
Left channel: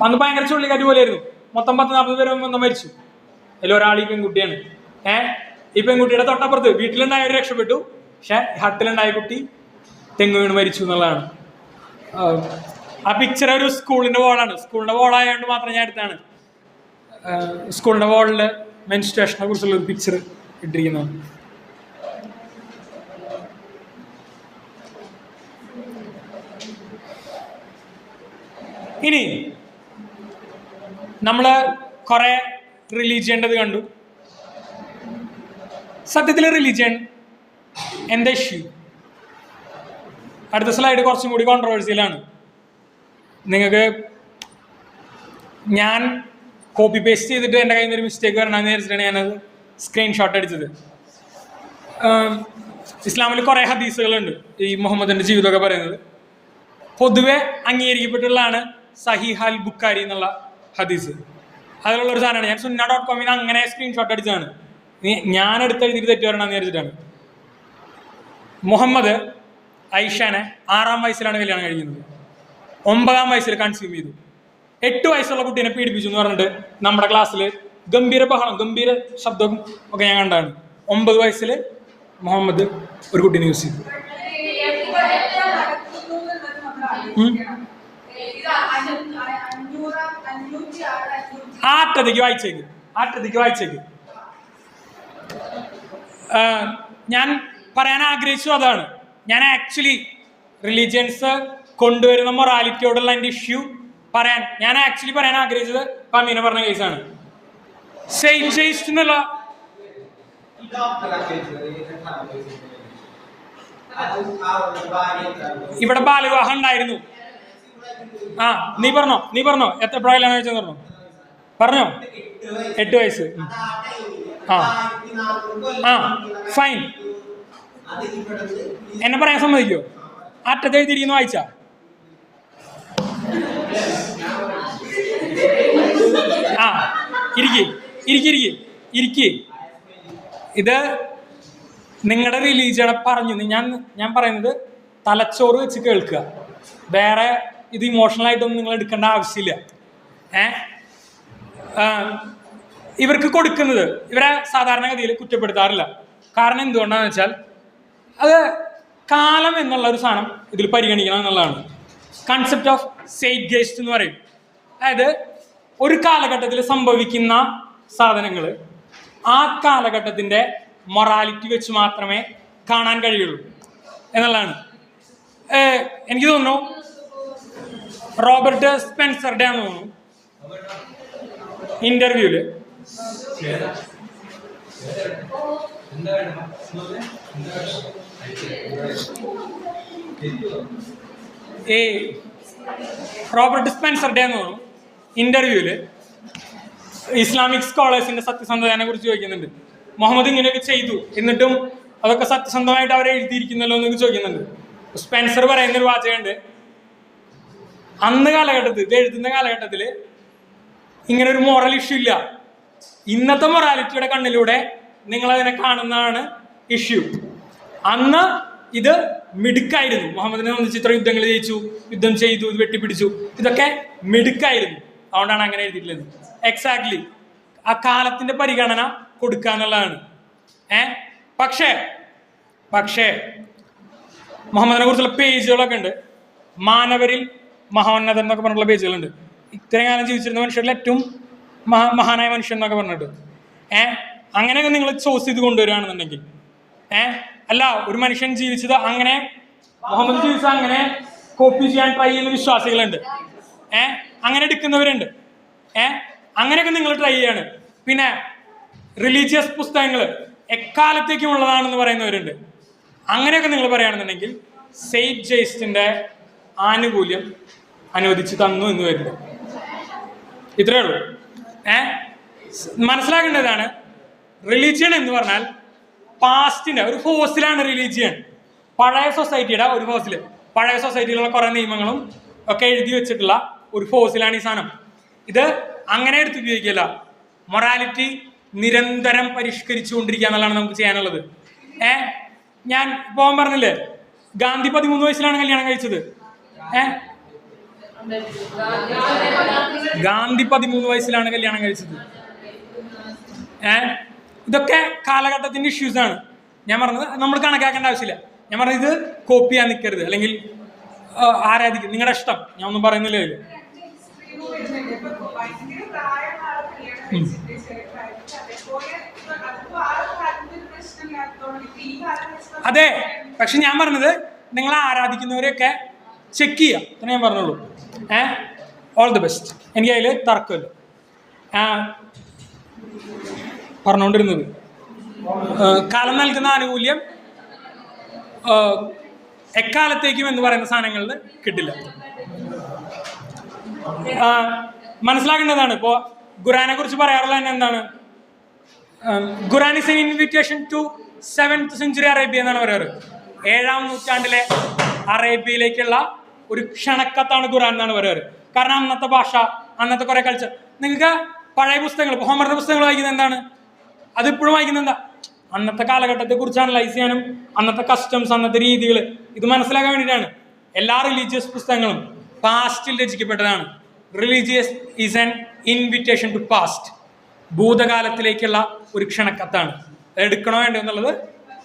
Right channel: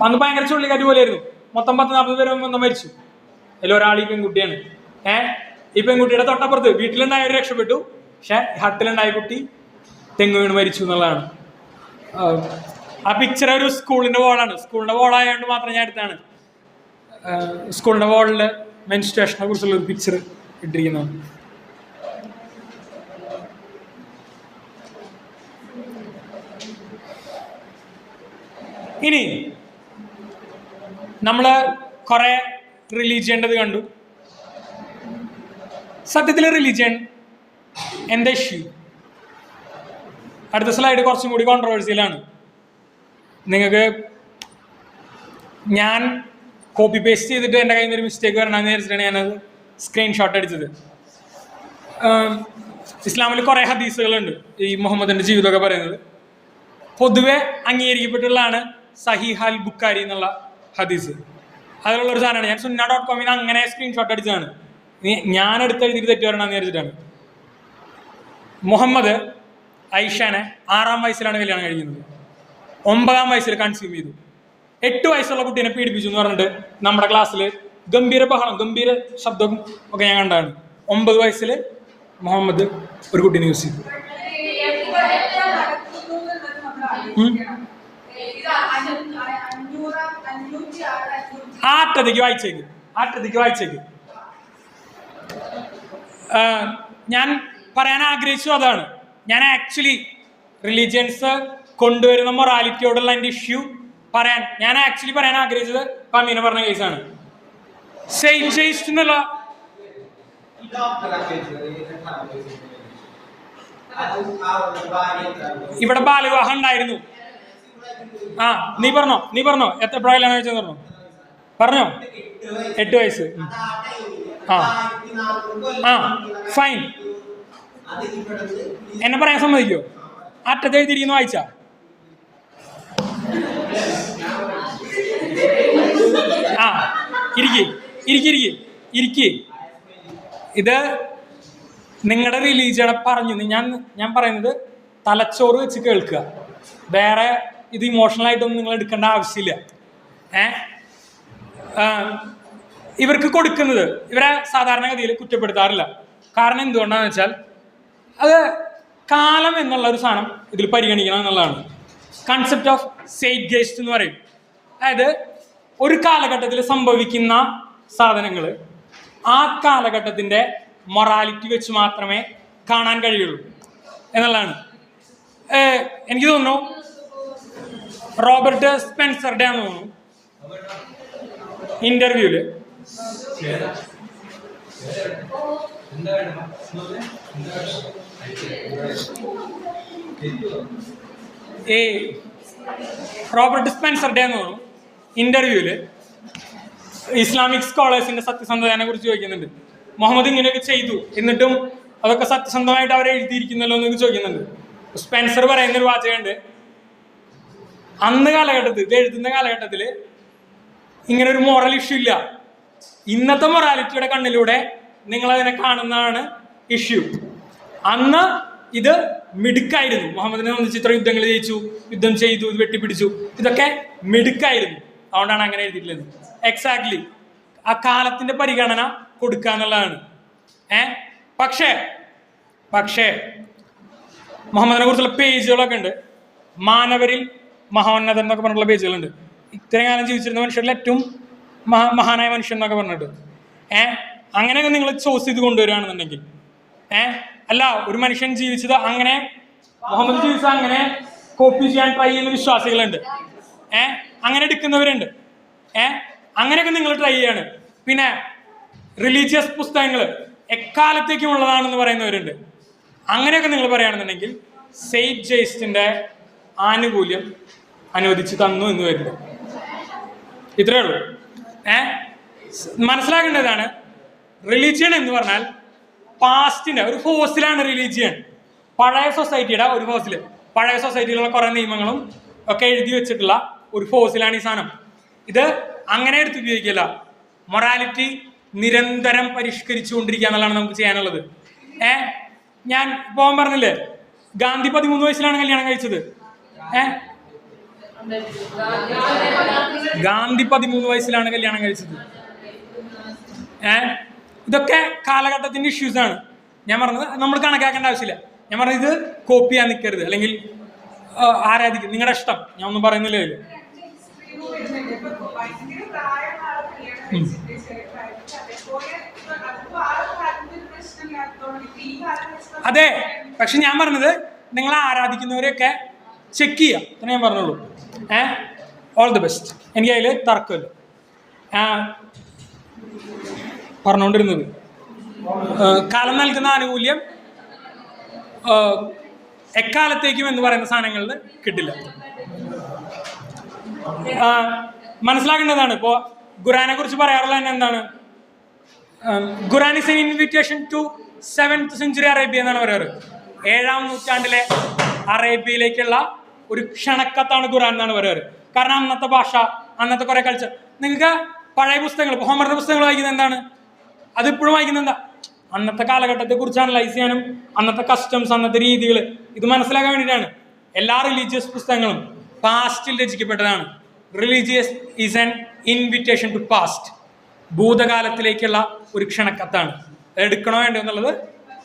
അന്ന് ഭയങ്കര ചുഴലിക്കാറ്റ് പോലെയായിരുന്നു. മൊത്തം 40 പേര് മൊത്തം മരിച്ചു. അതിലൊരാൾ ഈ പെൺകുട്ടിയാണ്. ഈ പെൺകുട്ടിയുടെ തൊട്ടപ്പുറത്ത് വീട്ടിലുണ്ടായവർ രക്ഷപ്പെട്ടു. പക്ഷെ ഹട്ടിലുണ്ടായ കുട്ടി തെങ്ങ് വീണ് മരിച്ചു എന്നുള്ളതാണ്. ആ പിക്ചർ ഒരു സ്കൂളിന്റെ വോളാണ്. സ്കൂളിന്റെ വോളായതുകൊണ്ട് മാത്രം ഞാൻ എടുത്താണ്. സ്കൂളിന്റെ വോളില് മെൻസ്ട്രേഷനെ കുറിച്ചുള്ള ഒരു പിക്ചർ ഇട്ടിരിക്കുന്നതാണ്. ഇനി നമ്മള് കുറെ റിലീജിയൻ്റെത് കണ്ടു. സത്യത്തിലെ റിലീജിയൻ എന്താ ഇഷ്യൂ? അടുത്ത സ്ലൈഡ് കുറച്ചും കൂടി കോൺട്രവേഴ്സിയലാണ്. നിങ്ങൾക്ക് ഞാൻ കോപ്പി പേസ്റ്റ് ചെയ്തിട്ട് എൻ്റെ കയ്യിൽ നിന്ന് ഒരു മിസ്റ്റേക്ക് വരണമെന്ന് വിചാരിച്ചിട്ടാണ് ഞാനത് സ്ക്രീൻഷോട്ട് അടിച്ചത്. ഇസ്ലാമിൽ കുറേ ഹദീസുകളുണ്ട് ഈ മുഹമ്മദിൻ്റെ ജീവിതമൊക്കെ പറയുന്നത്. പൊതുവെ അംഗീകരിക്കപ്പെട്ടുള്ളതാണ് സഹീഹ് അൽ ബുഖാരി എന്നുള്ള ഹദീസ്. അതിലുള്ളൊരു സാധനമാണ്. ഞാൻ sunna.com അങ്ങനെ സ്ക്രീൻഷോട്ട് അടിച്ചതാണ്. ഞാൻ എടുത്തെഴുതിയിട്ട് തെറ്റ് വരണമെന്ന് വിചാരിച്ചിട്ടാണ്. മുഹമ്മദ് ഐഷാനെ 6-ാം വയസ്സിലാണ് കല്യാണം കഴിക്കുന്നത്. 9-ാം വയസ്സിൽ കൺസ്യൂം ചെയ്തു. 8 വയസ്സുള്ള കുട്ടീനെ പീഡിപ്പിച്ചു എന്ന് പറഞ്ഞിട്ട് നമ്മുടെ ക്ലാസ്സിൽ ഗംഭീര ശബ്ദം ഒക്കെ ഞാൻ കണ്ടാണ്. 9 വയസ്സിൽ മുഹമ്മദ് ഒരു കുട്ടീനെ യൂസ് ചെയ്തു. ആറ്റത്തേക്ക് വായിച്ചേക്ക്. ഞാൻ പറയാൻ ആഗ്രഹിച്ചു അതാണ്. ഞാൻ ആക്ച്വലി റിലീജിയൻസ് കൊണ്ടുവരുന്ന മൊറാലിറ്റിയോടുള്ള എൻ്റെ ഇഷ്യൂ ഞാൻ പറയാൻ ആഗ്രഹിച്ചത് പമീന പറഞ്ഞ കേസാണ്. എന്നുള്ള ഇവിടെ ബാലവിവാഹം ഉണ്ടായിരുന്നു. ആ നീ പറഞ്ഞോ എപ്പോഴാണ് കല്യാണം കഴിച്ചെന്ന് പറഞ്ഞോ 8 വയസ്സ്. ആ ആ ഫൈൻ. എന്നെ പറയാൻ സമ്മതിക്കോ? അറ്റത്തെ എഴുതിയിരിക്കുന്ന വായിച്ച ആ ഇരിക്കി. ഇത് നിങ്ങളുടെ റിലീജിയനെ പറഞ്ഞു. ഞാൻ പറയുന്നത് തലച്ചോറ് വെച്ച് കേൾക്കുക. വേറെ ഇത് ഇമോഷണലായിട്ടൊന്നും നിങ്ങൾ എടുക്കേണ്ട ആവശ്യമില്ല. ഇവർക്ക് കൊടുക്കുന്നത് ഇവരെ സാധാരണഗതിയിൽ കുറ്റപ്പെടുത്താറില്ല. കാരണം എന്തുകൊണ്ടാണെന്ന് വെച്ചാൽ അത് കാലം എന്നുള്ള ഒരു സാധനം ഇതിൽ പരിഗണിക്കണം എന്നുള്ളതാണ്. കൺസെപ്റ്റ് ഓഫ് സെയ്റ്റ്ഗെയ്സ്റ്റ് എന്ന് പറയും. അതായത് ഒരു കാലഘട്ടത്തിൽ സംഭവിക്കുന്ന സാധനങ്ങൾ ആ കാലഘട്ടത്തിൻ്റെ മൊറാലിറ്റി വെച്ച് മാത്രമേ കാണാൻ കഴിയുള്ളൂ എന്നുള്ളതാണ്. എനിക്ക് തോന്നുന്നു റോബർട്ട് സ്പെൻസറുടെ ആണെന്ന് തോന്നുന്നു ഇന്റർവ്യൂല് റോബർട്ട് സ്പെൻസറുടെ ആണെന്ന് തോന്നുന്നു ഇന്റർവ്യൂല് ഇസ്ലാമിക് സ്കോളേഴ്സിന്റെ സത്യസന്ധതയെ കുറിച്ച് ചോദിക്കുന്നുണ്ട്. മുഹമ്മദ് ഇങ്ങനെയൊക്കെ ചെയ്തു എന്നിട്ടും അതൊക്കെ സത്യസന്ധമായിട്ട് അവരെ എഴുതിയിരിക്കുന്നല്ലോ എന്നൊക്കെ ചോദിക്കുന്നുണ്ട്. സ്പെൻസർ പറയുന്നൊരു വാചകമുണ്ട്, അന്ന് കാലഘട്ടത്തിൽ എഴുതുന്ന കാലഘട്ടത്തിൽ ഇങ്ങനെ ഒരു മോറൽ ഇഷ്യൂ ഇല്ല. ഇന്നത്തെ മൊറാലിറ്റിയുടെ കണ്ണിലൂടെ നിങ്ങളതിനെ കാണുന്നതാണ് ഇഷ്യൂ. അന്ന് ഇത് മിടുക്കായിരുന്നു. മുഹമ്മദിനെ സംബന്ധിച്ച് ഇത്ര യുദ്ധങ്ങൾ ജയിച്ചു, യുദ്ധം ചെയ്തു, ഇത് വെട്ടിപ്പിടിച്ചു, ഇതൊക്കെ മിടുക്കായിരുന്നു. അതുകൊണ്ടാണ് അങ്ങനെ എഴുതിയിട്ടുള്ളത്. എക്സാക്ട്ലി ആ കാലത്തിന്റെ പരിഗണന കൊടുക്കുക എന്നുള്ളതാണ്. പക്ഷേ മുഹമ്മദിനെ കുറിച്ചുള്ള പേജുകളൊക്കെ ഉണ്ട്. മാനവരിൽ മഹോന്നതൻ എന്നൊക്കെ പറഞ്ഞിട്ടുള്ള പേജുകളുണ്ട്. ഇത്രയും കാലം ജീവിച്ചിരുന്ന മനുഷ്യരിൽ ഏറ്റവും മഹാനായ മനുഷ്യൻ എന്നൊക്കെ പറഞ്ഞിട്ട് അങ്ങനെയൊക്കെ നിങ്ങൾ ചോയ്സ് ചെയ്ത് കൊണ്ടുവരികയാണെന്നുണ്ടെങ്കിൽ അല്ല, ഒരു മനുഷ്യൻ ജീവിച്ചത് അങ്ങനെ, മുഹമ്മദ് ജീവിച്ചത് അങ്ങനെ കോപ്പി ചെയ്യാൻ ട്രൈ ചെയ്യുന്ന വിശ്വാസികളുണ്ട്. അങ്ങനെ എടുക്കുന്നവരുണ്ട്. അങ്ങനെയൊക്കെ നിങ്ങൾ ട്രൈ ചെയ്യാണ്. പിന്നെ റിലീജിയസ് പുസ്തകങ്ങൾ എക്കാലത്തേക്കും ഉള്ളതാണെന്ന് പറയുന്നവരുണ്ട്. അങ്ങനെയൊക്കെ നിങ്ങൾ പറയുകയാണെന്നുണ്ടെങ്കിൽ സെയ്റ്റ്ഗെയ്സ്റ്റിന്റെ ആനുകൂല്യം അനുവദിച്ച് തന്നു എന്ന് വരുന്നു. ഇത്രയേ ഉള്ളൂ. മനസ്സിലാക്കേണ്ടതാണ്, റിലീജിയൻ എന്ന് പറഞ്ഞാൽ പാസ്റ്റിന്റെ ഒരു ഫോസിലാണ് റിലീജിയൻ. പഴയ സൊസൈറ്റിയുടെ ഒരു ഫോസിൽ, പഴയ സൊസൈറ്റിയിലുള്ള കുറെ നിയമങ്ങളും ഒക്കെ എഴുതി വെച്ചിട്ടുള്ള ഒരു ഫോസിലാണ് ഈ സാധനം. ഇത് അങ്ങനെ എടുത്ത് ഉപയോഗിക്കില്ല. മൊറാലിറ്റി നിരന്തരം പരിഷ്കരിച്ചുകൊണ്ടിരിക്കുക എന്നുള്ളതാണ് നമുക്ക് ചെയ്യാനുള്ളത്. ഞാൻ പോകാൻ പറഞ്ഞില്ലേ, ഗാന്ധി 13 വയസ്സിലാണ് കല്യാണം കഴിച്ചത്. ഗാന്ധി 13 വയസ്സിലാണ് കല്യാണം കഴിച്ചത്. ഇതൊക്കെ കാലഘട്ടത്തിന്റെ ഇഷ്യൂസ് ആണ്. ഞാൻ പറഞ്ഞത് നമ്മൾ കണക്കാക്കേണ്ട ആവശ്യമില്ല. ഞാൻ പറഞ്ഞത് ഇത് കോപ്പി ചെയ്യാൻ നിൽക്കരുത്, അല്ലെങ്കിൽ ആരാധിക്കും, നിങ്ങളുടെ ഇഷ്ടം. ഞാൻ ഒന്നും പറയുന്നില്ല. അതെ, പക്ഷെ ഞാൻ പറഞ്ഞത് നിങ്ങൾ ആരാധിക്കുന്നവരെയൊക്കെ ചെക്ക് ചെയ്യുക എന്ന് ഞാൻ പറഞ്ഞോളൂ. All the best. എനിക്ക് അതിൽ തർക്കമില്ല. പറഞ്ഞുകൊണ്ടിരുന്നത് കാലം നൽകുന്ന ആനുകൂല്യം എക്കാലത്തേക്കും എന്ന് പറയുന്ന സാധനങ്ങളിൽ കിട്ടില്ല. മനസ്സിലാക്കേണ്ടതാണ്. ഇപ്പോൾ ഖുറാനെ കുറിച്ച് പറയാറുള്ള തന്നെ എന്താണ്, Quran is an invitation to 7th century Arabia എന്നാണ് പറയാറ്. 7ാം നൂറ്റാണ്ടിലെ അറേബ്യയിലേക്കുള്ള ഒരു ക്ഷണക്കത്താണ് ഖുറാൻ എന്നാണ് പറയാറ്. കാരണം അന്നത്തെ ഭാഷ, അന്നത്തെ കുറെ കൾച്ചർ. നിങ്ങൾക്ക് പഴയ പുസ്തകങ്ങൾ, ഹോമറിന്റെ പുസ്തകങ്ങൾ വായിക്കുന്നത് എന്താണ്, അതിപ്പോഴും വായിക്കുന്നത് എന്താ, അന്നത്തെ കാലഘട്ടത്തെ കുറിച്ച് അനലൈസ് ചെയ്യാനും അന്നത്തെ കസ്റ്റംസ്, അന്നത്തെ രീതികൾ ഇത് മനസ്സിലാക്കാൻ വേണ്ടിയിട്ടാണ്. എല്ലാ റിലീജിയസ് പുസ്തകങ്ങളും പാസ്റ്റിൽ രചിക്കപ്പെട്ടതാണ്. Religious is an invitation to past. ഭൂതകാലത്തിലേക്കുള്ള ഒരു ക്ഷണക്കത്താണ്. എടുക്കണോ വേണ്ടോ എന്നുള്ളത്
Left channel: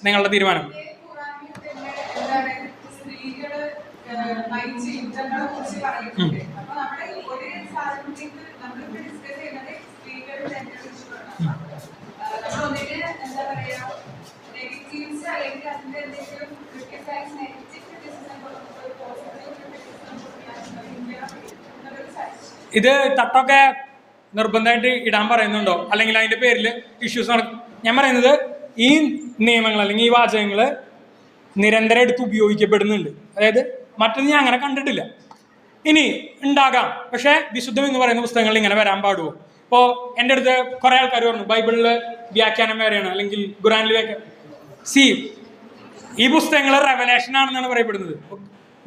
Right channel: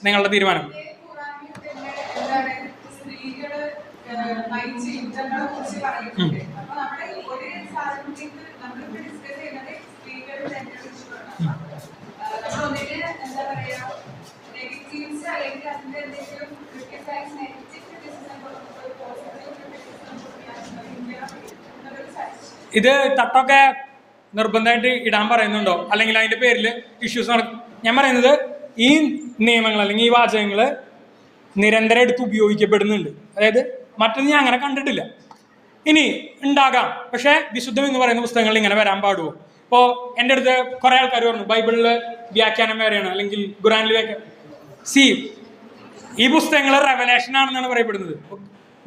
നിങ്ങളുടെ തീരുമാനം. ഇത് തട്ടൊക്കെ നിർബന്ധമായിട്ട് ഇടാൻ പറയുന്നുണ്ടോ, അല്ലെങ്കിൽ അതിന്റെ പേരിൽ ഇഷ്യൂസ് നടക്കും? ഞാൻ പറയുന്നത് ഈ നിയമങ്ങൾ അല്ലെങ്കിൽ ഈ വാചകങ്ങൾ നിരന്തരം എടുത്ത് ഉപയോഗിക്കപ്പെടുന്നുണ്ട്. അതായത് മറ്റൊന്നും ഞാൻ അങ്ങനെ കണ്ടിട്ടില്ല. ഇനി ഉണ്ടാകാം, പക്ഷേ വിശുദ്ധം എന്ന് പറയുന്ന പുസ്തകങ്ങളിൽ ഇങ്ങനെ വരാൻ പാടുമോ? ഇപ്പോൾ എൻ്റെ അടുത്ത് കുറേ ആൾക്കാർ പറഞ്ഞു ബൈബിളിൽ വ്യാഖ്യാനം വേറെയാണ്, അല്ലെങ്കിൽ ഖുറാനിൽ വ്യാഖ്യാനം. ഈ പുസ്തകങ്ങൾ റെവലേഷൻ ആണെന്നാണ് പറയപ്പെടുന്നത്.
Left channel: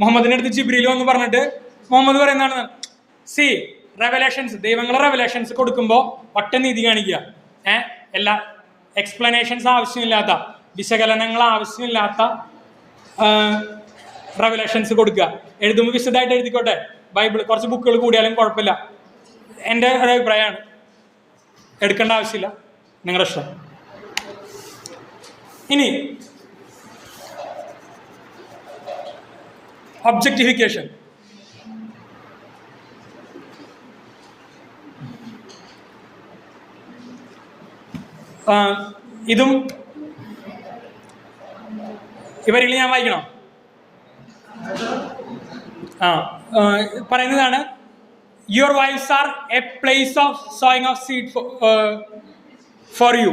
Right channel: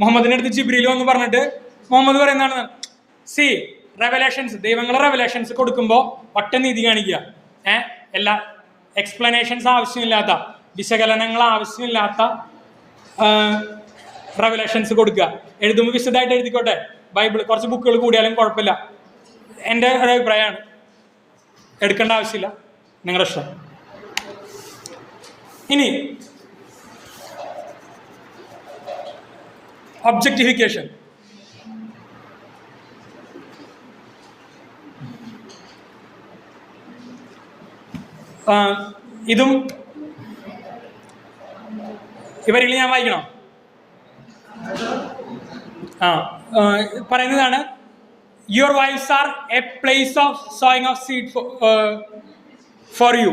മുഹമ്മദിന്റെ അടുത്ത് ജിബ്രീൽ എന്ന് പറഞ്ഞിട്ട് മുഹമ്മദ് പറയുന്നതാണ് റെവലേഷൻസ്, ദൈവങ്ങളുടെ റെവലേഷൻസ് കൊടുക്കുമ്പോൾ ഒറ്റ നീതി കാണിക്കുക. എല്ലാ എക്സ്പ്ലനേഷൻസ് ആവശ്യമില്ലാത്ത, വിശകലനങ്ങൾ ആവശ്യമില്ലാത്ത റെവലേഷൻസ് കൊടുക്കുക. എഴുതുമ്പോൾ വിശദമായിട്ട് എഴുതിക്കോട്ടെ. ബൈബിൾ കുറച്ച് ബുക്കുകൾ കൂടിയാലും കുഴപ്പമില്ല. എൻ്റെ ഒരു അഭിപ്രായമാണ്. എടുക്കേണ്ട ആവശ്യമില്ല, നിങ്ങളുടെ ഇഷ്ടം. ഇനി ഒബ്ജക്റ്റിഫിക്കേഷൻ. ഇതും ഇവരെങ്കിലും ഞാൻ വായിക്കണോ? പറയുന്നതാണ് your wives are a place of sowing of seed for you.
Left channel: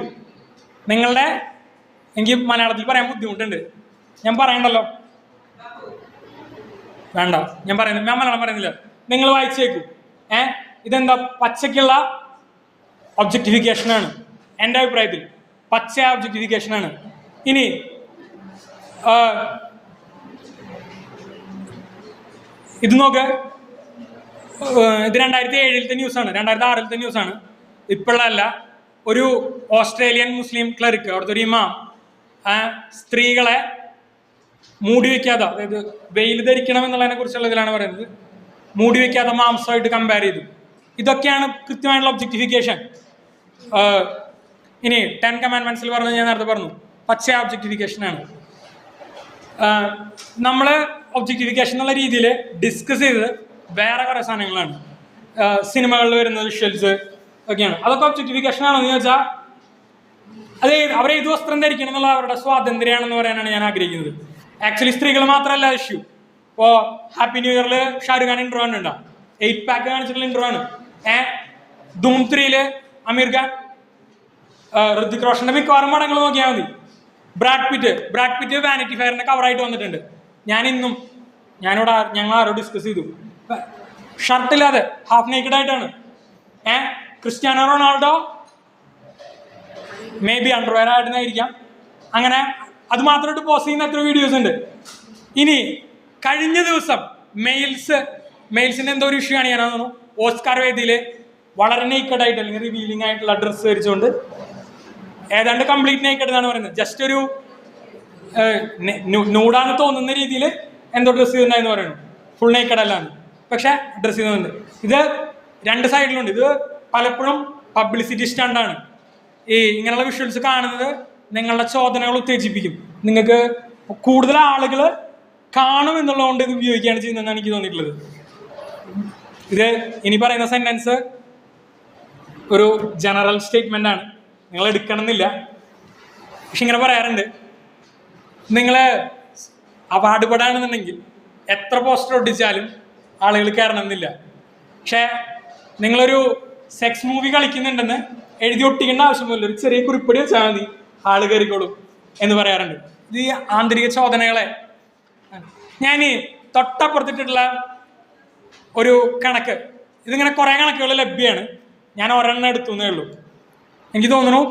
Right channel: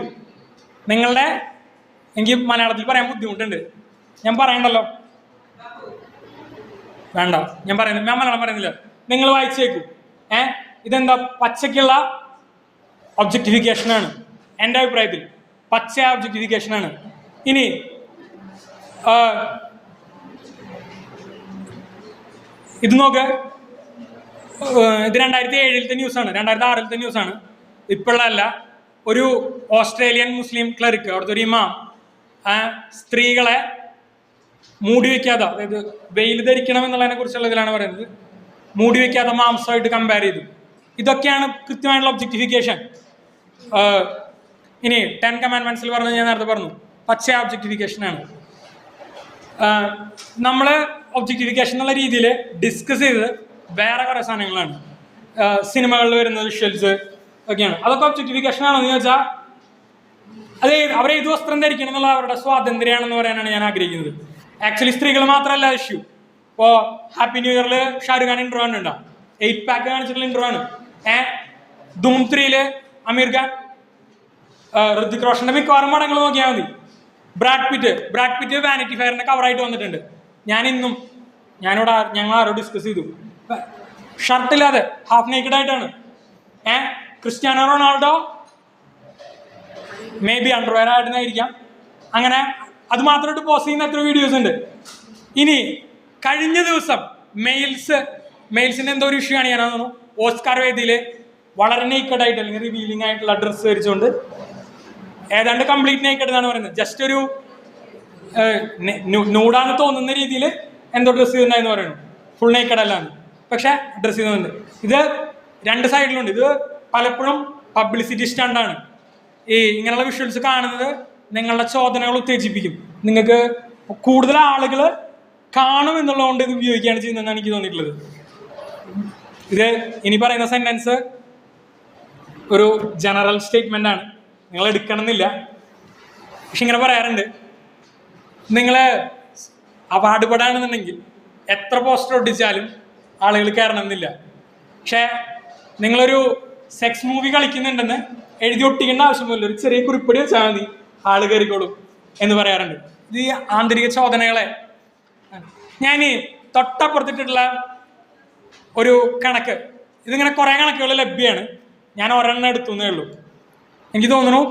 നിങ്ങളുടെ, എനിക്ക് മലയാളത്തിൽ പറയാൻ ബുദ്ധിമുട്ടുണ്ട്, ഞാൻ പറയണ്ടല്ലോ, വേണ്ട, ഞാൻ മലയാളം പറയുന്നില്ല, നിങ്ങൾ വായിച്ചേക്കൂ. ഇതെന്താ പച്ചയ്ക്കുള്ള ഒബ്ജക്റ്റിഫിക്കേഷനാണ്. എൻ്റെ അഭിപ്രായത്തിൽ പച്ച ഒബ്ജക്റ്റിഫിക്കേഷനാണ്. ഇനി ഇത് നോക്ക്, ഇത് 2007 ന്യൂസാണ്, 2006 ന്യൂസാണ്, ഇപ്പോഴല്ല. ഒരു ഓസ്ട്രേലിയൻ മുസ്ലിം ക്ലറിക്ക്, അവിടുത്തെ ഒരു ഇമാം സ്ത്രീകളെ മൂടി വയ്ക്കാതെ, അതായത് വെയിൽ ധരിക്കണം എന്നുള്ളതിനെ കുറിച്ചുള്ള ഇതിലാണ് പറയുന്നത്, മൂടി വയ്ക്കാതെ മാംസമായിട്ട് കമ്പയർ ചെയ്തു. ഇതൊക്കെയാണ് കൃത്യമായിട്ടുള്ള ഒബ്ജക്റ്റിഫിക്കേഷൻ. ഇനി 10 കമാൻഡ്മെന്റ്സിൽ പറഞ്ഞത് ഞാൻ നേരത്തെ പറഞ്ഞു, പച്ച ഒബ്ജക്റ്റിഫിക്കേഷനാണ്. നമ്മൾ ഒബ്ജക്റ്റിഫിക്കേഷൻ എന്നുള്ള രീതിയിൽ ഡിസ്കസ് ചെയ്തത് വേറെ കുറേ സാധനങ്ങളാണ്. സിനിമകളിൽ വരുന്ന വിഷ്വൽസ് ഒക്കെയാണ്. അതൊക്കെ ഒബ്ജക്റ്റിഫിക്കേഷൻ ആണെന്ന് ചോദിച്ചാൽ അത് അവരെ ഏത് വസ്ത്രം ധരിക്കണം എന്നുള്ള അവരുടെ സ്വാതന്ത്ര്യമാണെന്ന് പറയാനാണ് ഞാൻ ആഗ്രഹിക്കുന്നത്. ആക്ച്വലി സ്ത്രീകൾ മാത്രമല്ല ഇഷ്യൂ. ഇപ്പോൾ ഹാപ്പി ന്യൂ ഇയറിൽ ഷാരൂഖ് ഖാൻ ഇൻട്രോ ഉണ്ടാവും, 8 പാക്ക് കാണിച്ചിട്ടുള്ള ഇൻട്രോ ആണ്. ധൂം 3 അമീർ ഖാൻ, ഋതിക് റോഷന്റെ മിക്കവാറും പടങ്ങൾ നോക്കിയാൽ മതി. ബ്രാഡ് പിറ്റ് വാനിറ്റി ഫെയറിന്റെ കവറായിട്ട് വന്നിട്ടുണ്ട്. ഞങ്ങൾ ആരോ ഡിസ്കസ് ചെയ്തു, ഷർട്ടില്ലാതെ ഹാഫ് നേക്കഡ് ആയിട്ടാണ്. Cristiano Ronaldo may be underwear ആയിട്ടായിരിക്കാം. അങ്ങനെ അത് മാത്രമായിട്ട് പോസ്റ്റ് ചെയ്യുന്ന എത്ര വീഡിയോസ് ഉണ്ട്. ഇനി കഴിഞ്ഞ ദിവസം മെയിൽസിന്റെ എന്തോ ഒരു ഇഷ്യൂ ആണ് ഞാൻ തോന്നുന്നു, ഓസ്കാർ വേദിയിൽ വളരെ നേക്കഡ് ആയിട്ട് അല്ലെങ്കിൽ റിവീലിംഗ് ആയിട്ടുള്ള ഡ്രസ്സ് ധരിച്ചുകൊണ്ട്, ഏതാണ്ട് കംപ്ലീറ്റ് നേക്കഡ് എന്നാണ് പറയുന്നത്, ജസ്റ്റ് ഒരു നൂടാന്ന് തോന്നുന്ന രീതിയിൽ എന്തോ ഡ്രസ്സ് ചെയ്തിട്ടുണ്ടായെന്ന് പറയുന്നു, ഫുൾ നേക്കഡ് അല്ലാന്ന്, പക്ഷെ ഡ്രസ്സ് ചെയ്യുന്നുണ്ട്. ഇത് 2 സൈഡിലുണ്ട്. ഇത് പലപ്പോഴും പബ്ലിസിറ്റി സ്റ്റണ്ടാണ്. ഇങ്ങനെയുള്ള വിഷ്വൽസ് കാണുന്നത് നിങ്ങളുടെ ചോദനകൾ ഉത്തേജിപ്പിക്കും, നിങ്ങൾക്ക് കൂടുതൽ ആളുകൾ കാണും എന്നുള്ളതുകൊണ്ട് ഇത് ഉപയോഗിക്കുകയാണ് ചെയ്യുന്നതെന്നാണ് എനിക്ക് തോന്നിയിട്ടുള്ളത്. ഇത് ഇനി പറയുന്ന സെന്റൻസ് ഒരു ജനറൽ സ്റ്റേറ്റ്മെന്റ് ആണ്, നിങ്ങൾ എടുക്കണമെന്നില്ല, പക്ഷെ ഇങ്ങനെ പറയാറുണ്ട്. നിങ്ങൾ അവാർഡ് പെടാണെന്നുണ്ടെങ്കിൽ എത്ര പോസ്റ്റർ ഒട്ടിച്ചാലും ആളുകൾ കയറണമെന്നില്ല. പക്ഷേ നിങ്ങളൊരു സെക്സ് മൂവി കളിക്കുന്നുണ്ടെന്ന് എഴുതി ഒട്ടിക്കേണ്ട ആവശ്യമൊന്നുമില്ല, ഒരു ചെറിയ കുറിപ്പടി വെച്ചാൽ മതി, ആള് കയറിക്കോളും എന്ന് പറയാറുണ്ട്. ഇത് ഈ ആന്തരിക ചോദനകളെ ഞാൻ തൊട്ടപ്പുറത്തിട്ടുള്ള ഒരു കണക്ക്, ഇതിങ്ങനെ കുറേ കണക്കുകൾ ലഭ്യമാണ്, ഞാൻ ഒരെണ്ണം എടുത്തു എന്നേ ഉള്ളൂ. എനിക്ക് തോന്നുന്നു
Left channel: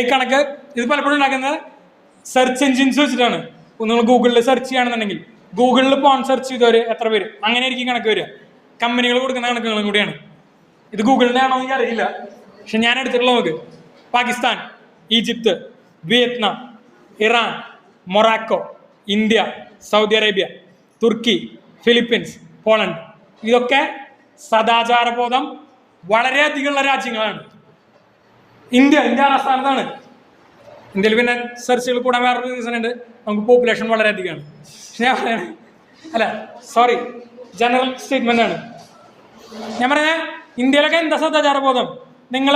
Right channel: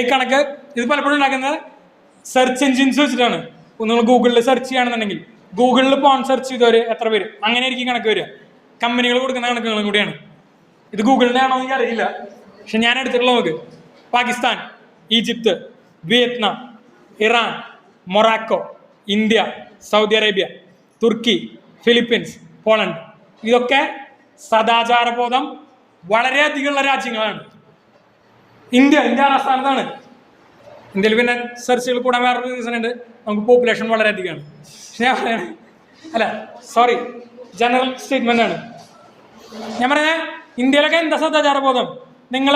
ഈ കണക്ക് ഇത് പലപ്പോഴും ഉണ്ടാക്കുന്നത് സെർച്ച് എൻജിൻസ് വെച്ചിട്ടാണ്. നിങ്ങൾ ഗൂഗിളിൽ സെർച്ച് ചെയ്യുകയാണെന്നുണ്ടെങ്കിൽ ഗൂഗിളിൽ പോൺ സെർച്ച് ചെയ്തവർ എത്ര പേര്, അങ്ങനെ എനിക്ക് കണക്ക് വരിക. കമ്പനികൾ കൊടുക്കുന്ന കണക്കുകളും കൂടിയാണ്. ഇത് ഗൂഗിളിൻ്റെ ആണോ എനിക്ക് അറിയില്ല, പക്ഷെ ഞാൻ എടുത്തിട്ടുള്ളത് നോക്ക്. Pakistan, Egypt, Vietnam, Iran, Morocco, India, Saudi Arabia, Turkey, Philippines, Poland, ഇതൊക്കെ സദാചാരബോധം വളരെയധികമുള്ള രാജ്യങ്ങളാണ്. ഇന്ത്യയുടെ സ്ഥാനത്താണ്. ഇന്ത്യയിൽ പിന്നെ സെർച്ചുകൾ കൂടെ വേറൊരു റീസൺ ഉണ്ട്, നമുക്ക് പോപ്പുലേഷൻ വളരെ അധികമാണ്. സോറി, ജനറൽ സ്റ്റേറ്റ്മെന്റ് ആണ് ഞാൻ പറഞ്ഞത്. ഇന്ത്യയിലൊക്കെ എന്താ സദാചാരബോധം? നിങ്ങൾ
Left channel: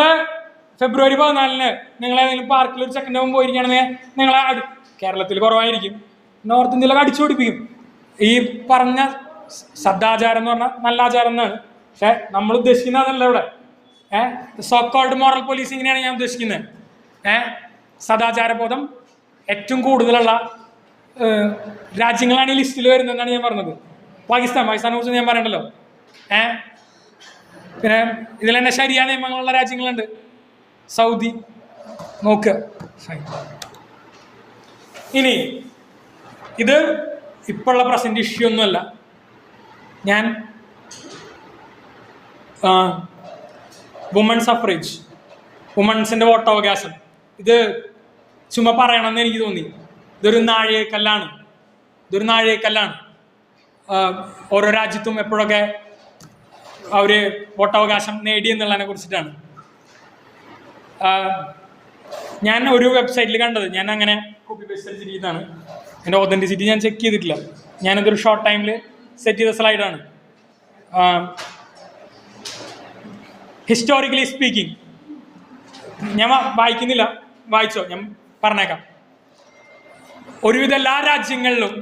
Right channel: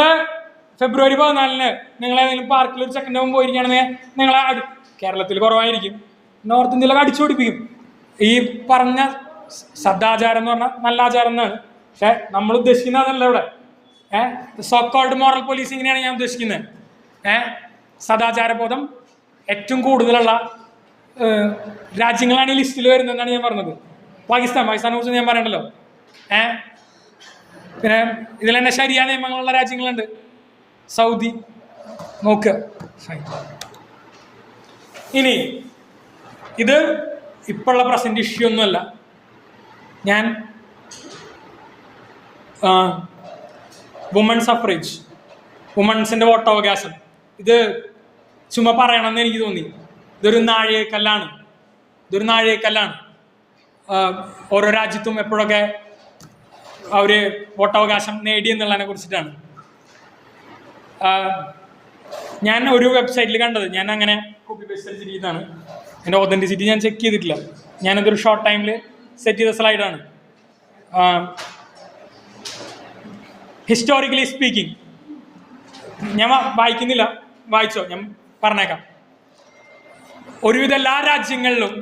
ഫെബ്രുവരി 14 നിങ്ങൾ ഏതെങ്കിലും പാർക്കിൽ ഒരു സെക്കൻഡ് ആകുമ്പോൾ പോയിരിക്കുകയാണെങ്കിൽ നിങ്ങളെ കേരളത്തിൽ കുറവായിരിക്കും, നോർത്ത് ഇന്ത്യയിലൊക്കെ അടിച്ചു പിടിപ്പിക്കും. ഈ പറഞ്ഞ സദാചാരം എന്ന് പറഞ്ഞാൽ നല്ല ആചാരം എന്നാണ്, പക്ഷെ നമ്മൾ ഉദ്ദേശിക്കുന്നതല്ല ഇവിടെ. സോ കോൾഡ് മോറൽ പോലീസിങ്ങിനെയാണ് ഞാൻ ഉദ്ദേശിക്കുന്നത്. സദാചാരബോധം ഏറ്റവും കൂടുതലുള്ള രാജ്യങ്ങളാണ് ഈ ലിസ്റ്റിൽ വരുന്നതെന്നാണ് ഞാൻ പറഞ്ഞത്. പാകിസ്ഥാനെ കുറിച്ച് ഞാൻ പറയണ്ടല്ലോ. പിന്നെ ഇതിൽ തന്നെ ശരിയ നിയമങ്ങളുള്ള രാജ്യങ്ങളുണ്ട്. സൗദി നോക്കുക. ഇനി ഇത് ഇപ്പോഴുള്ള പ്രസന്റ് ഇഷ്യൂ ഒന്നുമല്ല. ഞാൻ വുമൺ സഫ്രേജ്, വുമൺസിന്റെ വോട്ടവകാശം, ഇത് ചുമ്മാ പറയണമെന്ന് എനിക്ക് തോന്നി. ഇതൊരു നാഴികക്കല്ലാണ്. ഓരോ രാജ്യത്തും എപ്പോഴൊക്കെ അവർ വോട്ടവകാശം നേടി എന്നുള്ളതിനെ കുറിച്ചിട്ടാണ്. ഞാൻ ഒരു വെബ്സൈറ്റിൽ കണ്ടത്, ഞാൻ അങ്ങനെ കോപ്പി പേസ്റ്റ് ചെയ്തതാണ്. എൻ്റെ ഒതൻറ്റിസിറ്റി ഞാൻ ചെക്ക് ചെയ്തിട്ടില്ല. ഞാനതൊരു ഷോർട്ട് ടൈമിൽ സെറ്റ് ചെയ്ത സ്ലൈഡാണ്. ഹിസ്റ്റോറിക്കലി സ്പീക്കിംഗ്, ഞാൻ വായിക്കുന്നില്ല, വായിച്ചോ, ഞാൻ പറഞ്ഞേക്കാം. ഒരുവിധ എല്ലാ രാജ്യങ്ങളിലും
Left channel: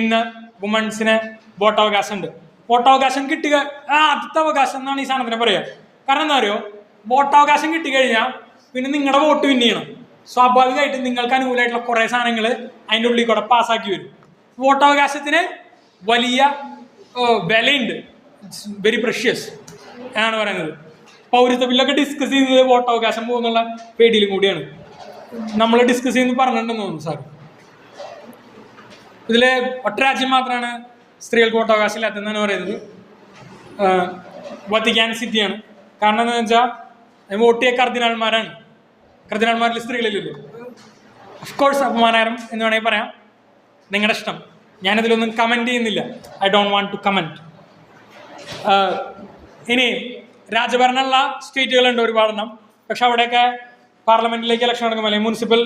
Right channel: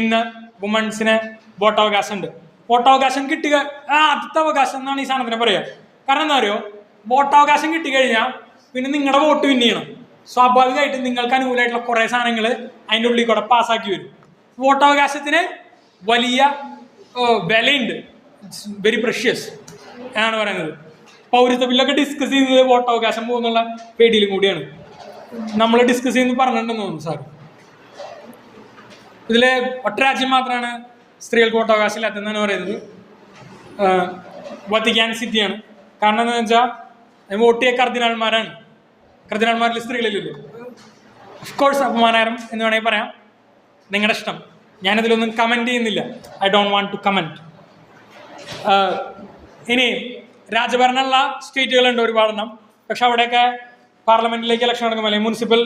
ഇന്ന് വുമൺസിന് വോട്ടവകാശം ഉണ്ട്. വോട്ടവകാശം കിട്ടുക ആദ്യത്തെ അവകാശം എന്നാണ് ഈ സാധനത്തിന് പറയുക. കാരണം എന്താ പറയുക, വോട്ടവകാശം കിട്ടിക്കഴിഞ്ഞാൽ പിന്നെ നിങ്ങളുടെ വോട്ട് വിൻ ചെയ്യണം. സ്വാഭാവികമായിട്ടും നിങ്ങൾക്ക് അനുകൂലമായിട്ടുള്ള കുറേ സാധനങ്ങൾ അതിൻ്റെ ഉള്ളിൽ കൂടെ പാസ്സാക്കി വരും. വോട്ടവകാശത്തിന് വലിയ വിലയുണ്ട്, ഇറ്റ്സ് വെരി പ്രഷ്യസ് എന്നാണ് പറയുന്നത്. പൗരത്വ ബില്ലൊക്കെ ഡിസ്കസ് ചെയ്തത് വോട്ടവകാശം പോകുന്നുള്ള പേടിയിലും കൂടിയാണ് നമ്മൾ ഡിസ്കസ് ചെയ്യുന്നത് പറഞ്ഞിട്ടുണ്ടെന്ന് തോന്നുന്നു സാർ. ഇതിൽ ഒറ്റ രാജ്യം മാത്രമാണ് സ്ത്രീകൾക്ക് വോട്ടവകാശം ഇല്ലാത്തതെന്നാണ് പറയുന്നത്. വത്തിക്കാൻ സിറ്റിയാണ്. കാരണം എന്താണെന്ന് വെച്ചാൽ വോട്ട് ചെയ്യുക കർദിനാൾമാരാണ്. കർദിനാൾമാരിൽ സ്ത്രീകളില്ലല്ലോ. ഓഫ്കോഴ്സ് അപമാനകരം എന്ന് വേണമെങ്കിൽ പറയാം. നിങ്ങളുടെ ഇഷ്ടം. ഞാനതിലൊന്നും കമൻറ്റ് ചെയ്യുന്നില്ല. I don't want to comment. ഇനി രാജഭരണമുള്ള സ്റ്റേറ്റുകളുണ്ട് ഒരുപാടെണ്ണം. പക്ഷെ അവിടെയൊക്കെ പാർലമെൻറ്റിലേക്ക് ഇലക്ഷൻ നടക്കുമ്പോൾ അല്ലെങ്കിൽ മുനിസിപ്പൽ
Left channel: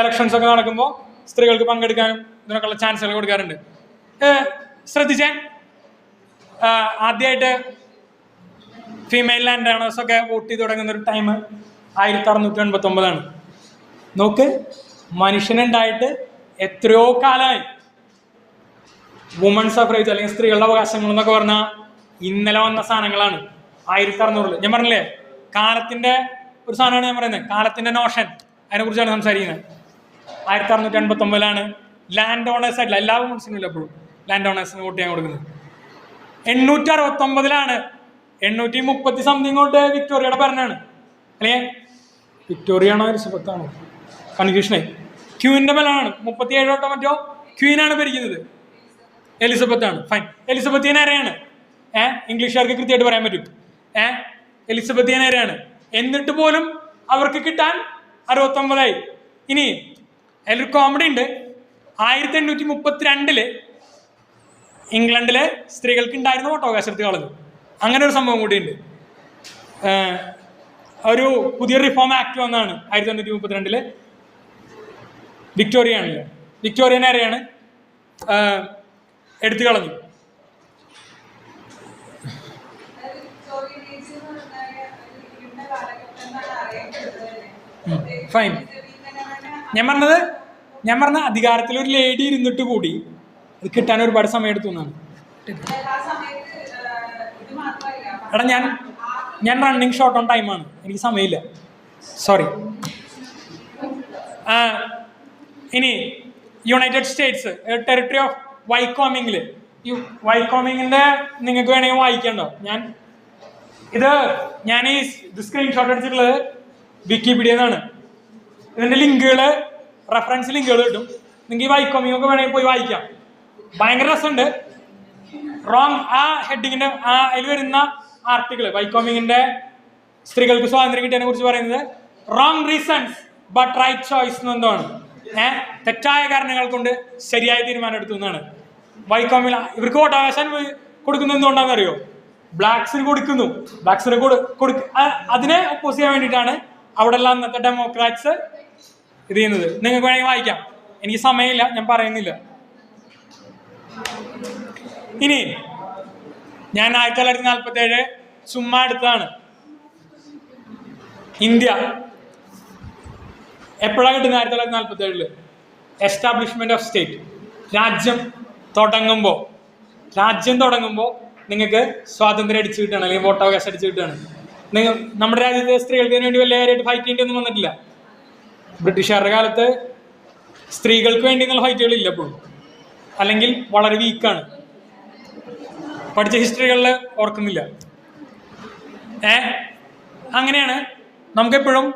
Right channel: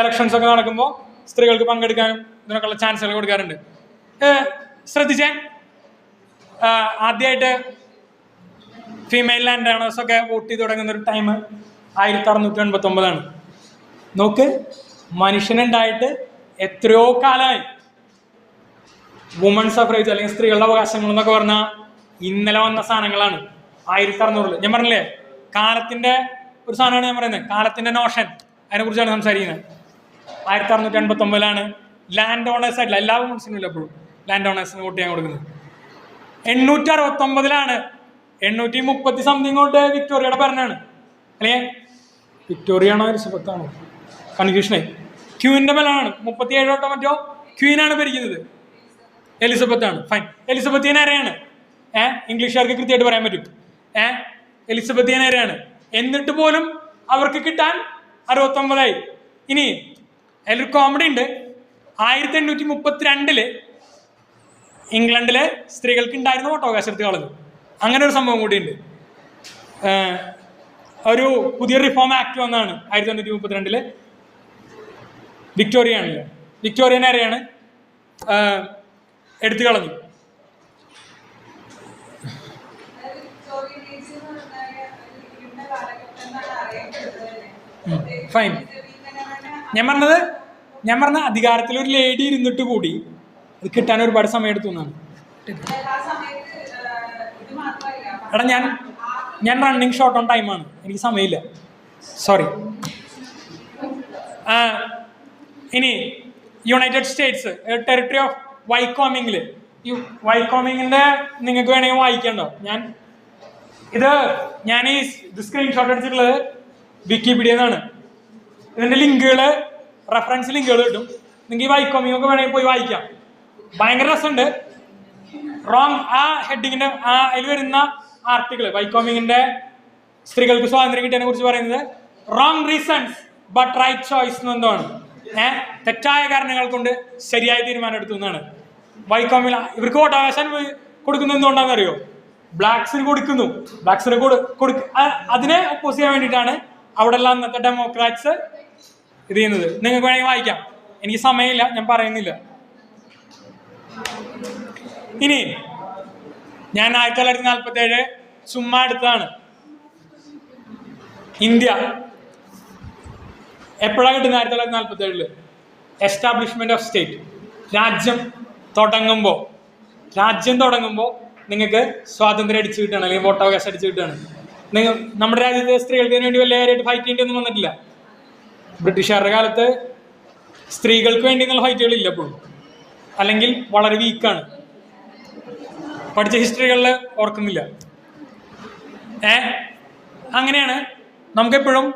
ഇലക്ഷൻസ് ഒക്കെ നടക്കുമ്പോൾ സ്ത്രീകൾക്ക് പങ്കെടുക്കാനും ഇതിനൊക്കെയുള്ള ചാൻസുകൾ കൊടുക്കാറുണ്ട്. ശ്രദ്ധിച്ചാൽ ആദ്യമായിട്ട് ഫീമെയിൽ ലാൻഡ് ഓണേഴ്സൊക്കെ വോട്ട് ചെയ്ത് തുടങ്ങുന്ന ഒരു ടൈം 1689 നോക്ക്, മനുഷ്യനുണ്ടായിട്ട് എത്രയോ കാലമായി. വുമൺ സഫ്രേജ് അല്ലെങ്കിൽ സ്ത്രീകളുടെ അവകാശങ്ങൾ എന്നൊക്കെ പറഞ്ഞാൽ ഇന്നലെ വന്ന സാധനങ്ങളാണ്. 1600 ഞാൻ പറഞ്ഞില്ലേ, കാലത്തിന്റെ ഒരു സാധനമാണ് ഞാൻ പറയുന്നത്. കാലത്തിന്റെ നോഷൻ, അതിനെ കുറിച്ചാണ് സംസാരിക്കുന്നത്. 1689 ലാൻഡ് ഓണേഴ്സ് ആയിട്ടില്ല, എല്ലാ വുമൺസിനും ഇല്ല എപ്പോഴും ലാൻഡ് ഓണേഴ്സിന് വോട്ട് ചെയ്യാൻ കൊടുക്കുന്നത്. 869 830 സംതിങ് തൊട്ട് വിക്ടോറിയയുടെ ഭരണമാണ്. അല്ലേ, വിക്ടോറിയ ആണോ എലിസബത്ത് ആണോ, കൺഫ്യൂഷനായി. ക്യൂവിന്റെ ബലമാണ് 37 തൊട്ടോ മറ്റോ ക്വീനാണ് ഭരിക്കുന്നത്. എലിസബത്ത് ആണ്. ഫൈൻ, എലിസബത്തിയൻ ആരെയാണ്? ഇംഗ്ലീഷുകാർക്ക് കൃത്യമായിട്ട് പറയാൻ പറ്റും. എലിസബത്തിയൻ ആരെയാണ്? എന്നിട്ട് പോലും അവർക്ക് കിട്ടാൻ 69. ഇനി അതിലൊരു കോമഡി ഉണ്ട്. 1832 ഇംഗ്ലണ്ടില് സ്ത്രീകൾക്ക് ഉണ്ടായിരുന്ന വോട്ടവകാശം എടുത്ത് കളഞ്ഞു. അങ്ങനെ ഒരു സംഭവം കൂടിയുണ്ട്. ഒരു പുതിയ റിഫോം ആക്ട് വന്നതാണ് 1832. വിക്ടോറിയയാണല്ലോ, വിക്ടോറിയൻ ആരെയാണ് എടുത്തു കളഞ്ഞു. ഫൈൻ, ഞാൻ പറഞ്ഞ അധികാരത്തിൽ ഒരു ലേഡി ഇരുന്നിട്ട് കൂടി അത് കിട്ടാൻ ഒരുപാട് സമയം എടുത്തു എന്നാണ്. എടാ ഞാൻ റണ്ണിങ് ഷോർട്ട് ഓൺ ടൈമാണ്, എനിക്ക് സമയമില്ല, സോറി. ഇനി യുണൈറ്റഡ് സ്റ്റേറ്റ്സ് ടെറിട്ടറി ഓഫ് വൈക്കോമിങ്ങിൽ, ഈ വൈക്കോമിങ്ങിൻ്റെ നിങ്ങൾക്ക് വേണമെങ്കിൽ വായിക്കണ്ടോ? ഞാൻ ഈ സ്ക്രീൻഷോട്ട് അടിച്ചിട്ടുള്ളത് വിക്കിപീഡിയന്നാണ്. ഇതിൻ്റെ ലിങ്കുകൾ, റെഫറൻസ് ലിങ്കുകൾ കിട്ടും. നിങ്ങൾക്ക് ഈ വൈക്കോമിങ് ഒക്കെ വേണമെങ്കിൽ പോയി വായിക്കാം. ഭയങ്കര രസമുണ്ട്. ആ ഹെഡിങ്ങിന്റെ അതിൽ വരുന്ന ആർട്ടിക്കിൾ, വൈക്കോമിങ്ങിന്റെ സ്ത്രീകൾക്ക് സ്വാതന്ത്ര്യം കിട്ടിയതിനെ കുറിച്ച് പറയുന്നത് wrong reasons but right choice എന്നാണ്. തെറ്റായ കാരണങ്ങൾ കൊണ്ട് ശരിയായ തീരുമാനം എടുത്തു എന്നാണ്. വൈക്കോമിൽ ഇവർക്ക് വോട്ടവകാശം കൊടുക്കുന്നത് എന്തുകൊണ്ടാണെന്ന് അറിയോ? ബ്ലാക്സിന് കൊടുക്കുന്നു. ബ്ലാക്സിന് അതിനെ ഒപ്പോസ് ചെയ്യാൻ വേണ്ടിയിട്ടാണ് അവിടെയുള്ള അന്നത്തെ ഡെമോക്രാറ്റ്സ് ഇത് ചെയ്യുന്നത്. നിങ്ങൾക്ക് വേണമെങ്കിൽ വായിക്കാം, എനിക്ക് സമയമില്ല, ഞാൻ പറയുന്നില്ല. ഇനി ഞാൻ 1947 ചുമ്മാ എടുത്തതാണ്. ഇന്ത്യ എപ്പോഴാണ് കിട്ടുന്നത്? 1947 എസ്റ്റാബ്ലിഷ്മെന്റ് ഓഫ് സ്റ്റേറ്റ്. രാജ്യം തുടങ്ങുമ്പോൾ നിങ്ങൾക്ക് സ്വാതന്ത്ര്യം അടിച്ചു കിട്ടുകയാണ്, അല്ലെങ്കിൽ വോട്ടവകാശം അടിച്ചു കിട്ടുകയാണ്. നമ്മുടെ രാജ്യത്തെ സ്ത്രീകൾക്ക് വേണ്ടി വലിയ കാര്യമായിട്ട് ഫൈറ്റ് ചെയ്യേണ്ടിയൊന്നും വന്നിട്ടില്ല. ബ്രിട്ടീഷുകാരുടെ കാലത്ത് സ്ത്രീകൾക്ക് വേണ്ടി എന്നുള്ള ഫൈറ്റുകളില്ല എപ്പോഴും, അല്ലെങ്കിൽ വളരെ വീക്കാണ്. പഠിച്ച ഹിസ്റ്ററികളിൽ ഓർക്കുന്നില്ല. അങ്ങനെയാണ് നമുക്കെപ്പോഴും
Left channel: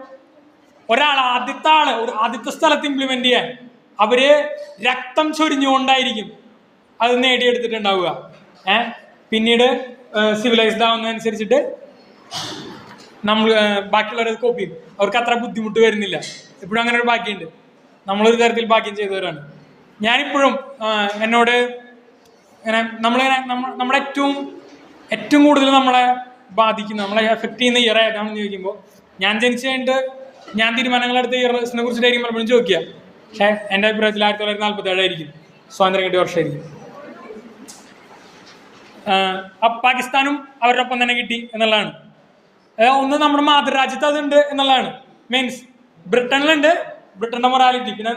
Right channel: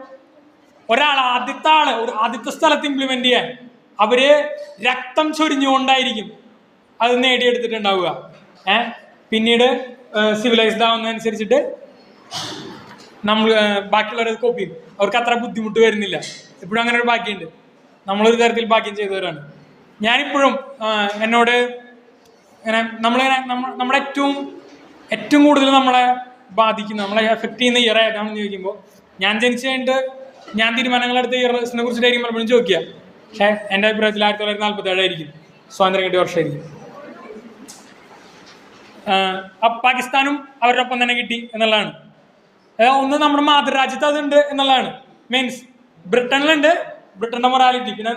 ആദ്യത്തെ സ്ഥലത്ത് ഇംപ്ലിമെന്റ് ചെയ്യാൻ അവര് രക്തം ചൊരിഞ്ഞുകൊണ്ടായിരിക്കും അത് നേടിയെടുത്തിട്ടുണ്ടാവുക. പിന്നീട് സിവിലൈസ്ഡ് ആവുന്നതനുസരിച്ചിട്ട് നമ്മൾ ബാക്കിയുള്ളവരെ കോപ്പി ചെയ്യും. അവർക്ക് അത്ര ബുദ്ധിമുട്ട് വരുന്നില്ല. ഇപ്പോഴും അങ്ങനെ ഒരു ഭാഗ്യമുണ്ട്. നമ്മളൊരു തരത്തിൽ ഭാഗ്യം ചെയ്തവരാണ്. ഞാനിപ്പോഴും എന്നോട് ഇങ്ങനെ നമ്മുടെ ഏറ്റവും കൂടുതൽ നമ്മളെ ബാധിക്കുന്ന, നമ്മളെ എഫക്ട് ചെയ്യുന്ന ഇയർ ഏതാണെന്ന് ചോദിക്കുമ്പോൾ, ഞാൻ ജനിച്ചു കഴിഞ്ഞിട്ട് ഞാൻ തീരുമാനങ്ങളെടുത്ത ഇയറിനെ കുറിച്ചിട്ടായിരിക്കും പലപ്പോഴും ചോദിക്കുക. പക്ഷേ എൻ്റെ അഭിപ്രായത്തിൽ 1947 ആയിരിക്കും, സ്വാതന്ത്ര്യം കിട്ടിയ വർഷമായിരിക്കും. പാകിസ്ഥാനും അവരോടൊപ്പം തന്നെ കിട്ടി എന്നുള്ളതാണ്. ഒന്ന് നമ്മുടെ മാതൃരാജ്യത്ത് അതുണ്ട് എന്നുള്ളതാണ്. മീൻസ് ബ്രിട്ടനിലുണ്ട്, ബ്രിട്ടന്റെ മൊറാലിറ്റി. പിന്നെ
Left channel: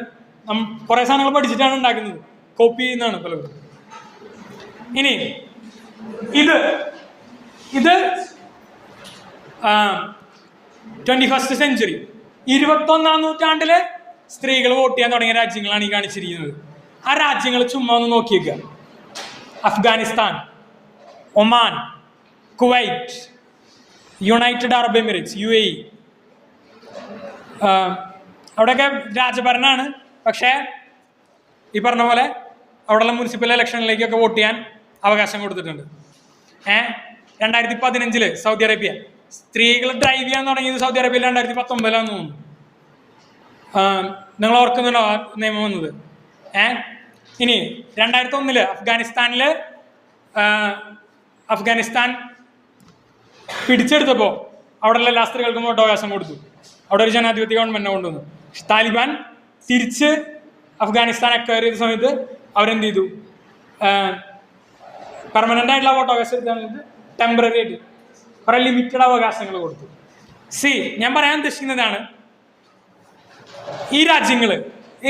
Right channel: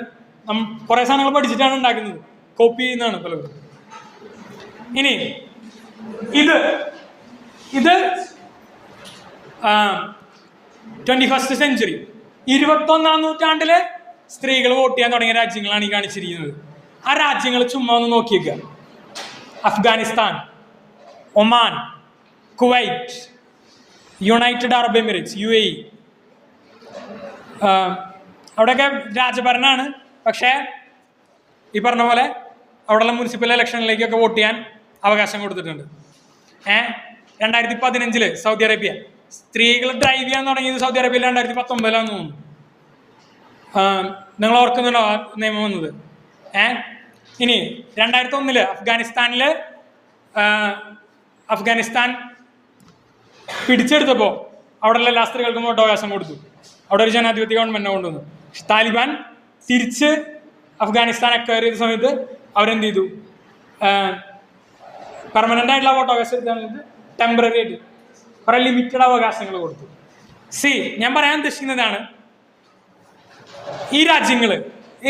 കുറെ സാധനങ്ങൾ പഠിച്ചിട്ടാണ് ഉണ്ടാക്കുന്നത്, കോപ്പി ചെയ്യുന്നതാണ് പലരും. ഇനി ഇത് 21st സെഞ്ച്വറി 21ാം നൂറ്റാണ്ടില് സ്ത്രീകൾ വോട്ട് ചെയ്യാൻ തുടങ്ങിയ രാജ്യങ്ങളാണ് ഈ കാണിച്ചിരിക്കുന്നത്. ആ രാജ്യങ്ങൾ ചുമ്മാ ഒന്ന് നോക്കിയേക്കുക. Afghanistan, Oman, Kuwait, United Arab Emirates, UAE. അവിടെയൊക്കെ രാജഭരണമാണ്. പക്ഷേ ഈ പറഞ്ഞ പോലെ അവിടെയുള്ള മുനിസിപ്പൽ ഇലക്ഷനിലേക്കൊക്കെ വോട്ട് ചെയ്യാൻ അവകാശം കൊടുത്തിട്ടുണ്ട്. 2015 സൗദി അറേബ്യ സ്ത്രീകൾ ഡ്രൈവ് ചെയ്യാൻ തുടങ്ങിയത് സൗദി അറേബ്യയിൽ 2019 തോന്നുന്നു. നിങ്ങൾ ഓർക്കുന്നല്ലോ ആ നിയമം വന്നത്. ഇനി 2001 അഫ്ഗാനിസ്ഥാൻ പിടിച്ചെടുത്തപ്പോൾ അവിടെയുള്ള എല്ലാ സ്ത്രീകൾക്കും വോട്ടവകാശം കൊടുത്തു. അവിടെ ഒരു ജനാധിപത്യ ഗവൺമെന്റിനെ കൊണ്ടുവന്നു. താലിബാൻ തിരിച്ച് അഫ്ഗാനിസ്ഥാൻ അക്വയർ ചെയ്ത സമയത്ത് അവരെന്ത് ചെയ്തു? പെർമനന്റ് ആയിട്ടുള്ള വോട്ടവകാശം ടെമ്പററി ആയിട്ട് കുറെ ലിമിറ്റഡ് അവകാശങ്ങൾ കൊടുത്തു. ഞാൻ പറയാൻ ഉദ്ദേശിക്കുന്നതാണ്, ഈ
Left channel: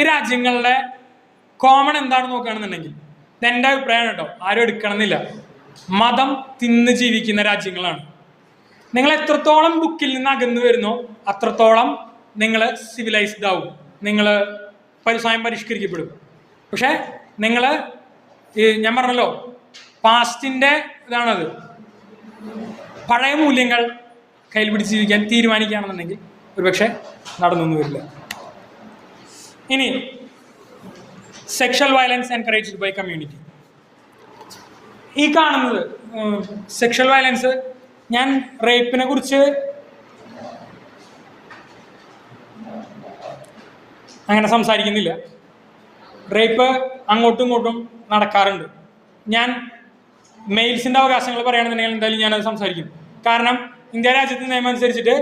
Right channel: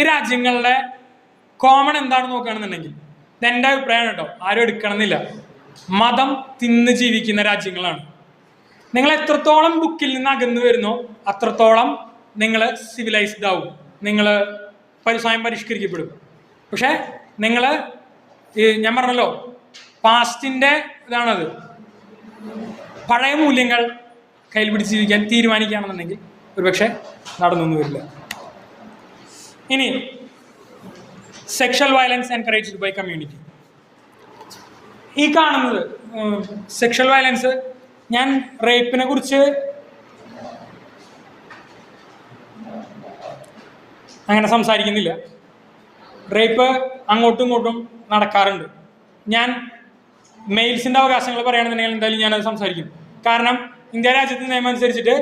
രാജ്യങ്ങളുടെ കോമൺ എന്താണെന്ന് നോക്കുകയാണെന്നുണ്ടെങ്കിൽ, എൻ്റെ അഭിപ്രായം കേട്ടോ, ആരും എടുക്കണമെന്നില്ല, മതം തിന്ന് ജീവിക്കുന്ന രാജ്യങ്ങളാണ്. നിങ്ങൾ എത്രത്തോളം ബുക്കിൽ നിന്ന് അകന്നു വരുന്നോ അത്രത്തോളം നിങ്ങൾ സിവിലൈസ്ഡ് ആവും, നിങ്ങൾ സ്വയം പരിഷ്കരിക്കപ്പെടും. പക്ഷെ നിങ്ങൾ ഞാൻ പറഞ്ഞല്ലോ, പാസ്റ്റിന്റെ ഇതാണത്. പഴയ മൂല്യങ്ങൾ കയ്യിൽ പിടിച്ച് ജീവിക്കാൻ തീരുമാനിക്കുകയാണെന്നുണ്ടെങ്കിൽ ഒരുപക്ഷെ നടന്നൊന്നും വരില്ല. ഇനി sexual violence encouraged by community. ഈ കാണുന്നത് സെക്ഷൽ വയലൻസ്, ഞാൻ റേപ്പിനെ കുറിച്ച് അങ്ങനെ സംസാരിക്കുന്നില്ല. റേപ്പ് അങ്ങോട്ടും ഇങ്ങോട്ടും നടക്കാറുണ്ട്. ഞാൻ മെയിൽസിന്റെ അവകാശങ്ങൾ പറയുകയാണെന്നുണ്ടെങ്കിൽ എന്തായാലും ഞാനത് സംസാരിക്കും. കാരണം ഇന്ത്യ രാജ്യത്തെ നിയമം അനുസരിച്ചിട്ട്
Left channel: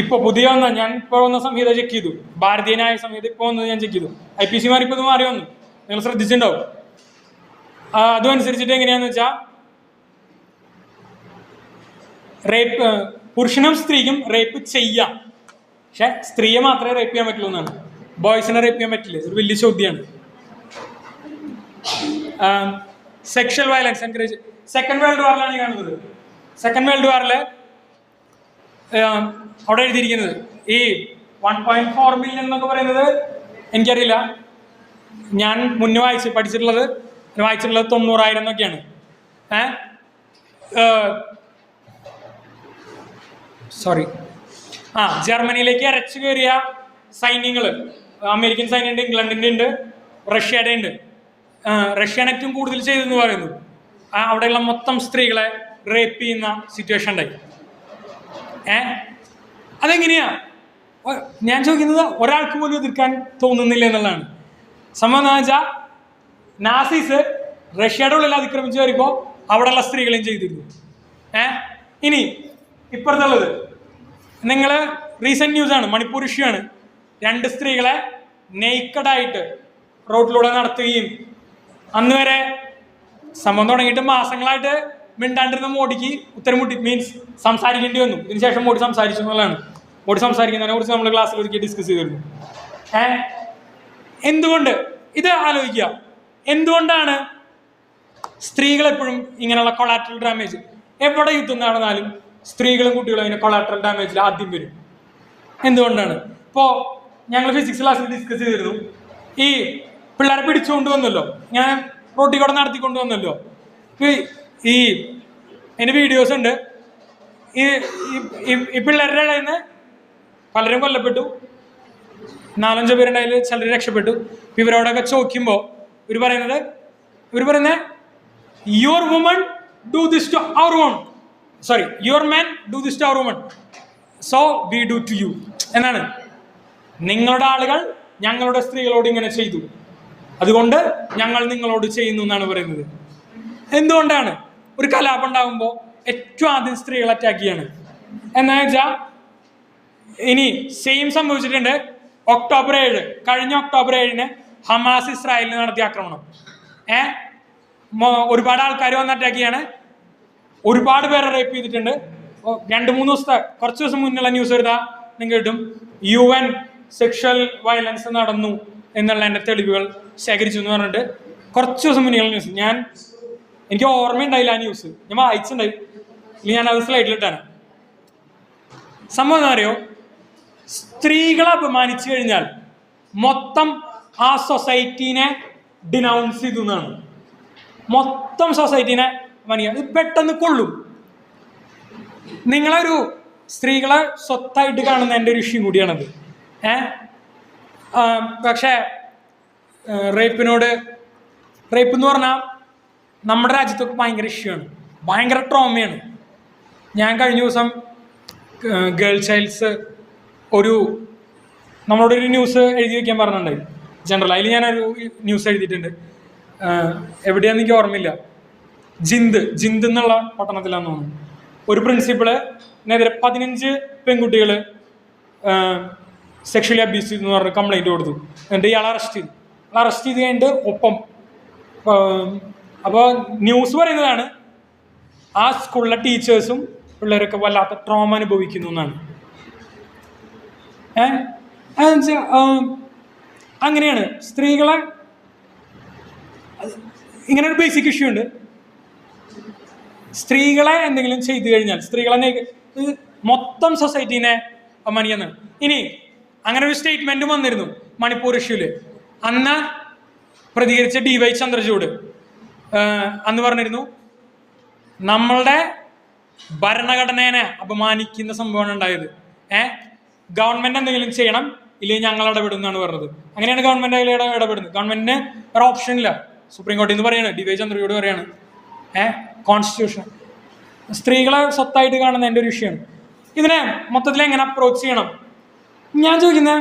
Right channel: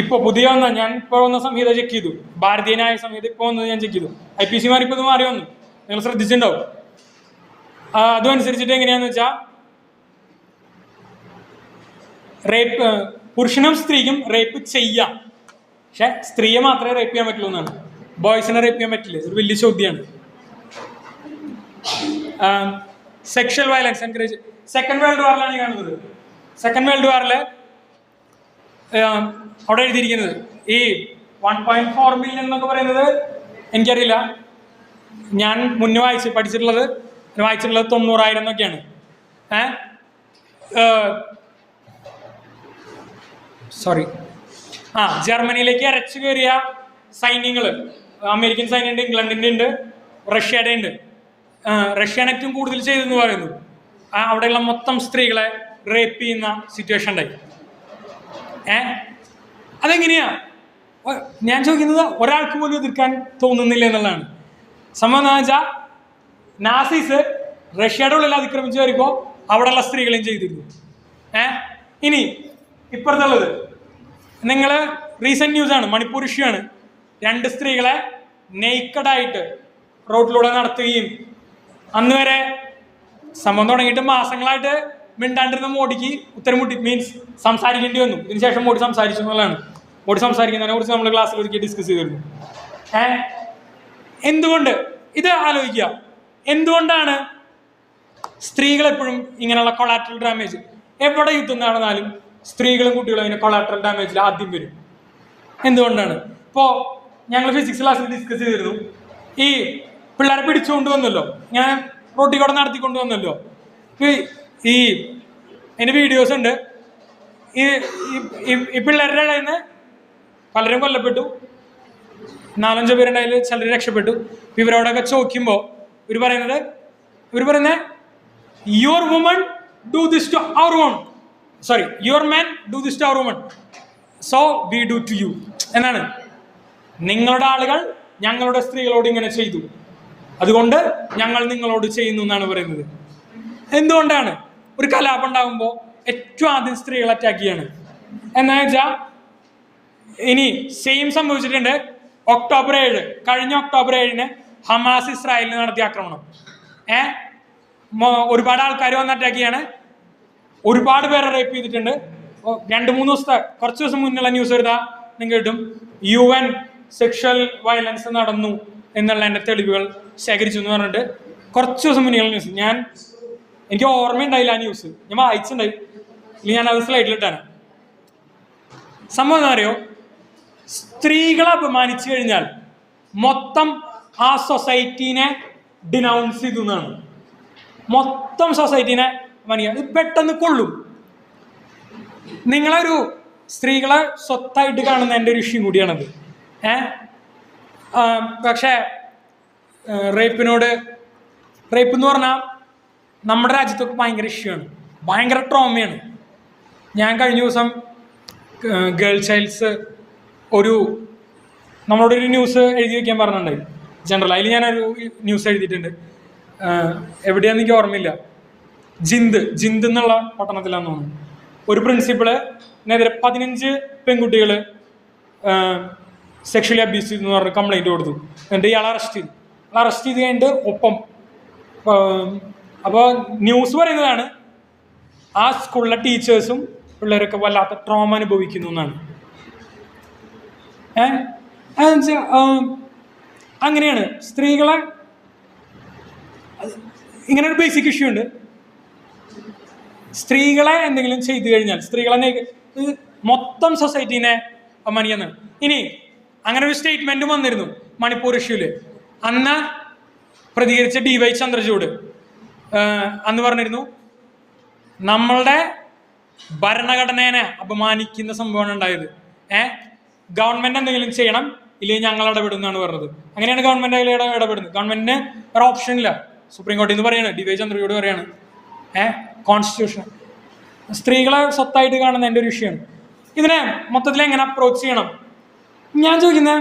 ഇപ്പൊ പുതിയ ഞാൻ ഇപ്പോൾ വന്ന സംഹിത ചെക്ക് ചെയ്തു, ഭാരതീയ ന്യായ സംഹിത ഇപ്പോൾ വന്നത് ഞാൻ ചെക്ക് ചെയ്തു. IPC ഇപ്പോൾ ഇത് മാറി വന്നു, നിങ്ങൾ ശ്രദ്ധിച്ചിട്ടുണ്ടാവും. അതും അനുസരിച്ചിട്ട് എങ്ങനെയാന്ന് വെച്ചാൽ, റേപ്പ് പുരുഷനും സ്ത്രീക്കും റേപ്പ് ചെയ്യാം, പക്ഷെ സ്ത്രീയെ മാത്രമേ റേപ്പ് ചെയ്യാൻ പറ്റുള്ളൂ എന്നാണ്. ബോയ്സിനെ റേപ്പ് ചെയ്യാൻ പറ്റില്ല. ഒരു വലിയ ചോദ്യമാണ്. Sexual violence encourage second world വാറിലാണ് കാണുന്നത്. സെക്കൻഡ് വേൾഡ് വാറിൽ അവിടെ എഴുതിയിരിക്കുന്നത് ഈ 1.4 മില്യൺ എന്നൊക്കെ പറയുന്നത് എനിക്കറിയില്ല. ഞാൻ മുന്നേ പഠിച്ചിട്ടുള്ളത് 90,000 എന്നൊക്കെയാണ്. ജർമ്മനിയിലേക്ക് ഇരച്ചു കയറിയ സൈന്യങ്ങൾ, അമേരിക്കൻ സൈന്യമുണ്ട്, ഇംഗ്ലണ്ടിന്റെ ഉണ്ട്, റഷ്യയുടെ ഉണ്ട്. റഷ്യയാണ് ഏറ്റവും കൂടുതൽ ചെയ്തെന്ന് പറയുന്നു. അവിടെയുള്ള മൊത്തം സ്ത്രീകളെ റേപ്പ് ചെയ്യുന്ന സിറ്റുവേഷൻ ഉണ്ടായി. അതെങ്ങനെയാ? ഞാൻ ചോദിക്കുന്നത്, ഒരാൾക്ക് പോലും എതിർക്കാൻ തോന്നുന്നില്ല എന്നുള്ളതാണ്. സംഭവം എന്താണെന്ന് വെച്ചാൽ, നാസീസ് റഷ്യയുടെ ഉള്ളിൽ അതിക്രമിച്ച് വരുമ്പോൾ അവിടെയുള്ള സ്ത്രീകളെയും ചെയ്തിരുന്നു. ഇനി ഇപ്പുറത്തുള്ളത് നിങ്ങൾ റീസെന്റ് ന്യൂസ് ആണ്, മണിപ്പൂർ ഇഷ്യൂ ആണ്. 2 സ്ത്രീകളെ നെയ്ക്കഡായിട്ട് റോഡിലൂടെ നടത്തുകയും, അന്ന് വരെ സംഭവം തുടങ്ങിയിട്ട് മാസങ്ങളായിട്ട് മിണ്ടാണ്ടിരുന്ന മോഡിക്ക് ഉത്തരം മുട്ടി, മീൻസ് സംസാരിക്കേണ്ടി വന്നു. ഇതിനുശേഷം മോഡി സംസാരിച്ചു എന്നുള്ളതാണ്. മോഡി സംസാരിക്കുന്നതിനെ കുറിച്ച് നമ്മൾ ക്ലാസ്സിൽ ഒരിക്കൽ ഡിസ്കസ് ചെയ്തിരുന്നു. എന്തുകൊണ്ട് ഇത് ആലോചിക്കുക, എന്തുകൊണ്ടാണ് സ്ത്രീകൾ എപ്പോഴും ഇങ്ങനെയുള്ള കൊളാട്രൽ ഡാമേജ്, എവിടെ യുദ്ധം നടന്നാലും സ്ത്രീകളും കുട്ടികളും ഇങ്ങനെ കൊളാട്രൽ ഡാമേജിൽ ആദ്യം വരും? എന്തുകൊണ്ടാണ്? ഇപ്പോൾ ഞങ്ങൾ ഫിസിക്സ് ക്ലാസ്സിൽ ഡിസ്കസ് ചെയ്തിരുന്നു, ഈ പിള്ളേരെ പിടിച്ചുകൊണ്ട് വന്നല്ലോ, ഞാൻ റോട്ടിൽ കൂടെ നടത്തിക്കൊണ്ട് വന്നല്ലോ, ഈ എൻ്റെ വീഡിയോസ് ഉണ്ട്. ഈ ഈ പിള്ളേരുടെ ഇടയിൽ നിന്ന് പലരും കൊല്ലപ്പെട്ടു, 4-5 പേരുണ്ടായാലും ചിലർ രക്ഷപ്പെട്ടു. ഇവരോടൊക്കെ ചോദിക്കുമ്പോൾ ഇവർ പറയുന്നത് your woman do this to our woman, sorry your man do this to our woman, so we do to you എന്നാണ്. നിങ്ങളുടെ ആളുകൾ ഞങ്ങളുടെ സ്ത്രീകളോട് ഇങ്ങനെ ചെയ്തു, അതുകൊണ്ട് ഞങ്ങൾ നിങ്ങളോട് ചെയ്യുന്നു എന്നാണ് പറയുന്നത്. എന്തുകൊണ്ടാണ്? ഒരു കലാപം ഉണ്ടാകുമ്പോൾ ഏറ്റവും ആദ്യം സ്ത്രീകൾ അറ്റാക്ക് ചെയ്യാണ്. എന്താണെന്ന് വെച്ചാൽ ഇനി സെയിം സംഭവിച്ചിട്ടുണ്ട്. ഒക്ടോബർ 7, കഴിഞ്ഞ ഒക്ടോബർ 7 ഹമാസ് ഇസ്രായേലിന് നടത്തിയ ആക്രമണം. ഒരുപാട് ആൾക്കാർ വന്ന് അറ്റാക്ക് ചെയ്യാണ്, ഒരുപാട് പേരെ റേപ്പ് ചെയ്തിട്ടുണ്ട്. 2-3 ദിവസത്തെ കുറച്ച് ദിവസം മുന്നുള്ള ന്യൂസ് എടുത്താൽ നിങ്ങൾക്ക് കിട്ടും. UN സെക്ഷൽ വയലൻസ് നടന്നു എന്നുള്ളതിൻ്റെ തെളിവുകൾ ശേഖരിച്ചു എന്ന് പറഞ്ഞിട്ട് കുറച്ച് ദിവസം മുന്നുള്ള ന്യൂസ്. എനിക്ക് ഓർമ്മയുണ്ടായില്ല ആ ന്യൂസ്, ഞാൻ വായിച്ചിട്ടുണ്ടായി. ഞാനത് സ്ലൈഡിലിട്ടാണ്. സംഭവം എന്താ അറിയോ, സ്ത്രീകളെ അപമാനിച്ചു കഴിഞ്ഞാൽ മൊത്തം ആ സൊസൈറ്റീനെ ഡിനൗൺസ് ചെയ്തു എന്നാണ്. മൊത്തം സൊസൈറ്റീനെ പെട്ടെന്ന് കൊള്ളും. നിങ്ങളൊരു സ്ത്രീകളെ സ്വത്തായിട്ട് കാണുന്നതിൻ്റെ ഒരു ഇഷ്യൂ കൂടിയാണത്. പക്ഷേ റേപ്പ് എന്ന് പറഞ്ഞാൽ നമ്മുടെ രാജ്യത്തൊക്കെ ഭയങ്കര ഇഷ്യൂ ആണ്, ഭയങ്കര ട്രോമയാണ്. ഞാൻ കഴിഞ്ഞ ദിവസം ഗേൾ ചൈൽഡ്സ് നമ്മളോടൊരു ന്യൂസ് എഴുതി വയ്ക്കാൻ പറഞ്ഞിട്ടുണ്ട് ജനറൽ. അതിൽ ഞാനൊരു ന്യൂസ് എഴുതിയിട്ടുണ്ട്, എവിടെയാണെന്ന് എനിക്ക് ഓർമ്മയില്ല. ജിന്ദ് എന്നുള്ള പട്ടണത്തിലാന്ന് തോന്നുന്നു. ഒരു പ്രിൻസിപ്പള് എന്നെതിരെ 15 പെൺകുട്ടികള് സെക്ഷലി അബ്യൂസ് ചെയ്തു എന്ന് പറഞ്ഞ കംപ്ലൈൻറ്റ് കൊടുത്തു. എന്നിട്ട് ഇയാളെ അറസ്റ്റ് ചെയ്ത് കഴിഞ്ഞിട്ട് ഒപ്പം അപ്പോൾ ന്യൂസ് പറയുന്നതാണ് ആ സ്കൂളിലെ ടീച്ചേഴ്സും പിള്ളേരൊക്കെ വല്ലാത്ത ട്രോമ അനുഭവിക്കുന്നു എന്നാണ്. അങ്ങനെയാണ് സ്ത്രീകളെ, ഇങ്ങനെ ഒരു ബേസിക് ഇഷ്യൂ ഉണ്ട്. സ്ത്രീകളെ എന്തെങ്കിലും ചെയ്തു കഴിഞ്ഞാൽ സ്ത്രീകളെ മൊത്തം സൊസൈറ്റീനെ അപമാനിക്കുന്നതാണ്. ഇനി അങ്ങനെ ഒരു സ്റ്റേറ്റ്മെന്റ് വന്നിരുന്നു മണിപ്പൂർ ഇഷ്യൂല്. അന്ന് പ്രതികരിച്ച DY ചന്ദ്രചൂഡ് അന്ന് പറഞ്ഞിരുന്നു, നമ്മളുടെ ഭരണഘടനയെ അപമാനിക്കുന്ന സംഭവമാണ് ഉണ്ടായത്. ഗവൺമെന്റ് എന്തെങ്കിലും ചെയ്യണം, ഇല്ലെങ്കിൽ ഞങ്ങൾ ഇടപെടുന്നതാണ് പറഞ്ഞത്. അങ്ങനെയാണ് ഗവൺമെന്റ് ഇടപെടുന്നത്. ഗവൺമെന്റിന് ഒരു ഓപ്ഷൻ ഇല്ല. സുപ്രീം കോടതിയിൽ നിന്ന് പറയാണ്, DY ചന്ദ്രചൂഡ് പറയാണ്, കോൺസ്റ്റിറ്റ്യൂഷൻ സ്ത്രീകളെ സ്വത്തായിട്ട് കാണുന്ന എൻ്റെ ഒരു വിഷയമാണ്. ഇതിനെ മൊത്തത്തിൽ എങ്ങനെ അപ്രോച്ച് ചെയ്യണം ഞാൻ ചോദിക്കുന്നത്,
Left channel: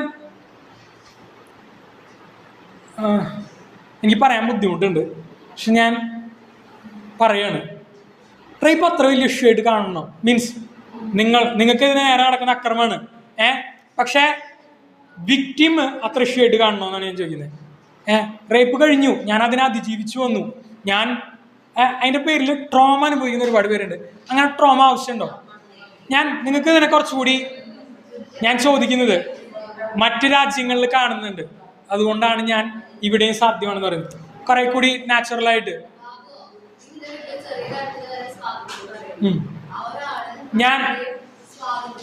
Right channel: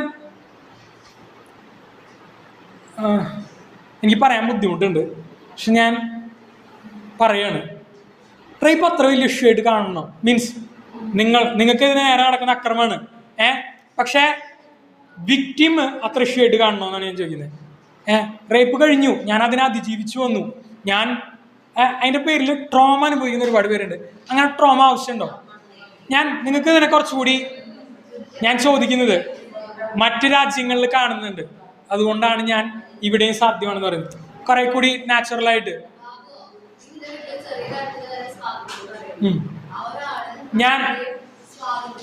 എനിക്ക് പറയാൻ ബുദ്ധിമുട്ടുണ്ട്, പക്ഷെ ഞാൻ പറയാണ്. റേപ്പ് അത്ര വലിയ ഇഷ്യൂ ആയിട്ട് കാണണം. മീൻസ് നിങ്ങൾക്ക് ഇതിന് നേരെ നടക്കുന്ന അക്രമമാണ്, പക്ഷേ വിക്ടിം അത്ര ഇഷ്യൂ ആയിട്ട് കാണണമെന്നാണ് ഞാൻ ചോദിക്കുന്നത്. റേപ്പ് കഴിഞ്ഞു, ഞാൻ അതിനെ അതിജീവിച്ചു വന്നു, ഞാൻ അതിൻ്റെ പേരിൽ ട്രോമ അനുഭവിക്കുന്ന ഒരുപാട് പേരുണ്ട്. അങ്ങനെ ട്രോമ ആവശ്യമുണ്ടോ? നിങ്ങൾക്ക് ഇതിനെ കുറച്ചുകൂടി ഞാൻ ചോദിക്കുന്നത്, മറ്റ് രാജ്യങ്ങളിൽ കാണുന്നുണ്ട്, അതുകൊണ്ടാണ് ഞാൻ ഇവിടെയും സാധ്യമാണെന്ന് പറയുന്നത്. കുറെ കൂടി നാച്ചുറലായിട്ട്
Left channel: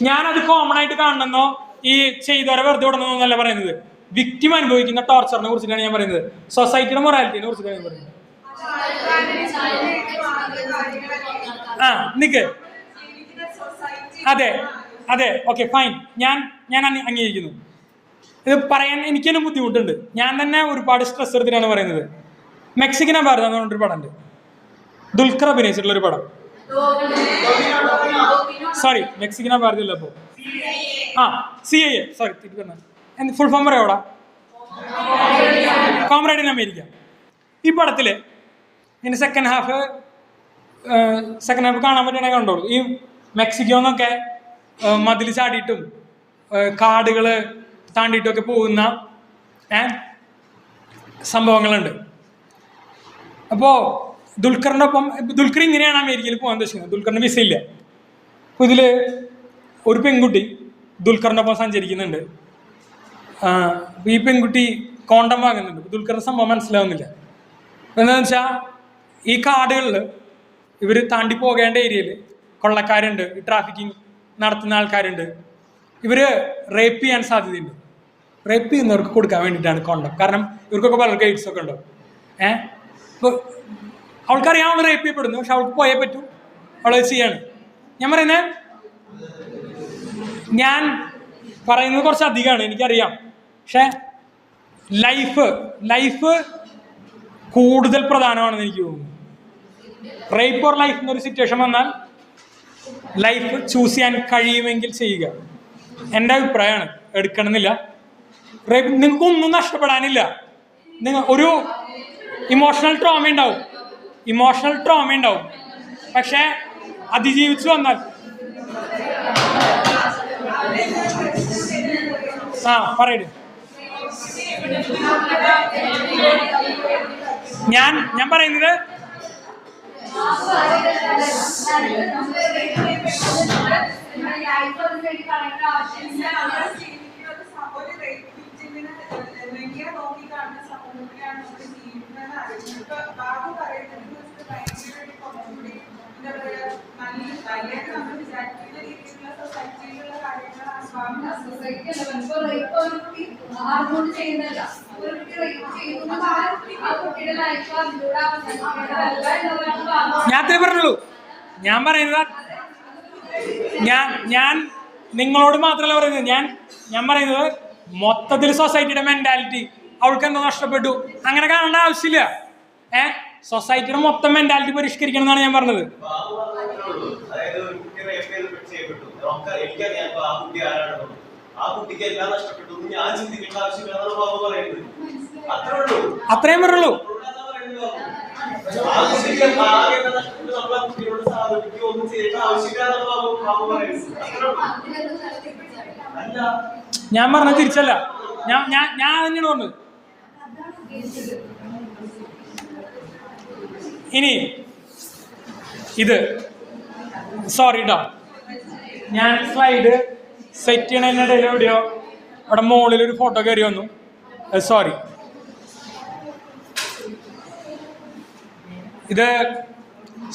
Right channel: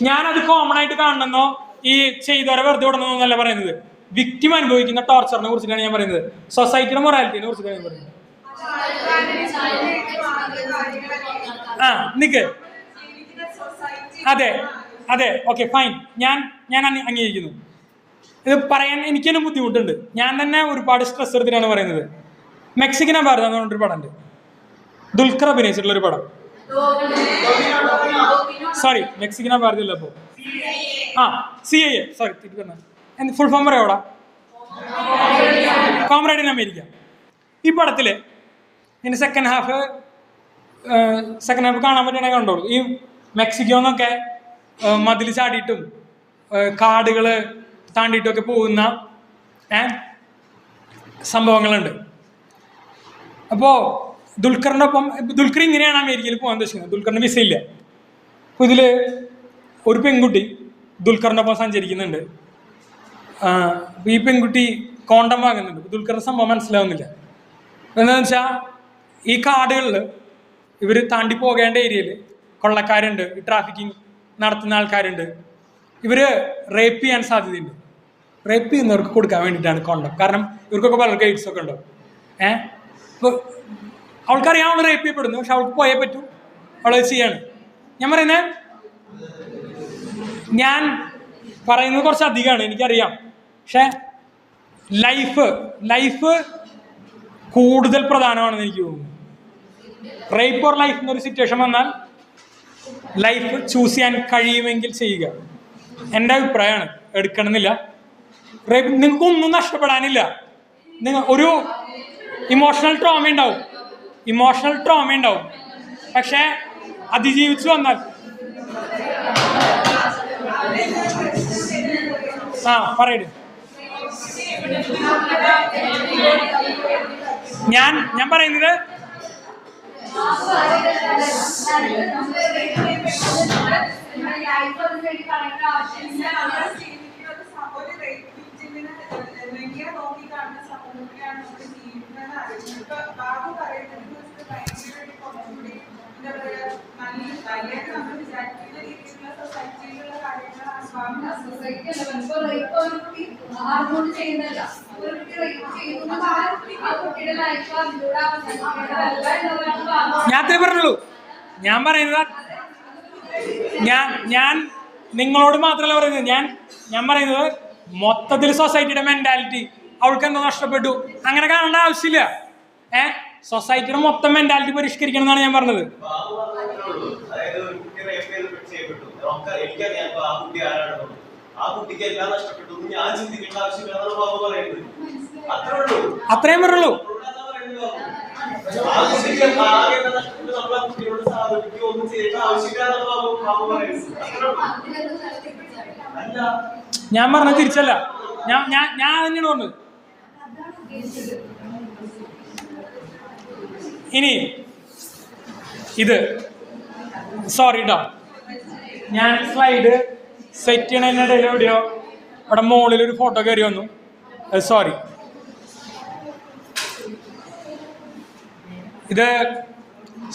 ഞാനത് കോമൺ ആയിട്ട് കാണുന്നു. ഈ ചെയ്തവരെ വെറുതെ വിടണമെന്നല്ല പറയുന്നത്, വിക്ടിം അനുഭവിക്കുന്ന ടോർച്ചറിനെ കുറിച്ചിട്ടാണ് ഞാൻ പറയുന്നത്. സൊസൈറ്റിയുടെ മൊറാലിറ്റിനെ കുറിച്ചിട്ടാണ് ഞാൻ പറയുന്നത്. നിക്ക് അതെ ഓക്കെ ഫൈൻ, ഞാൻ അംഗീകരിക്കുന്നു. ഇത് പറയാൻ എനിക്ക് തന്നെ ബുദ്ധിമുട്ടുണ്ട്. ഞാൻ തന്നെ ഒരുപാട് സ്ട്രെസ് എടുത്തിട്ടാണ് പറയുന്നത്. മെക്സിക്കൻ ഭാരതം എന്ന് പറഞ്ഞൊരു പടം ഉണ്ട്, ദുൽഖർ അഭിനയിച്ചിട്ടുള്ള ഒരു പടം. സോറി, മെക്സിക്കൻ ഭാരതം ഇല്ല. അപ്പോൾ CIA, സോറി ഫുൾ ഫോം പറയാ, കോമ്രേഡ് ഇൻ അമേരിക്ക. ഈ പടത്തില് ഇനി സെക്കൻഡ് ഹാഫ് കാണാൻ പറ്റണേ കണ്ടോളൂ. ഈ മെക്സിക്കോന്നൊക്കെ മതിൽ ചാടിയിട്ടും കാടുകള് താണ്ടിയിട്ടും ഒക്കെ പോകുന്ന സംഭവങ്ങളുണ്ട്. അപ്പോൾ ദുൽഖർ ഇങ്ങനെയാണ് അമേരിക്കയിൽ പോകാൻ ഉദ്ദേശിക്കുന്നത്. ദുൽഖറിന് വിസ ഇല്ല. അപ്പോൾ ഇതിൽ ഒരു പെൺകുട്ടി ദുൽഖറിൻ്റെ ഒപ്പം സഞ്ചരിക്കുന്നുണ്ട്. ഈ പെൺകുട്ടി കോണ്ടം വാങ്ങുന്നുണ്ട്. ദുൽഖറിന്റെ സംഭവം മനസ്സിലാവുന്നില്ല. എന്താണെന്ന് വെച്ചാൽ ഈ കാടുകളിൽ ഇവർ താണ്ടി പോകേണ്ട ഏരിയയിൽ കൊള്ളക്കാരുണ്ട്, ട്രാഫിക്കിങ് നടത്തുന്ന ആൾക്കാരുണ്ട്. ഇവർ റേപ്പ് ചെയ്യാൻ സാധ്യതയുണ്ട്. റേപ്പ് ചെയ്യുന്നവർക്ക് കൊടുക്കാൻ വേണ്ടിയിട്ടാണ് കോണ്ടം. കാരണം ഇവർക്കൊക്കെ പലർക്ക് എയ്ഡ്സ് ഒക്കെ ഉണ്ടാവും. അവൾക്കറിയാം അവൾ റേപ്പ് ചെയ്യപ്പെടുന്നു, പക്ഷെ അവൾക്ക് പോയേ പറ്റൂ, അവളത് ചെയ്യാണ്. ഞാൻ പറയുന്നത് കുറച്ച് അധികമാണ് എനിക്കറിയാം, പക്ഷെ ലൈഫ് കൂടുതൽ പ്രധാനമാണെന്ന് എനിക്ക് തോന്നുന്നു. റേപ്പ് ഓർ ലൈഫ് എന്നൊരു സിറ്റുവേഷൻ വന്നാൽ ലൈഫ് ചൂസ് ചെയ്യാൻ കഴിയുമെങ്കിൽ ചെയ്യുക. എൻ്റെ അഭിപ്രായമാണ്, എടുക്കണമെന്നില്ല. റേപ്പ് നിങ്ങൾക്കൊന്നും നഷ്ടപ്പെടാനില്ല. നിങ്ങൾ ഒരു ഇമോഷണൽ ട്രോമ ഉണ്ടാവും, പക്ഷെ അതിജീവിച്ച് വന്നാൽ പറയൂ. ഞാൻ പറയുന്നത് ഞാൻ പറയുന്നത് ഞാൻ നിങ്ങളോട് മാത്രമല്ല പറയുന്നത്, ഞാൻ പറയുന്നത് മൊത്തത്തിൽ സൊസൈറ്റിയുടെ മെന്റാലിറ്റി. അവൾക്ക് എന്താ നഷ്ടപ്പെട്ടു അങ്ങനെ കാണേണ്ട ആവശ്യമില്ല. സൊസൈറ്റിയുടെ മൊത്തം മെന്റാലിറ്റി പരിഷ്കരിക്കണം എന്നാണ് ഞാൻ പറഞ്ഞത്. അത്രയും പറയുള്ളൂ. ഞാൻ പറഞ്ഞത് തിരിച്ചല്ല, ഞാൻ തന്നെയാണ് പറഞ്ഞത്. ഇനി ഇത് സോറി കേട്ടോ, ഞാൻ സ്ലൈഡ് സെറ്റ് ചെയ്യണതിനിടയിൽ എവിടെയോ അവിടെ മുകളിലൊരു ഫോട്ടോ കയറി വന്നു, സോറി. ഇത്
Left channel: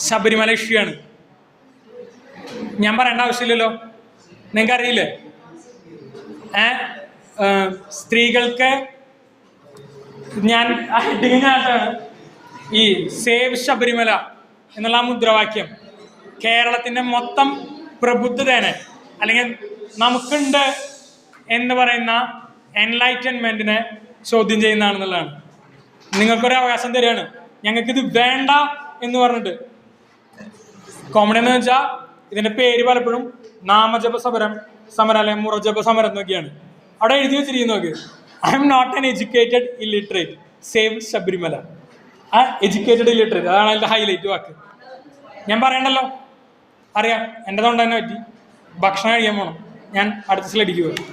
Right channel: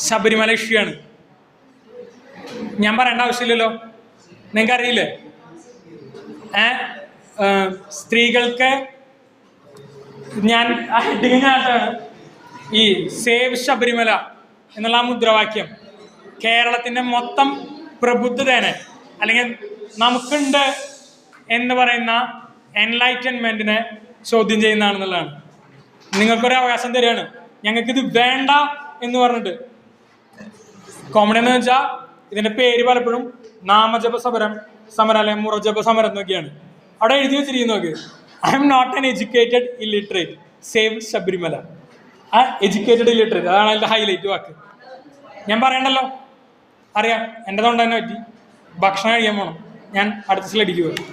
ശബരിമല ഇഷ്യൂയാണ്. ഞാൻ പറയേണ്ട ആവശ്യമില്ലല്ലോ, നിങ്ങൾക്കറിയില്ലേ? സ്ത്രീകൾക്ക് ഞാൻ ഈ സേവ് ശബരിമല എന്നുള്ള മുദ്രാവാക്യം കേരളത്തിൻ്റെ മൊത്തം പ്രബുദ്ധതയാണ്, അല്ലെങ്കിൽ നമുക്കുണ്ട് എന്ന് പറയുന്ന എൻലൈറ്റൻമെന്റിനെ ചോദ്യം ചെയ്യുന്നതാണെന്നുള്ളതാണ്. നിങ്ങൾക്കൊരു അവകാശം തരികയാണ്, ഞങ്ങൾക്കിത് വേണ്ട എന്ന് പറഞ്ഞിട്ട്. കോമഡി എന്ന് വെച്ചാൽ ഇതിന്റെ പേര് പലപ്പോഴും നാമജപ സമരം അല്ലെങ്കിൽ മുറജപ സമരം എന്നൊക്കെയാണ്. അവിടെ എഴുതി വെച്ചിരിക്കുന്നു നോക്ക്, I am not an educated illiterate, save Sabarimala. Educated illiterate, അതാണ് അതിന്റെ ഹൈലൈറ്റ് വാക്ക്. ഞാൻ പറയണ്ടല്ലോ, അറിയാം, എൻ്റെ തൊണ്ട തന്നെ പറ്റി. ഭക്ഷണം കഴിക്കാൻ പോകണം, ഞാൻ അടുത്ത സ്ലൈഡിലേക്ക് പോകാം.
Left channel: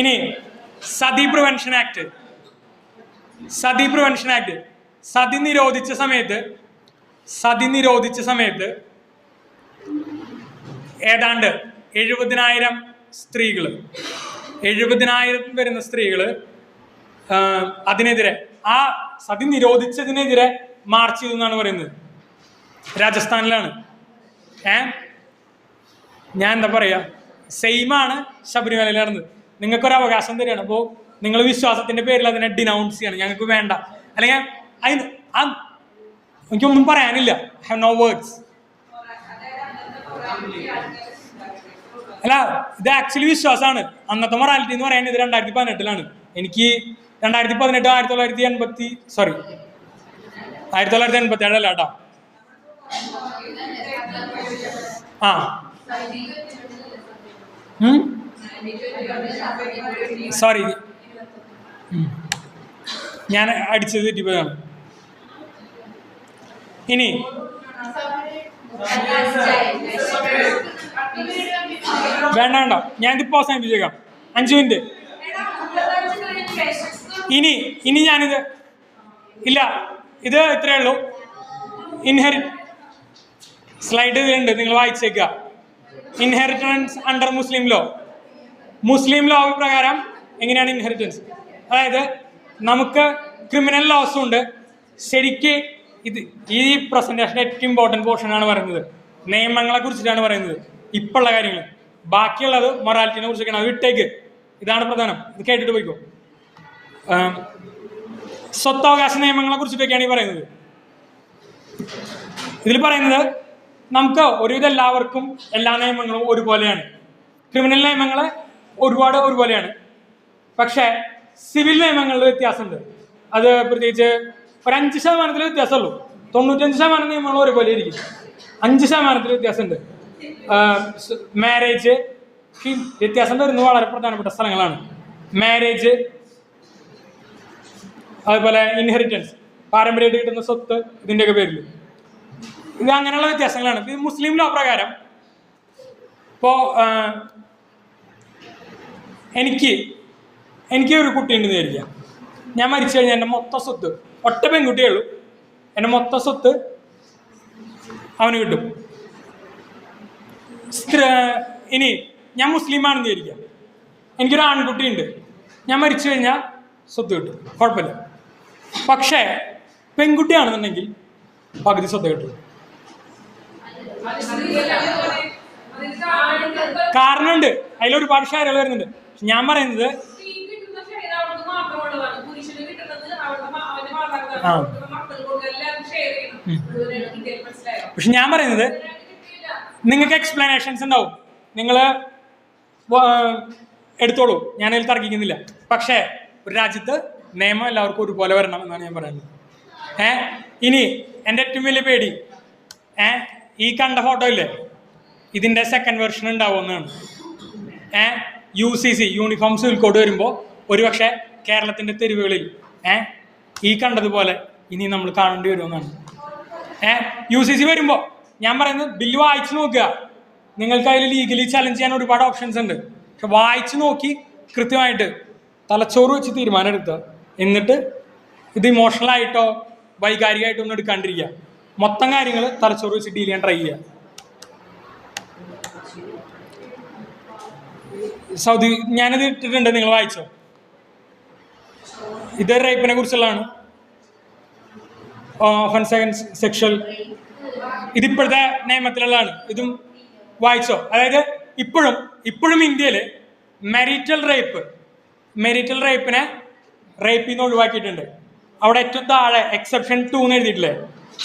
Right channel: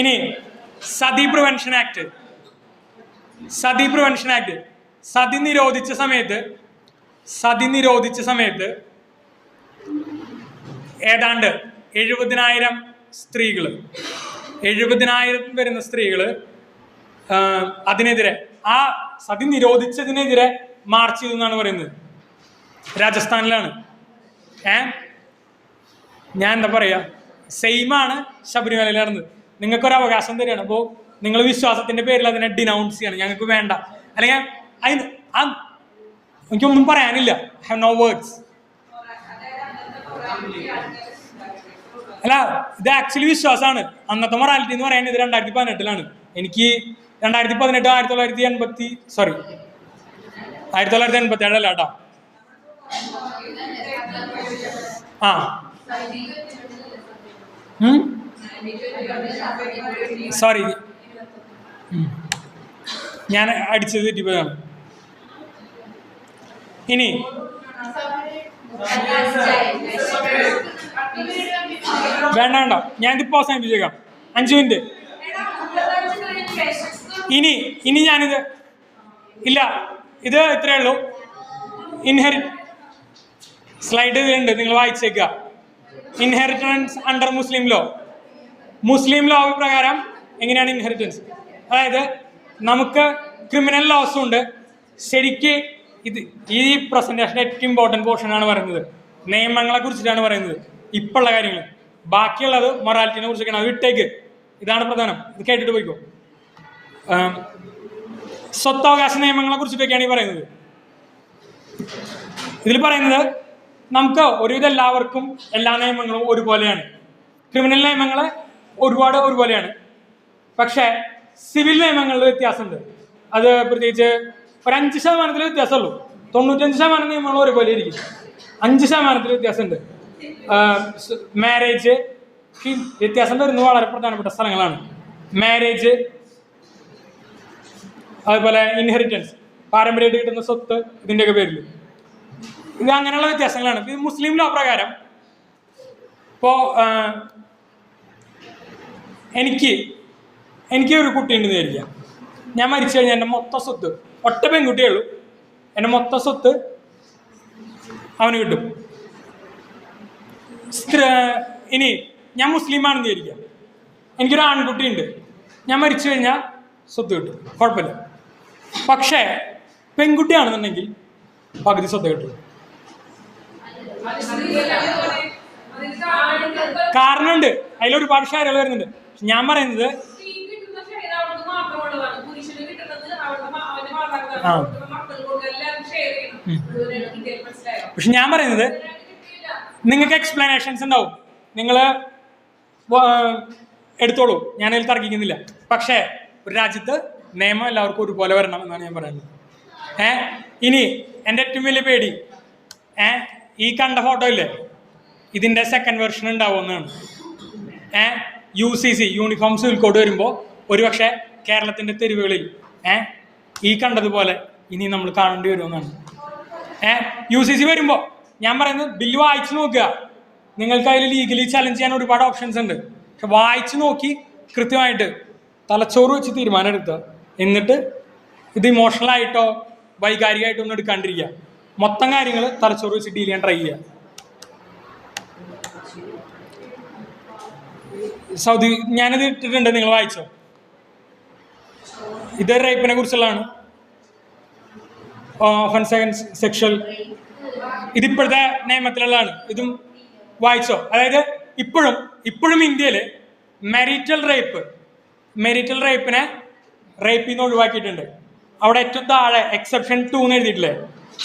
ഇനി സതി പ്രിവെൻഷൻ ആക്ട്. സതി നിരോധിച്ച സമയത്ത് ഏതാണ്ട് 70,000 വരുന്ന സ്ത്രീകള് അതിനെതിരെ, ആ സതി നിരോധിച്ചതിനെതിരെ മാർച്ച് ചെയ്തു എന്നാണ് പറയുന്നത്. രാജസ്ഥാനിലാണ്. ഞാൻ എന്താ പറയാ, സെയിമാണ് ശബരിമലയിൽ നടന്നത്. നിങ്ങൾക്കൊരു അവകാശം തരികയാണ്. അപ്പോൾ നിങ്ങൾ വിശ്വാസത്തിന്റെ പേരിൽ അതിനെ ഡിനൗൺസ് ചെയ്യണം, ഞങ്ങൾക്ക് വേണ്ട. അല്ലെങ്കിൽ എനിക്കൊന്നും പറയാനില്ല, ഹാവ് നോ വേർഡ്സ്. അല്ല, ഇത് ആക്ച്വലി വിശ്വാസമാണ്. അന്നത്തെ മൊറാലിറ്റി എന്ന് പറയുന്നത് 2018 എനിക്ക് 2018 1987 അല്ല കേട്ടോ. സോറി, ഞാൻ അടിച്ചത് തെറ്റിപ്പോയതാണ്. ഇനി വേണ്ട, ഞാനിതിപ്പോ അവസാനിപ്പിച്ചേക്കാം, 5 മിനിറ്റ്. ഇനി ഞാനിത് ഇല്ല, ഇത് ഇത്രയേ ഉള്ളൂ. സ്ലൈഡ് ഉണ്ട്, നിങ്ങൾ വായിച്ചേക്കുക. ഇൻഹെറിറ്റൻസ് അണ്ടർ മുസ്ലിം ലോ പ്രകാരം എങ്ങനെയാണ് ഇൻഹെറിറ്റൻസ്? അതായത് നമുക്ക് ക്രിമിനൽ ലോസും ഉണ്ട്. ശരിക്ക് ഈ പ്രസന്റേഷൻ്റെ ഏറ്റവും ഇമ്പോർട്ടൻറ്റ് പോർഷനാണ് പറയുന്നത്, നിയമങ്ങളെ കുറിച്ചിട്ടാണ് പറയുന്നത്, ഇപ്പോഴുള്ള കാര്യങ്ങൾ. ബാക്കിയുള്ളത് മൊറാലിറ്റിനെ കുറിച്ചൊക്കെയാണ്. അത് വിട്ടേക്ക്, ഇതാണ് പ്രധാനം. ഇത് കേട്ടിട്ട് പോയിക്കോ. സ്വത്തവകാശ നിയമങ്ങളെ കുറിച്ചിട്ടൊക്കെയാണ് ഈ പറയുന്നത്. ഇതിൽ പറയുന്നത് നമുക്ക് ഒരുവിധം എല്ലാവർക്കും എല്ലാ നിയമങ്ങളും ഒരുപോലെയാണ്. ക്രിമിനൽ നിയമങ്ങൾ ഒരുപോലെയാണ്. പക്ഷേ സിവിൽ നിയമങ്ങളിൽ വ്യത്യാസമുണ്ട്. അത് പ്രത്യേകിച്ച് ഒരു 5% വ്യത്യാസമുള്ളൂ. 95% നിയമങ്ങൾ ഒരുപോലെ ഇരിക്കും. 5% വ്യത്യാസമുണ്ട്. മാരേജ് വ്യത്യാസം വരുന്നത് വളരെ പ്രധാനപ്പെട്ട സ്ഥലങ്ങളാണ്. മാരേജ്, അതുപോലെ ഇൻഹെറിറ്റൻസ്, പാരമ്പര്യമായിട്ട് കിട്ടുന്ന സ്വത്ത്, ഇതിൻ്റെയൊക്കെ പേരിൽ ഇത് അങ്ങനെയുള്ള വ്യത്യാസങ്ങളാണ്. ഇത് മുസ്ലിം ലോ പ്രകാരം ഇപ്പോൾ എനിക്ക് ഒരു കുട്ടി ഉണ്ടെന്ന് വിചാരിക്കാം. ഞാൻ മരിച്ചു കഴിഞ്ഞാൽ എൻ്റെ മൊത്തം സ്വത്ത്, ഒറ്റ പെൺകുട്ടിയുള്ളൂ, എൻ്റെ മൊത്തം സ്വത്ത് അവന് കിട്ടും. ഇനി ഞാൻ മുസ്ലിമാണെന്ന് വിചാരിക്കാം, എനിക്കൊരു ആൺകുട്ടി ഉണ്ട്, ഞാൻ മരിച്ചു കഴിഞ്ഞാൽ സ്വത്ത് കിട്ടും, കുഴപ്പമില്ല. പക്ഷേ പെൺകുട്ടിയാണെന്നുണ്ടെങ്കിൽ പകുതി സ്വത്ത് കിട്ടും. കാരണമുണ്ട്, അതിലൊരുപാട് ഷാരകൾ വരുന്നുണ്ട്. ഞാൻ പറയുന്നത് പക്ഷെ ഞാൻ പറയുന്നത് നിങ്ങൾക്ക് എക്സ്പ്ലനേഷൻസ് ഉണ്ടാവും, നിങ്ങൾ എടുത്തോളൂ, ഞാനതിൽ തർക്കിക്കുന്നില്ല. പക്ഷേ ഒരു രാജ്യത്ത് നിയമം എല്ലാവർക്കും ഒരുപോലെ വരണം എന്നാണ് ഞാൻ പറയുന്നത്. ഇനി എൻ്റെ ഏറ്റവും വലിയ പേടി ഈ കണ്ട ഫോട്ടോ ഇല്ലേ, ഇതിൻ്റെ സെക്കൻഡ് വെർഷൻ ഉണ്ടാവുമെന്നാണ്. UCC യൂണിഫോം സിവിൽ കോഡ് വരുമ്പോൾ ഒരുപക്ഷെ കേരളത്തിൻ്റെ തെരുവുകളിൽ ഈ കണ്ടതുപോലെ ഇനി നമ്മൾ കാണേണ്ടി വരുമെന്നാണ്. UCC വരുമ്പോൾ ഞാൻ പറയുന്നത് ബില്ല് വായിച്ചു നോക്കുക. നിങ്ങൾക്ക് അതിൽ ലീഗലി ചലഞ്ച് ചെയ്യാൻ ഒരുപാട് ഓപ്ഷൻസ് ഉണ്ട്. പക്ഷെ വായിച്ചു നോക്കി കൃത്യമായിട്ട് തലച്ചോറ് വെച്ച് തീരുമാനം എടുക്കുക. എന്നിട്ട് ഇത് ഇമോഷണലായിട്ടോ വൈകാരികമായിട്ടോ ഒന്നും എടുക്കാണ്ടിരിക്കുക. മൊത്തം കാര്യങ്ങൾ തലച്ചോറ് വെച്ച് ഡീൽ ചെയ്യാൻ ട്രൈ ചെയ്യുക. സൗദി ഞാനിത് ഇട്ടിട്ടുണ്ട്, നിങ്ങൾ വായിച്ചോ? ഇത് റേപ്പിനെ കുറിച്ചുള്ളതാണ്. സെക്ഷൽ ഇതിപ്പോഴത്തെ നിയമത്തിലുള്ളതാണ്. ഇതും വായിച്ചോ? അതായത് ഇപ്പോഴും ഇന്ത്യയിൽ മെരിറ്റൽ റേപ്പിനെ റേപ്പിൽ നിന്ന് ഒഴിവാക്കിയിട്ടുണ്ട്. അവിടെ ഏറ്റവും താഴെ എക്സെപ്ഷൻ 2 എന്ന് എഴുതിയിട്ടില്ലേ,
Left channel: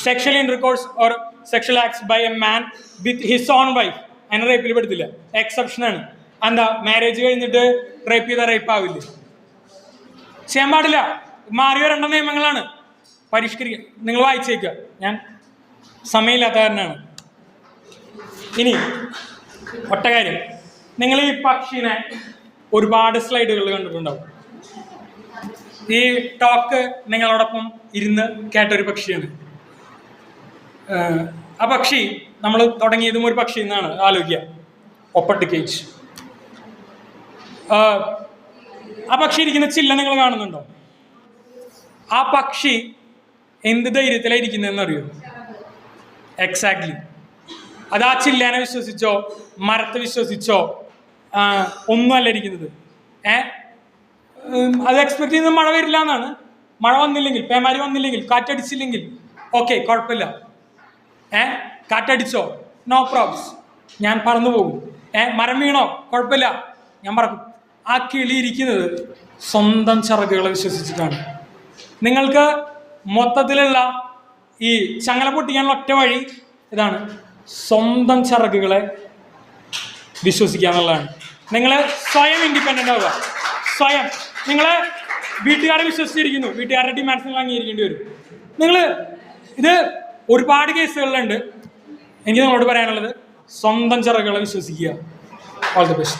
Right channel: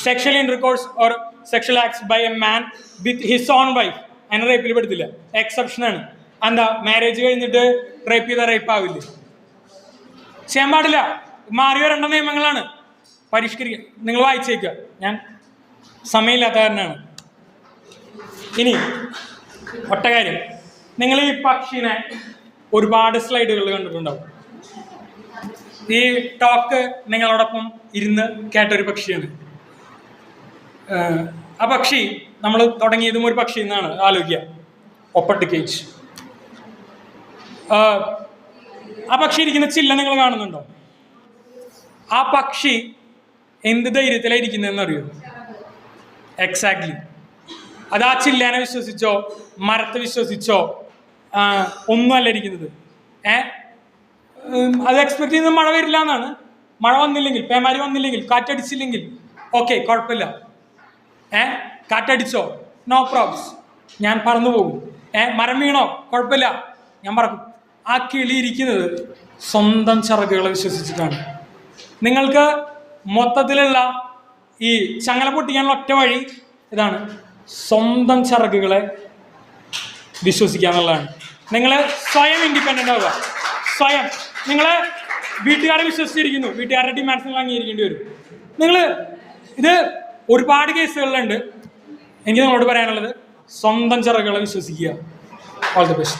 sexual intercourse or sexual acts by a man with his own wife, അതിനെ റേപ്പിൽ പെടുത്തില്ല, എക്സെപ്ഷനാണ്. എന്താ, മാരേജ് കഴിഞ്ഞിട്ട് റേപ്പ് ചെയ്ത റേപ്പ് ആവില്ലേ? ചെയ്യാൻ പാടില്ല. മാറി വരേണ്ട നിയമങ്ങളാണ്, പരിഷ്കരിക്കുക. നിങ്ങൾ വായിച്ചേക്കുക, ഞാൻ സമയമില്ലാത്ത കാരനാണ്. ഇനി ഒറ്റ കാര്യം, നിങ്ങൾ ഈ പക്ഷിനെ ഒരുപാട് സ്ലൈഡുകൾ കണ്ടിട്ടുണ്ടാവും. ഈ ടോക്ക് നിങ്ങളോടൊപ്പം ഇരുന്ന് കേട്ടൊരു പക്ഷിയാണ്. ആ പക്ഷി നമ്മൾ തുടങ്ങിയതും ഒരു പക്ഷി എന്നാണ് ആലോചിക്കുക, ഒപ്പട്ടിക്കേജ്. ആ പക്ഷി ഇരിക്കുന്ന ചില്ല നിങ്ങൾ കാണുന്നുണ്ടോ? ആ പക്ഷി എന്ത് ധൈര്യത്തിലാണ് ഇരിക്കുന്നതെന്ന് അറിയോ? എക്സാക്ട്ലി. അത് ആ ചില്ലേനെ വിശ്വസിച്ചോ മരത്തെ വിശ്വസിച്ചോ ഒന്നുമല്ല ഇരിക്കുന്നത്. അത് എക്സ്പെക്ട് ചെയ്യുന്നത് മഴ വരില്ല എന്നാണ്. മഴ വന്നില്ലെങ്കിൽ, പേമാരി വന്നില്ലെങ്കിൽ, കാറ്റടിച്ചില്ലെങ്കിൽ ഓക്കെ, കുഴപ്പമില്ല. കാറ്റടിച്ചോ, നോ പ്രോബ്ലംസ്, ഞാൻ പറന്നു പോകും. മരം വീണോ, കുഴപ്പമില്ല, ഞാൻ പറക്കും. ആ കിളി ഇരിക്കുന്നത് സ്വന്തം ചിറകുകളെ വിശ്വസിച്ചിട്ടാണ്. നിങ്ങൾക്ക് മൊത്തത്തിലുള്ള ഈ ചങ്ങല പൊട്ടിക്കാനുള്ള ഒറ്റ വഴി ഇതാണ്, സ്വന്തം ചിറകുകളെ വിശ്വസിക്കുക എന്നുള്ളതാണ്. നിങ്ങൾ സ്വയം ഇൻഡിപെൻഡൻ്റ് ആവുക. സ്വയം നിങ്ങൾ വീട്ടുകാരെ വിശ്വസിച്ചിരിക്കുന്നു, വീട്ടുകാരുടെ ഡിമാൻഡ്സ് നിങ്ങൾ അംഗീകരിക്കേണ്ടി വരും. ഇത് ഒരുപാട് കേസുകളിലുണ്ട്. എനിക്ക് നിങ്ങളോട് പറയാനുള്ളത് സ്വന്തം ചിറകുകളെ വിശ്വസിക്കുക. All the best.